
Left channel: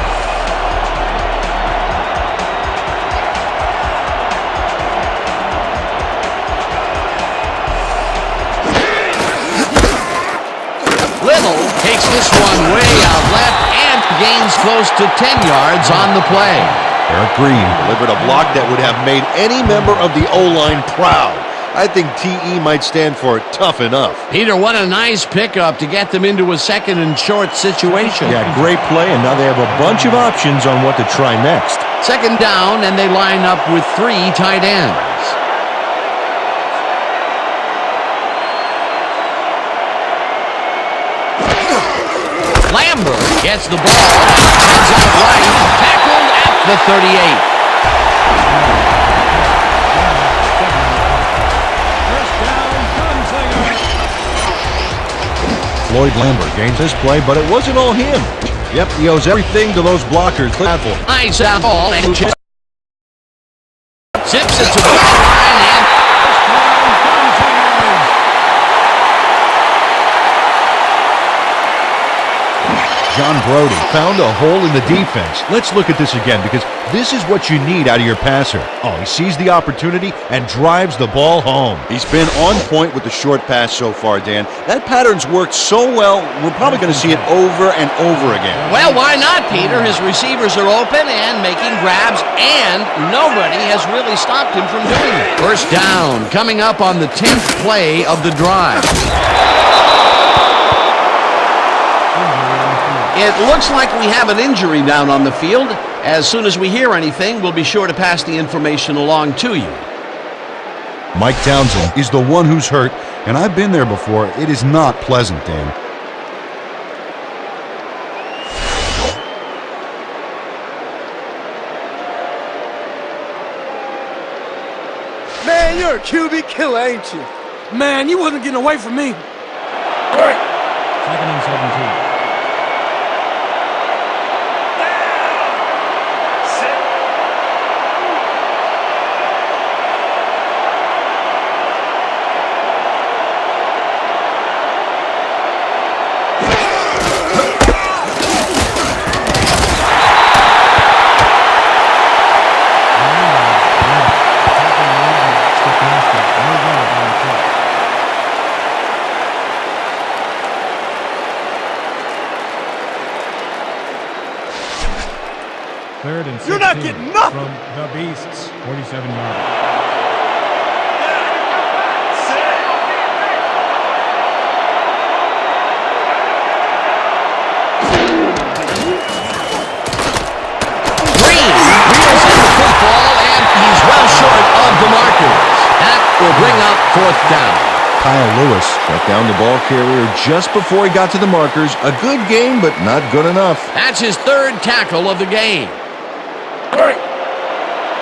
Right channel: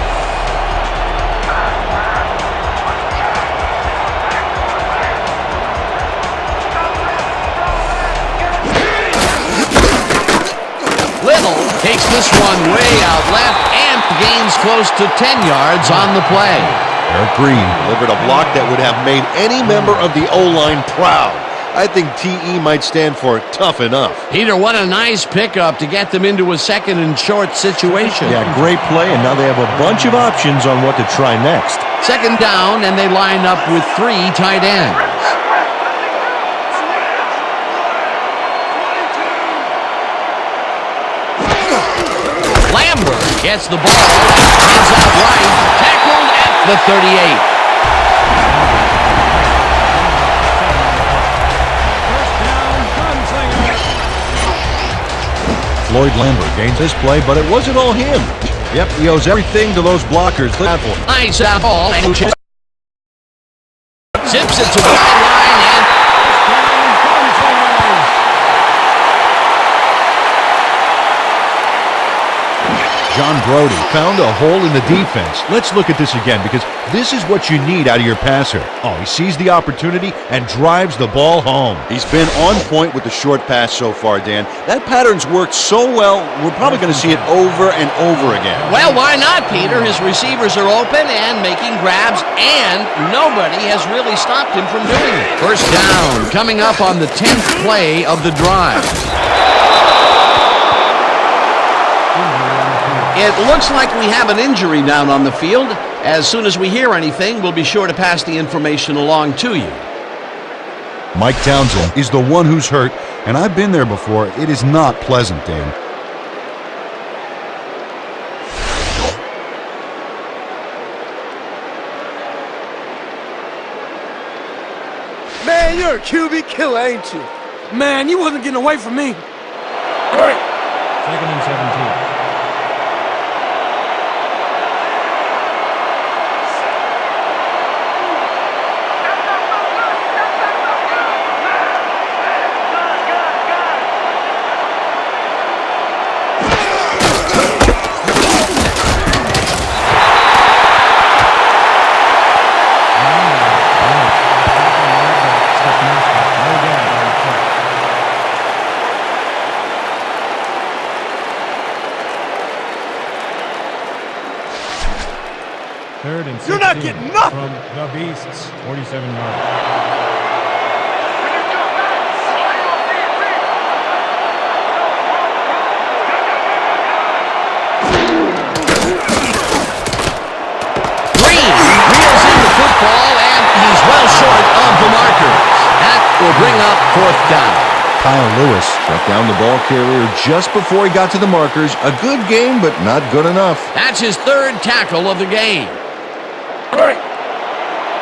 Little takes this one way out left and gains close to 10 yards on the play. Eric Green delivered a block that would have made any member of the O-line proud. I think TE might stand for tough enough. Peter, what a nice pickup to get them into a 2nd and short situation. Yeah, great play, and now they have a bunch of options on what to try next. 2nd down, and they line up with 3 tight ends. Lambert gets the ball and heads out right, tackled at the 38. Floyd Lambert gains this play, but it wasn't all him. Yep, he owes everything to those blockers. Nice out ball and zips it to the right line and First down, Gunslingers. John Brody found a hole in the defense. Let's look at this again because this is what you need out of your passer. Oh, he sees the opportunity and drives the ball home. He's been on point with the short pass so far, Dan. That pattern's worked so well, we're probably going to see it over and over again. well, why not, Peter? His receivers are open and making grabs, and nobody has really stopped him from doing it. First down coming up on the 10th play of the drive. It looks like we have an injury down on the field. As soon as we hear anything, we'll be sure to pass the information along to you. Mike Townsend is the one who's hurt, and I've been there before. It is not pleasant, Dan. Man, you're a QB killer, ain't you? Man, you wasn't getting away from me. 2nd and 17. Third and 16. You're not getting nothing. From the Beasts, 47-yard. When you come back, play on defense. Green reels in the football, and he's well short of the markers. That will bring up 4th down. Kyle Lewis shut down the ball carrier just before he got to the markers. A good game, but not good enough. That's his 3rd tackle of the game.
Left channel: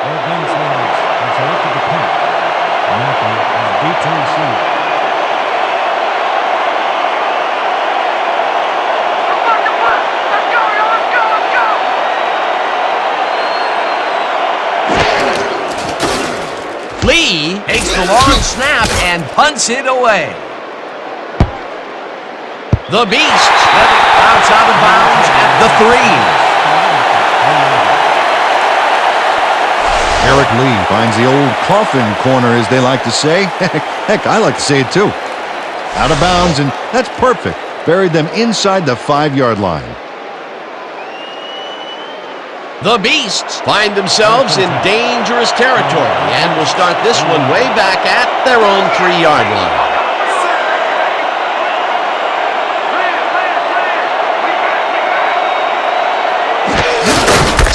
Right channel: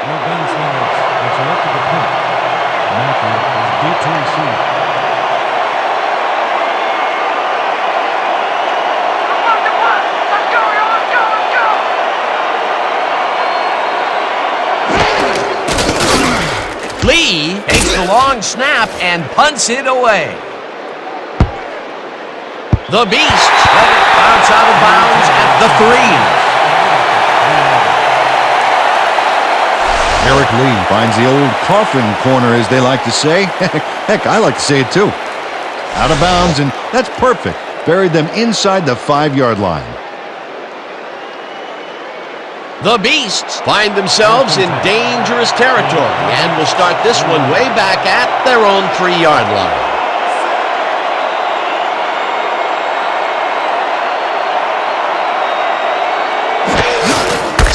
No Gunslingers have selected the punt. Mackey is deep to receive. Let's the punt. Let's go, yo. Let's go. Let's go. Lee takes the long snap and punts it away. The Beasts let it bounce out of bounds at the 3. Eric Lee finds the old coffin corner, as they like to say. Heck, I like to say it too. Out of bounds, and that's perfect. Buried them inside the 5-yard line. The Beasts find themselves in dangerous territory and will start this one way back at their own 3-yard line.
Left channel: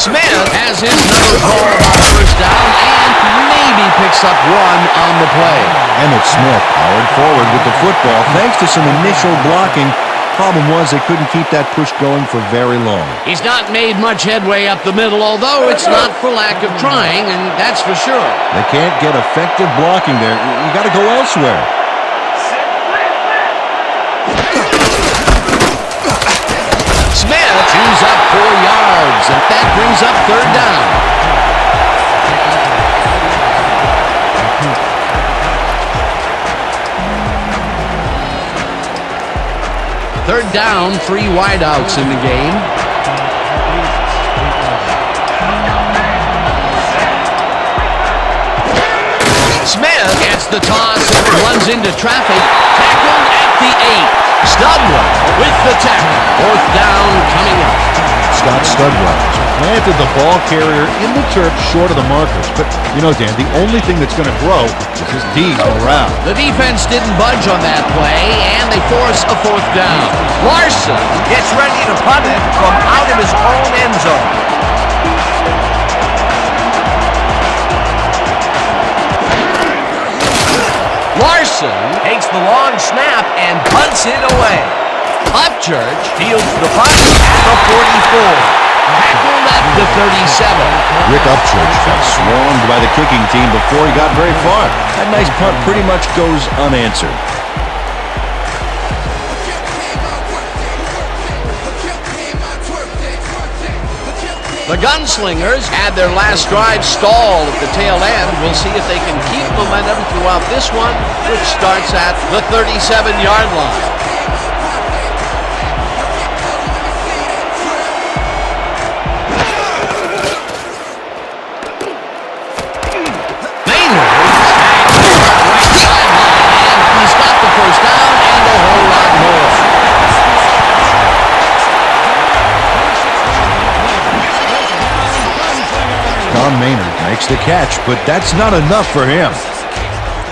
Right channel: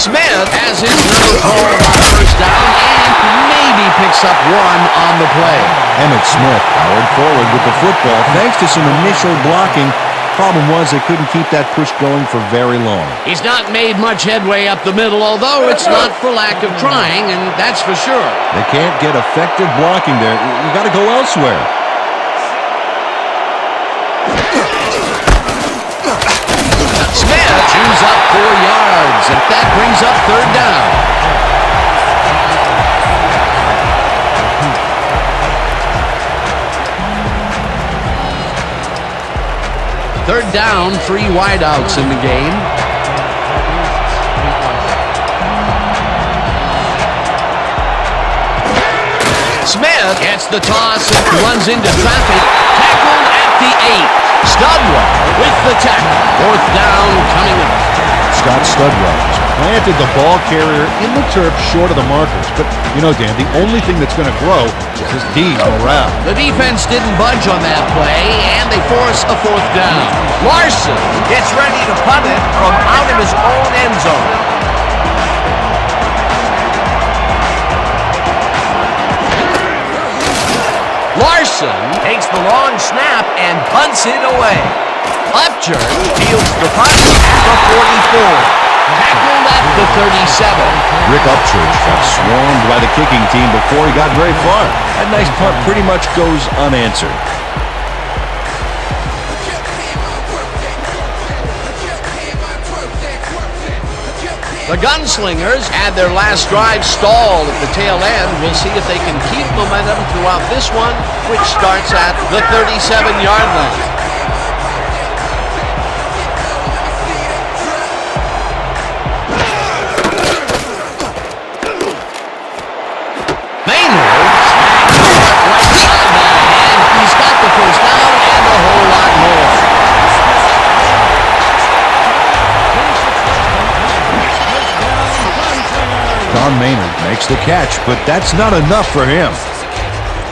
Smith has his number called on 1st down and maybe picks up 1 on the play. Emmitt Smith powered forward with the football thanks to some initial blocking. Problem was they couldn't keep that push going for very long. He's not made much headway up the middle, although it's not for lack of trying, and that's for sure. They can't get effective blocking there. You got to go elsewhere. Smith chews up 4 yards, and that brings up 3rd down. Third down, 3 wideouts in the game. Smith gets the toss and runs into traffic. Tackled at the 8. Studwell with the tackle. 4th down coming up. Scott Studwell has planted the ball carrier in the turf short of the markers. But, you know, Dan, the only thing that's going to grow is his D's morale. The defense didn't budge on that play, and they force a 4th down. Larson gets ready to punt it from out of his own end zone. Larson takes the long snap and punts it away. Upchurch fields the punt at the 44. Tackled at the 37. Rick Upchurch got swarmed by the kicking team before he got very far. That nice punt pretty much goes unanswered. The Gunslingers had their last drive stalled at the tail end. We'll see if they can keep momentum throughout this one, which starts at the 37-yard line. Maynard snags the right sideline, and he's got the 1st down and a whole lot more. Don Maynard makes the catch, but that's not enough for him.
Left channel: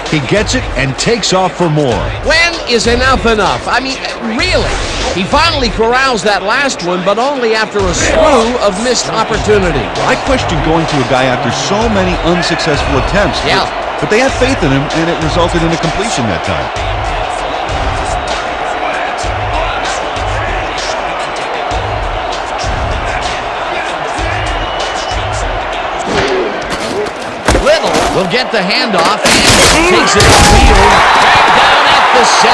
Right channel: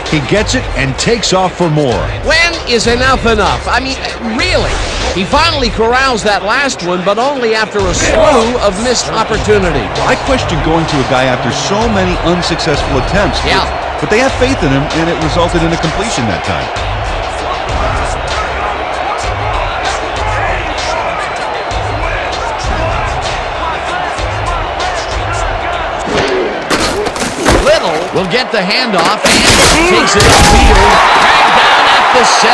He gets it and takes off for more. When is enough enough? I mean, really? He finally corrals that last one, but only after a slew of missed opportunities. I question going to a guy after so many unsuccessful attempts. Yeah. but they have faith in him, and it resulted in a completion that time. Little will get the handoff and takes it upfield. Dragged down at the 7.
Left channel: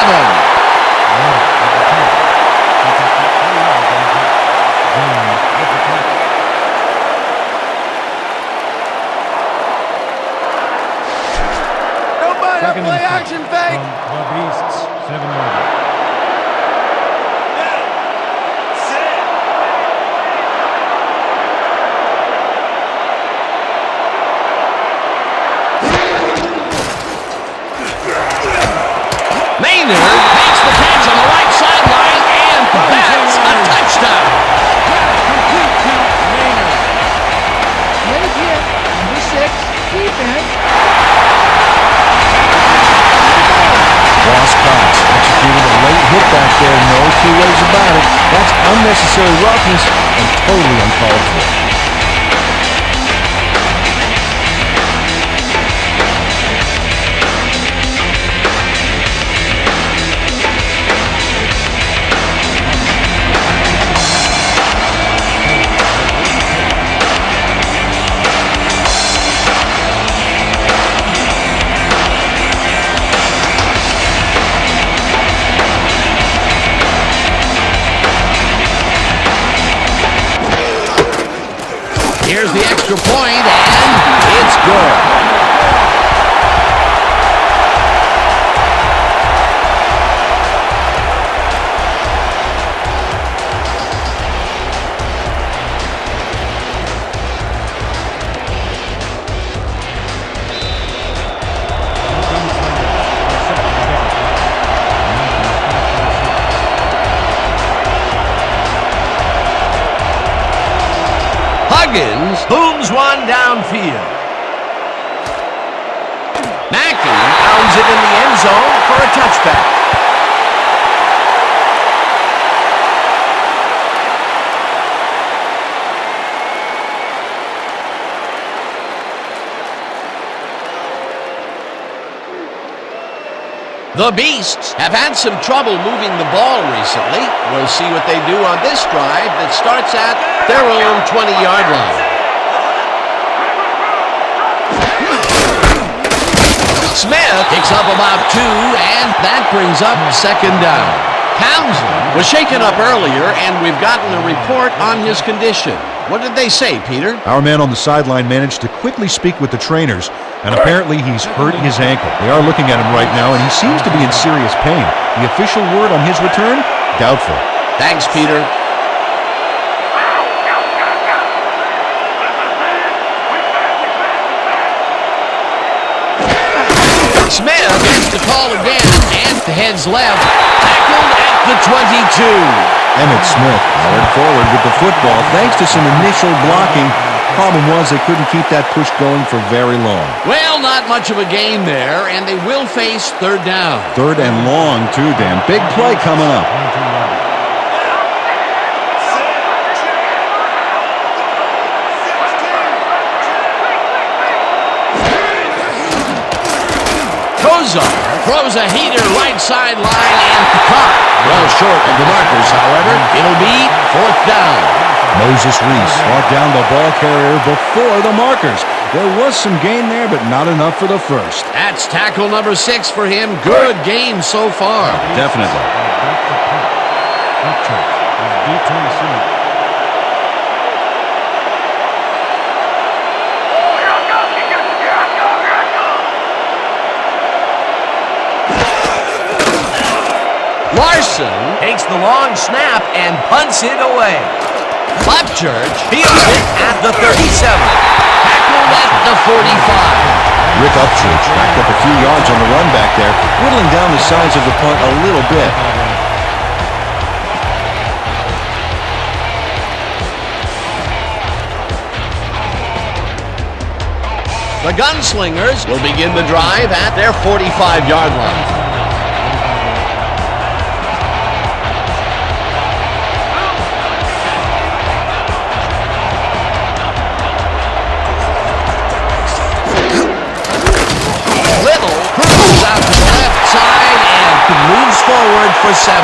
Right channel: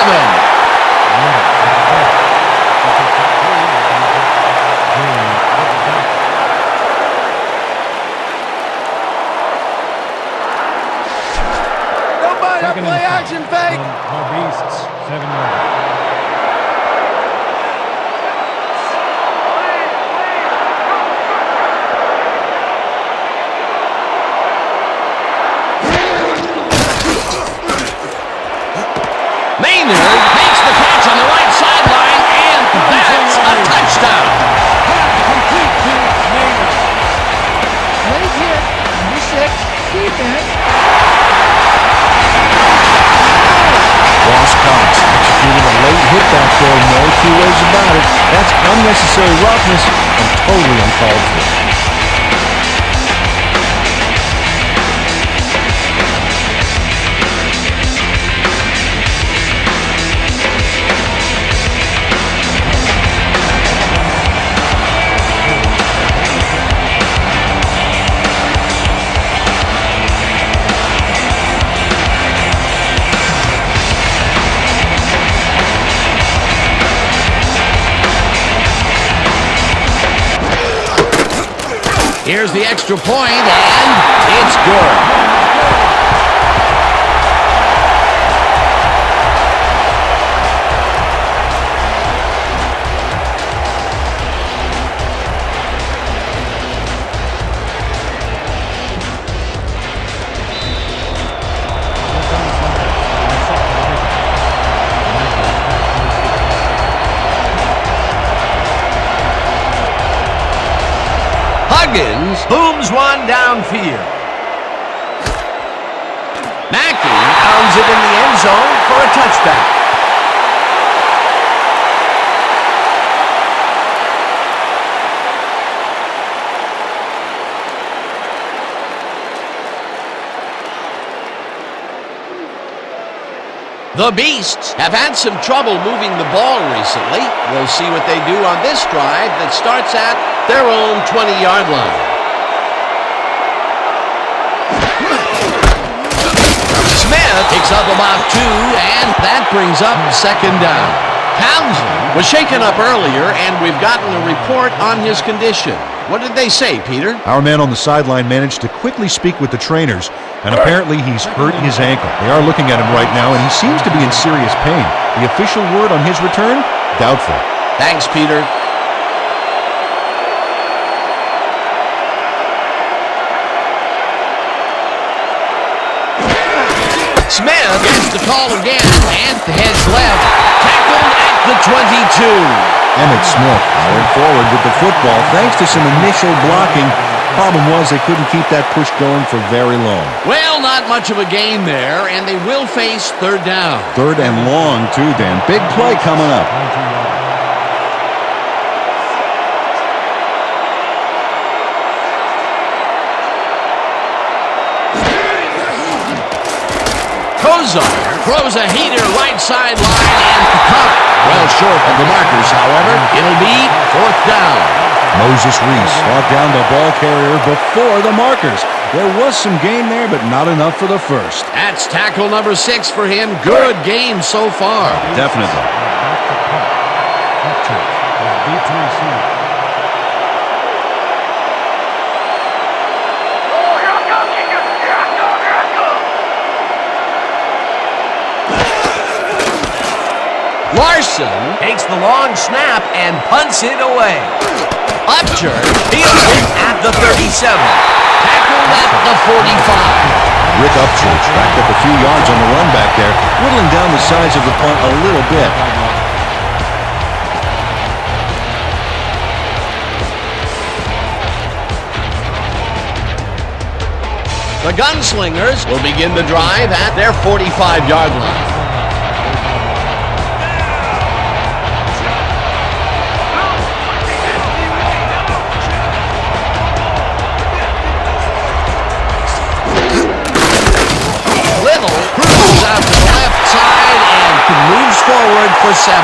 Nobody play action fake. From the Beasts, 7 yards. Maynard makes the catch on the right sideline, and that's a touchdown. Late hit, number 6, defense. Ross Cox executed a late hit back there, no two ways about it. That's unnecessary roughness and totally uncalled for. Here's the extra point, and it's good. The Gunslingers are set for the pickup. Matthews back to receive. Huggins booms one downfield. Mackey pounds it in the end zone for a touchback. The Beasts have had some trouble moving the ball recently. We'll see what they do on this drive that starts at their own 20-yard line. Smith picks up about 2, and that brings up 2nd down. Townsend was shaken up earlier, and we've gotten a report on his condition. What did they say, Peter? Our man on the sideline managed to quickly speak with the trainers, and apparently he's hurt his ankle. They are looking at him right now, and he seems to be in serious pain. The official word on his return? Doubtful. Thanks, Peter. Smith gets the call again and heads left. Tackled at the 22. Emmitt Smith powered forward with the football thanks to some initial blocking. Problem was they couldn't keep that push going for very long. Well, not much of a gain there, and they will face 3rd down. 3rd and long, too, Dan. Big play coming up. 22-yarder. Kozar throws a heater right sideline and caught. Well short of the markers, however. It'll be 4th down. Moses Reese brought down the ball carrier before the markers. There was some gain there, but not enough for the first. That's tackle number 6 for him. Good game so far. Definitely. Back to punt. Upchurch is deep to receive. Oh, here I go, kicker! Here I go, here I go! Larson takes the long snap and punts it away. Upchurch fields it at the 37. Tackled at the 45. Rick Upchurch backed up a few yards on the run back there, whittling down the size of the punt a little bit. The Gunslingers will begin the drive at their 45-yard line. level, cruises out to the left side and moves forward for 7.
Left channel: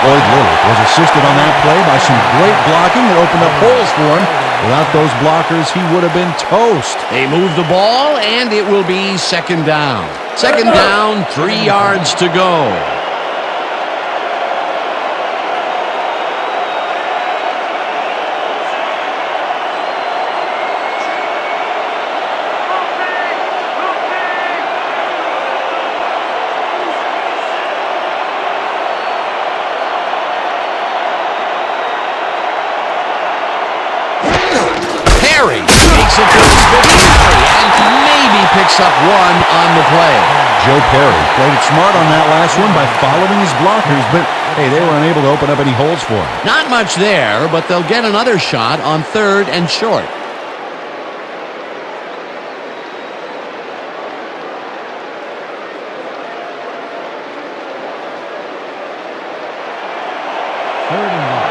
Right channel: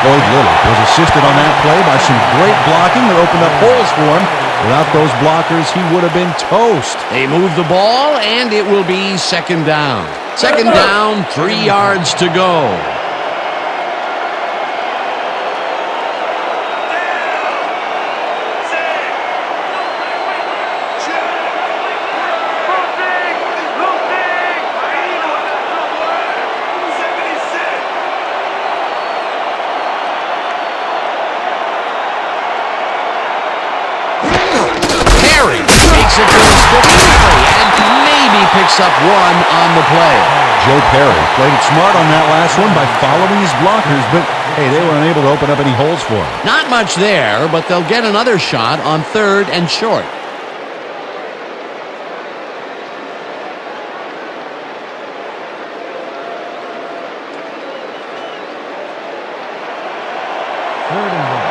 Floyd Little was assisted on that play by some great blocking that opened up holes for him. Without those blockers, he would have been toast. They move the ball, and it will be 2nd down. 2nd down, 3 yards to go. Perry makes it to his 5th carry and maybe picks up 1 on the play. Joe Perry played it smart on that last one by following his blockers, but hey, they were unable to open up any holes for him. Not much there, but they'll get another shot on 3rd and short. Third and 1.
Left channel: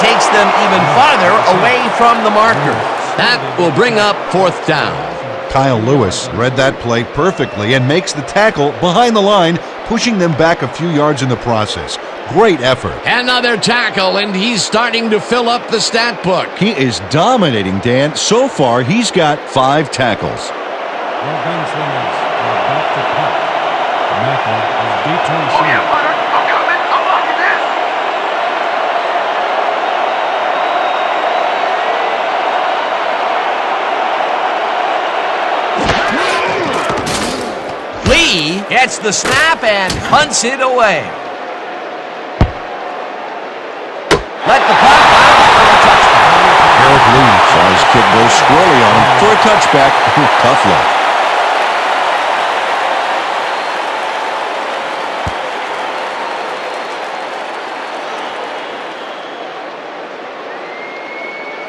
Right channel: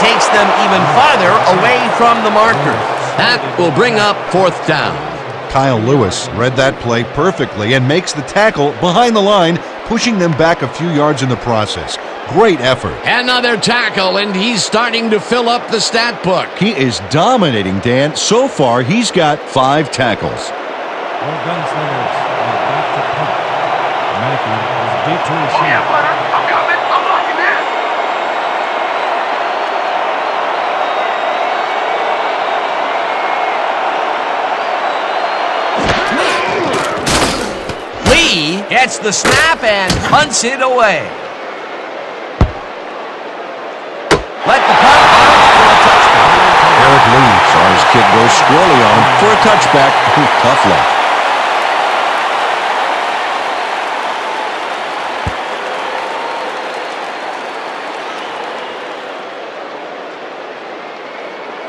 Takes them even farther away from the marker. That will bring up 4th down. Kyle Lewis read that play perfectly and makes the tackle behind the line, pushing them back a few yards in the process. Great effort. Another tackle, and he's starting to fill up the stat book. He is dominating, Dan. So far, he's got 5 tackles. Your Gunslingers are back to punt. Mackey is deep to receive. Oh, yeah, punter. I'm coming. I'm blocking this. Lee gets the snap and punts it away. Let the punt bounce for a touchback. Eric Lee saw his kick go squirrely on him for a touchback. Tough luck.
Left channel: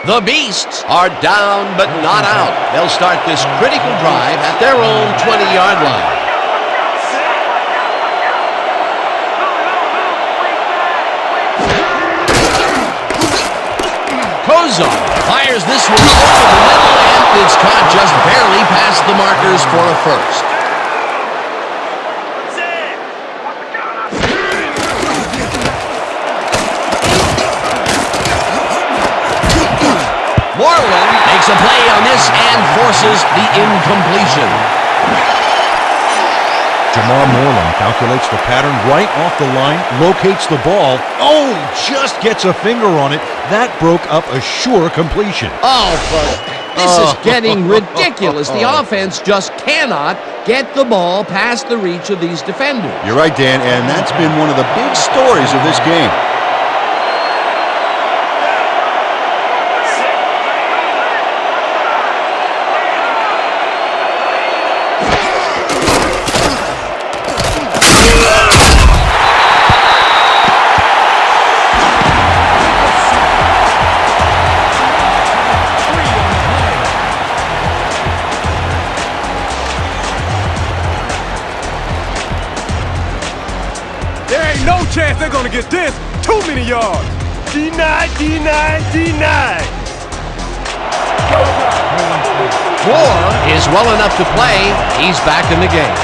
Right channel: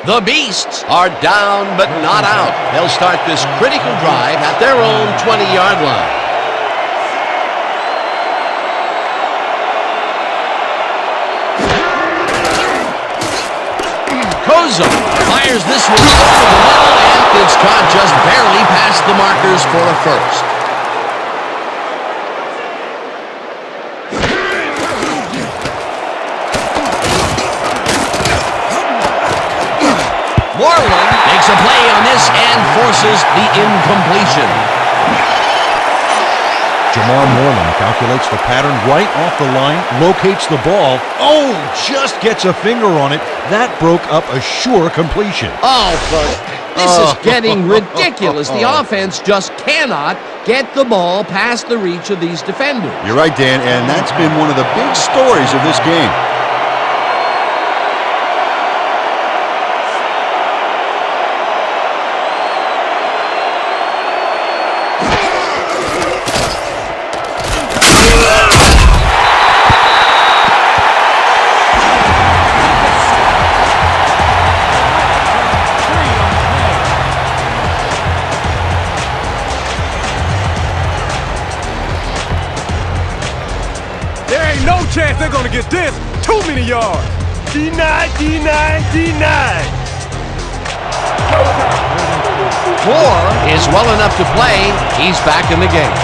The Beasts are down but not out. They'll start this critical drive at their own 20-yard line. Kozar fires this one over the middle, and it's caught just barely past the markers for a 1st. Moreland makes a play on this and forces the incompletion. Jamar Moreland calculates the pattern right off the line, locates the ball. Oh, just gets a finger on it. That broke up a sure completion. Oh, this is getting ridiculous. The offense just cannot get the ball past the reach of these defenders. You're right, Dan, and that's been one of the big stories of this game. No chance they're gonna get this. Too many yards. Denied. Moore is well enough to play. He's back in the game.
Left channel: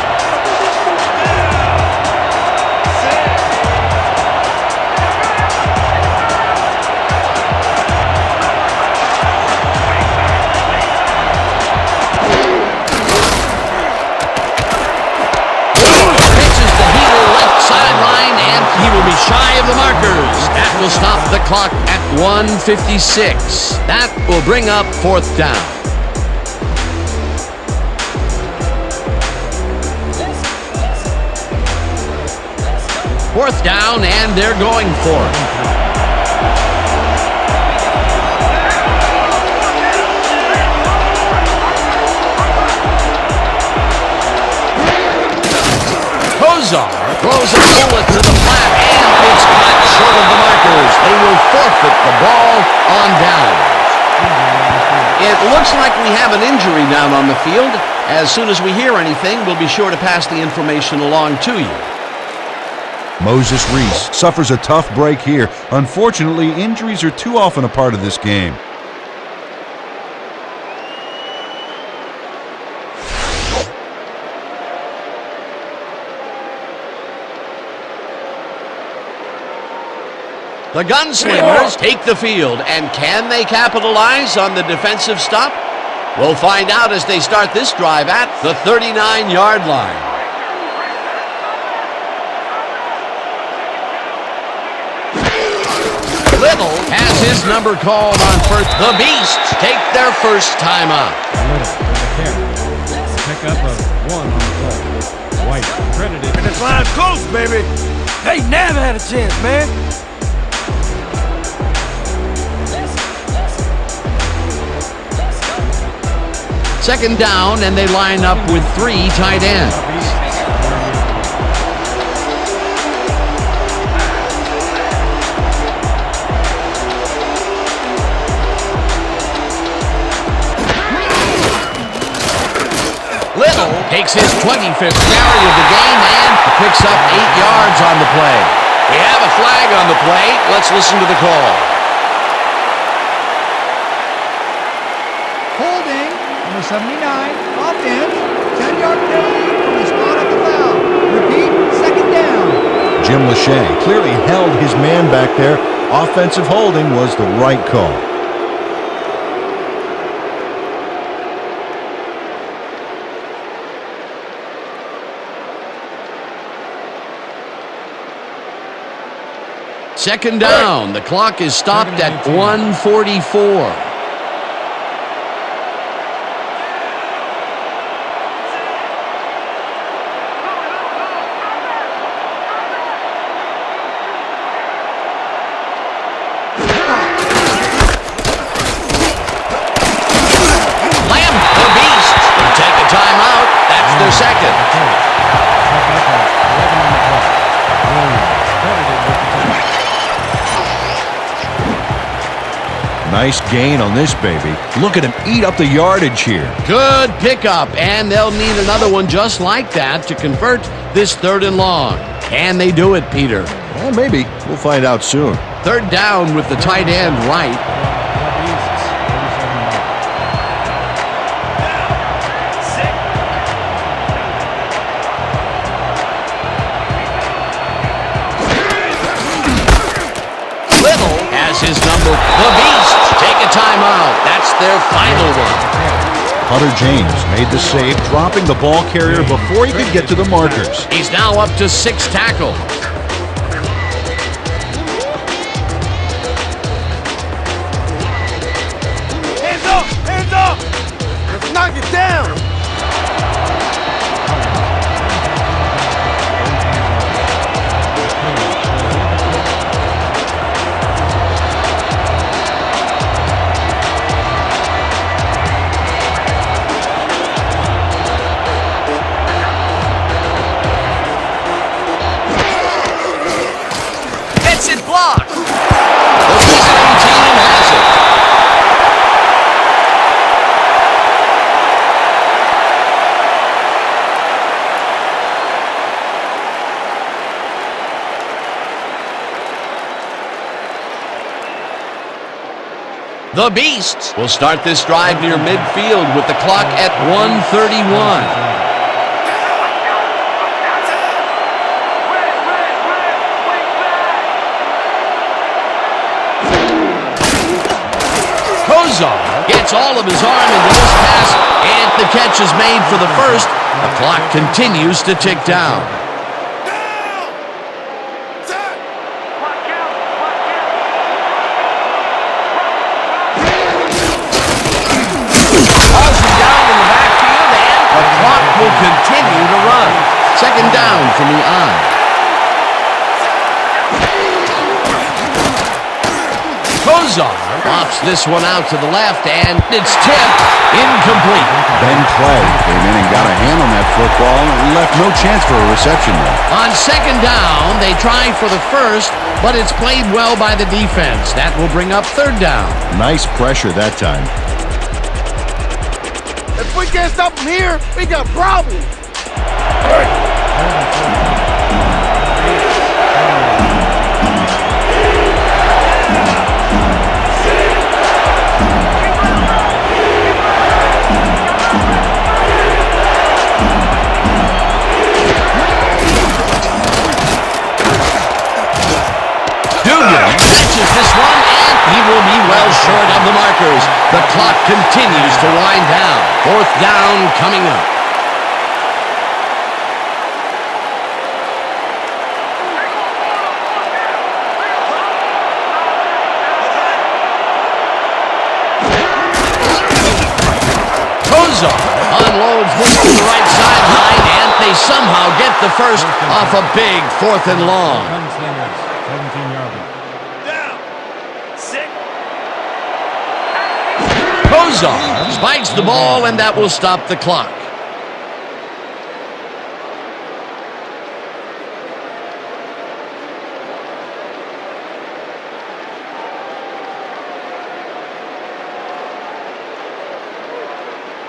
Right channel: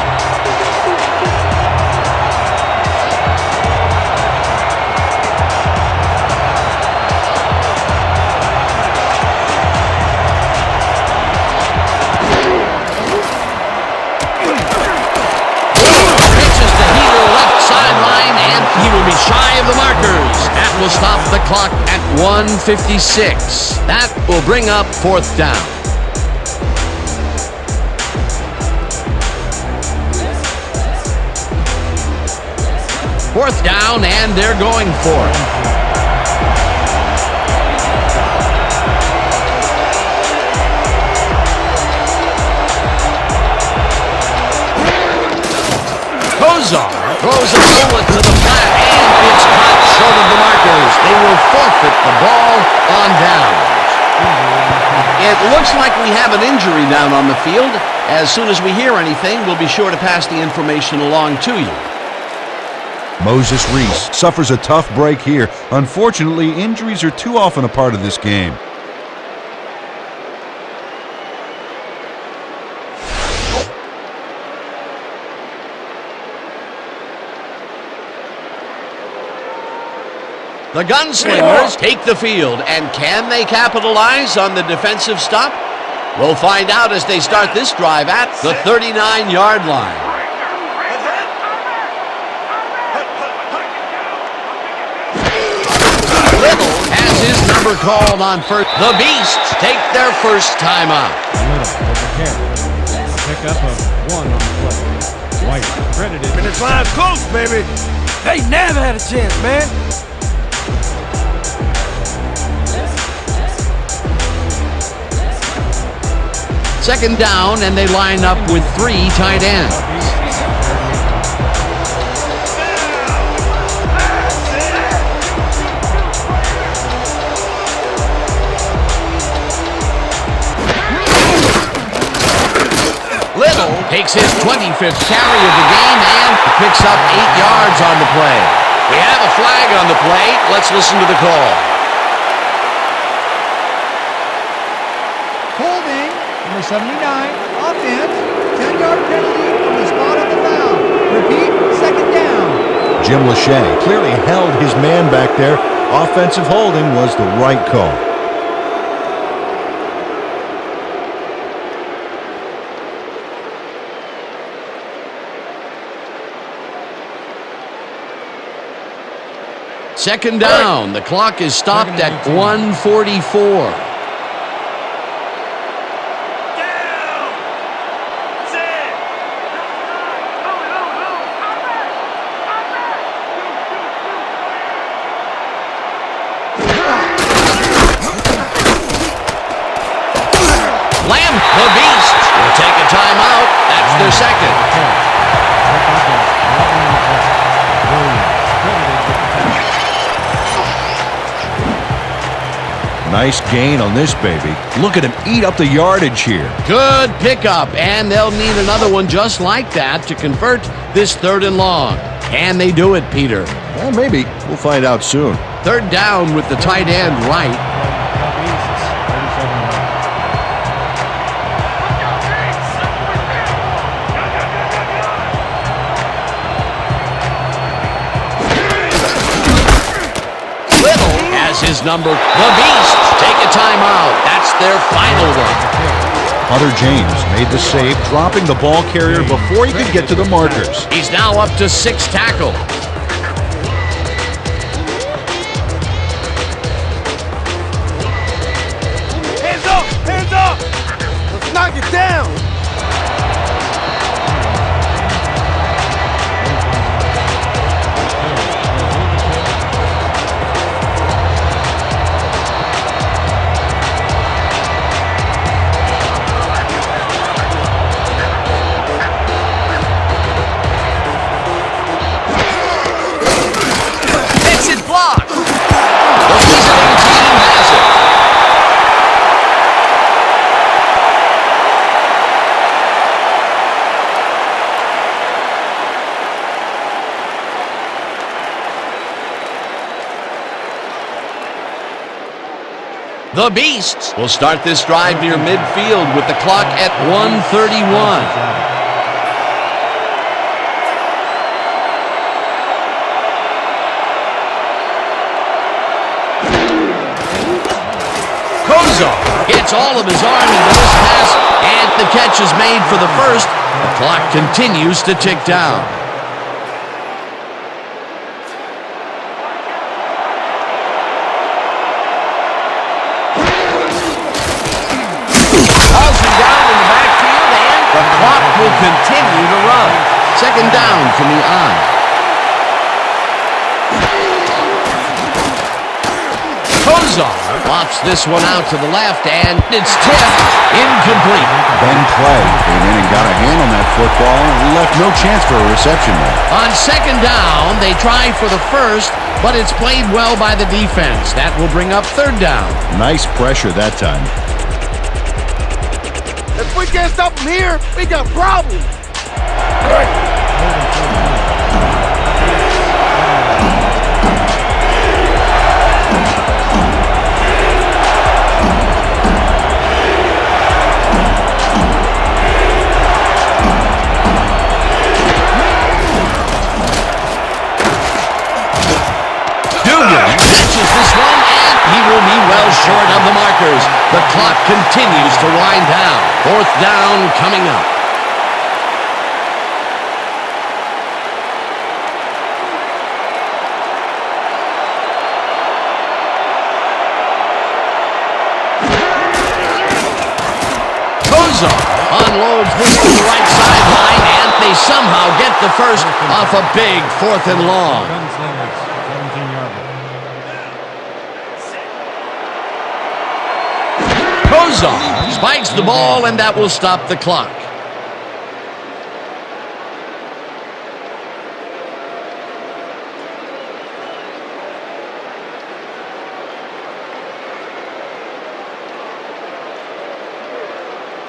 Sideline, and he will be shy of the markers. That will stop the clock at 1:56. That will bring up 4th down. Fourth down, and they're going for it. Kozar throws a bullet to the flat, and it's caught short of the markers. They will forfeit the ball on downs. It looks like we have an injury down on the field. As soon as we hear anything, we'll be sure to pass the information along to you. Moses Reese suffers a tough break here. Unfortunately, injuries are too often a part of this game. The Gunslingers take the field, and can they capitalize on the defensive stop? We'll find out as they start this drive at the 39-yard line. Little has his number called on first. The Beasts take their first timeout. Pick up a 1 on the play. White credited. Finish line's close, baby. They never had a chance, man. Second down, and they line up with 3 tight ends. Little takes his 25th carry of the game and picks up 8 yards on the play. We have a flag on the play. Let's listen to the call. Holding, number 79, offense, 10-yard penalty from the spot of the foul. Repeat, second down. Jim Lachey clearly held his man back there. Offensive holding was the right call. Second down. The clock is stopped at 1:44. Lamb, the Beast, will take a timeout. That's their second. Nice gain on this baby. Look at him eat up the yardage here. Good pickup, and they'll need another one just like that to convert this 3rd and long. Can they do it, Peter? Well, maybe. We'll find out soon. Third down with the tight end right. From the Beasts, 37 yards. Little has his number. The Beast take a timeout. That's their final one. Hunter James made the save, dropping the ball carrier before he could get to the markers. He's now up to 6 tackles. Hands up! Hands up! Let's knock it down! Gets it blocked. The visiting team has it. The Beasts will start this drive near midfield with the clock at 1:31. Kozar gets all of his arm into this pass, and the catch is made for the first. The clock continues to tick down. Hauls him down in the backfield, and the clock will continue to run. Second down from the eye. Kozar lofts this one out to the left, and it's tipped incomplete. Ben Clay came in and got a hand on that football and left no chance for a reception there. On second down, they try for the first, but it's played well by the defense. That will bring up third down. Nice pressure that time. If we can't stop them here, we got problems. Third and 14. Dugan catches this one, and he will be well short of the markers. The clock continues to wind down. Fourth down coming up. Kozar unloads this to the right sideline, and they somehow get the first off a big 4th and long. Gunslingers, 17-yard line. Kozar spikes the ball, and that will stop the clock.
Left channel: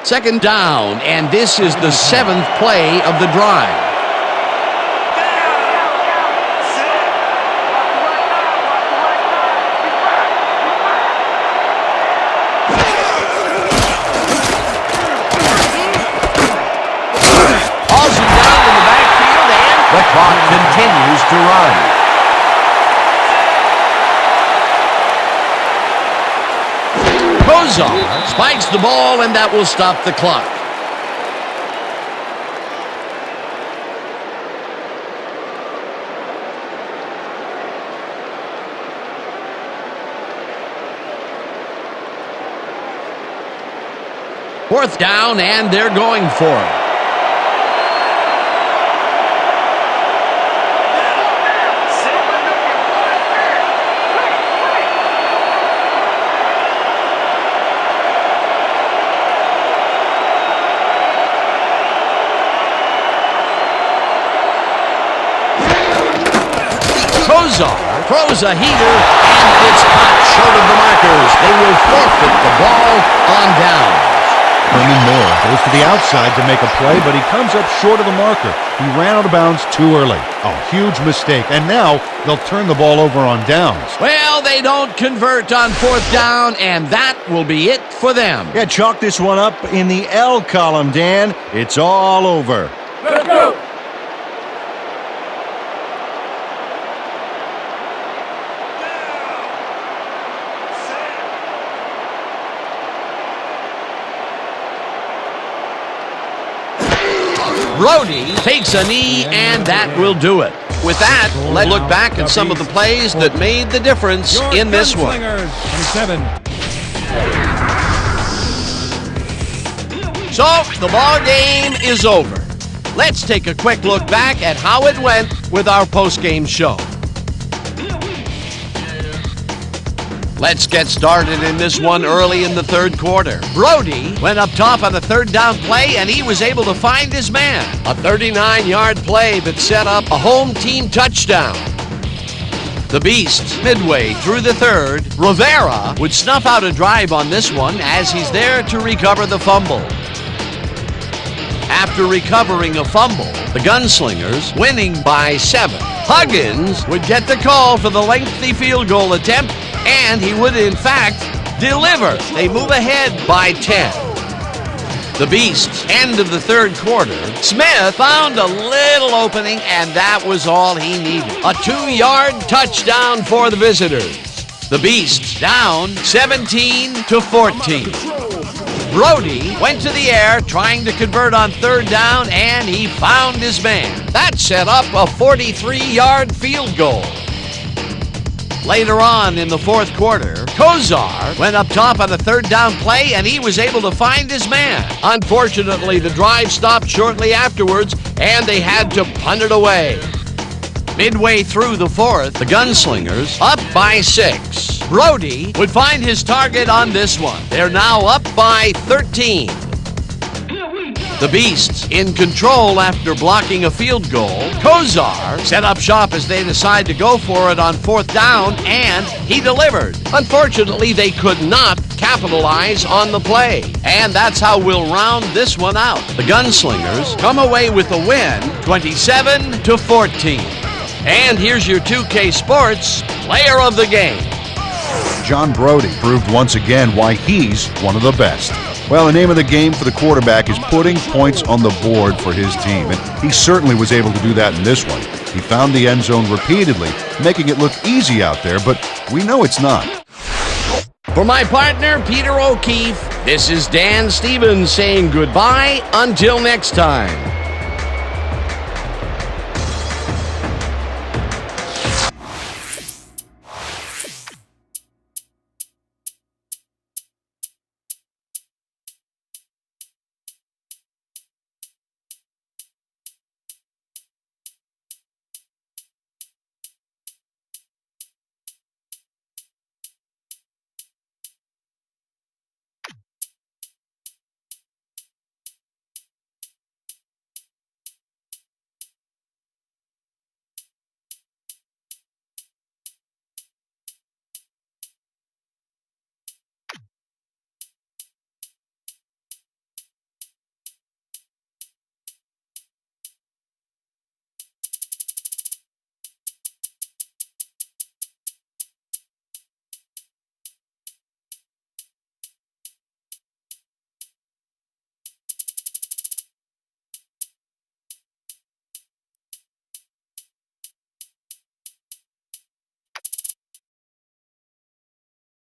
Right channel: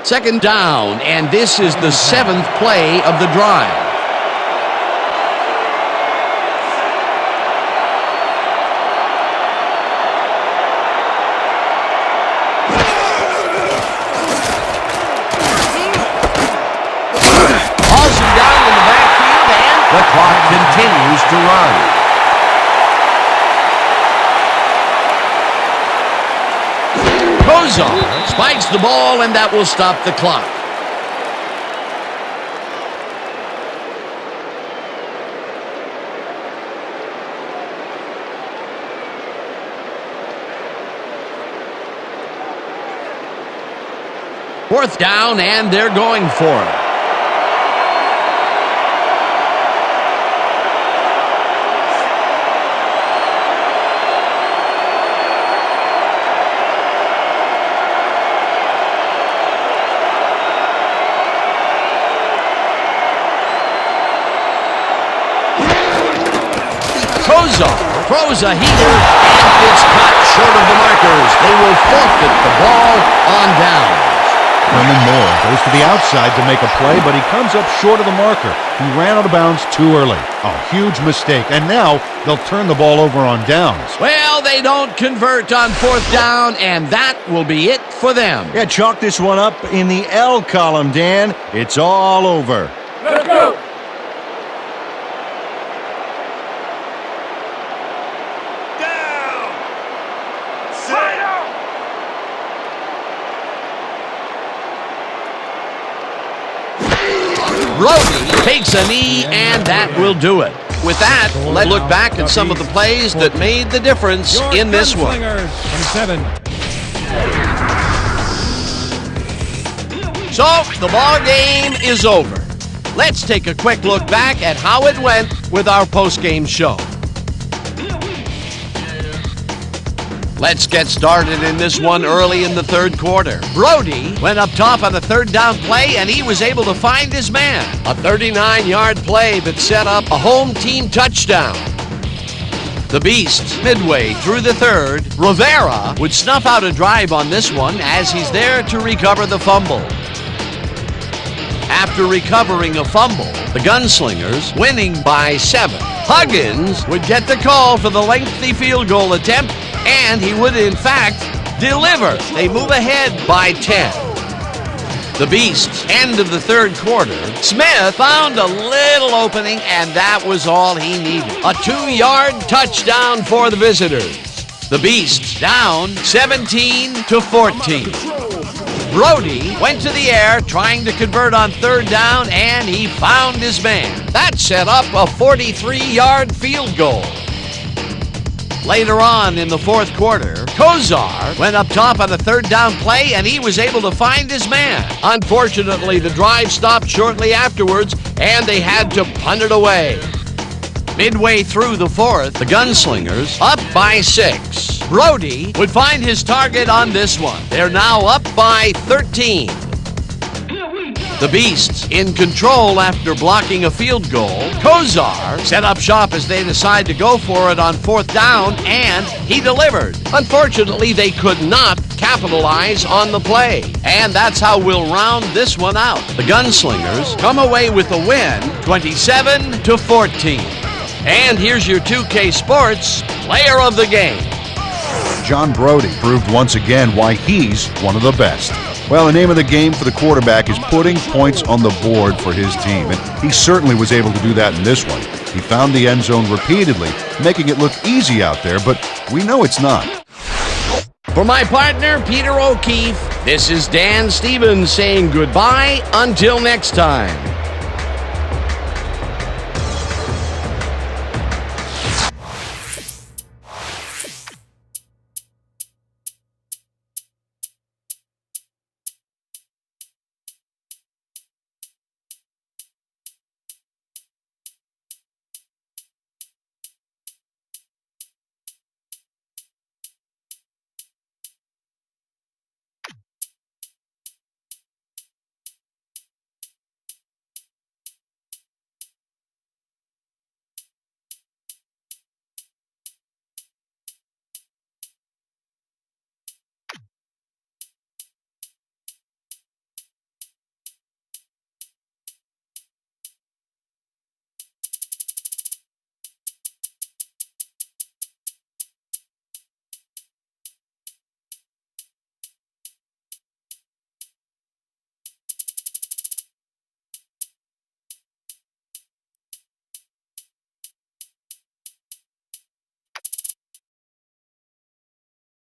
Second down, and this is the 7th play of the drive. Hauls him down in the backfield, and the clock continues to run. Kozar spikes the ball, and that will stop the clock. Fourth down, and they're going for it. Kozar throws a heater, and it's caught short of the markers. They will forfeit the ball on downs. Herman Moore goes to the outside to make a play, but he comes up short of the marker. He ran out of bounds too early. A huge mistake, and now they'll turn the ball over on downs. Well, they don't convert on 4th down, and that will be it for them. Yeah, chalk this one up in the L column, Dan. It's all over. Let's go. Brody takes a knee, and that will do it. With that, let's look back at some of the plays that made the difference in this one. So, the ball game is over. Let's take a quick look back at how it went with our post-game show. Let's get started in this one early in the third quarter. Brody went up top on a third down play, and he was able to find his man. A 39-yard play that set up a home team touchdown. The Beasts, midway through the third, Rivera would snuff out a drive on this one as he's there to recover the fumble. After recovering a fumble, the Gunslingers winning by 7. Huggins would get the call for the lengthy field goal attempt, and he would, in fact, deliver. They move ahead by 10. The Beasts, end of the third quarter, Smith found a little opening, and that was all he needed. A 2-yard touchdown for the visitors. The Beasts down 17-14. Brody went to the air trying to convert on third down, and he found his man. That set up a 43-yard field goal. Later on in the fourth quarter, Kozar went up top on a third down play, and he was able to find his man. Unfortunately, the drive stopped shortly afterwards, and they had to punt it away. Midway through the fourth, the Gunslingers up by 6. Brody would find his target on this one. They're now up by 13. The Beasts in control after blocking a field goal. Kozar set up shop as they decide to go for it on 4th down, and he delivered. Unfortunately, they could not capitalize on the play. And that's how we'll round this one out. The Gunslingers come away with a win, 27-14. And here's your 2K Sports Player of the Game. John Brody proved once again why he's one of the best. Well, the name of the game for the quarterback is putting points on the board for his team, and he certainly was able to do that in this one. He found the end zone repeatedly, making it look easy out there, but we know it's not. For my partner, Peter O'Keefe, this is Dan Stevens saying goodbye until next time.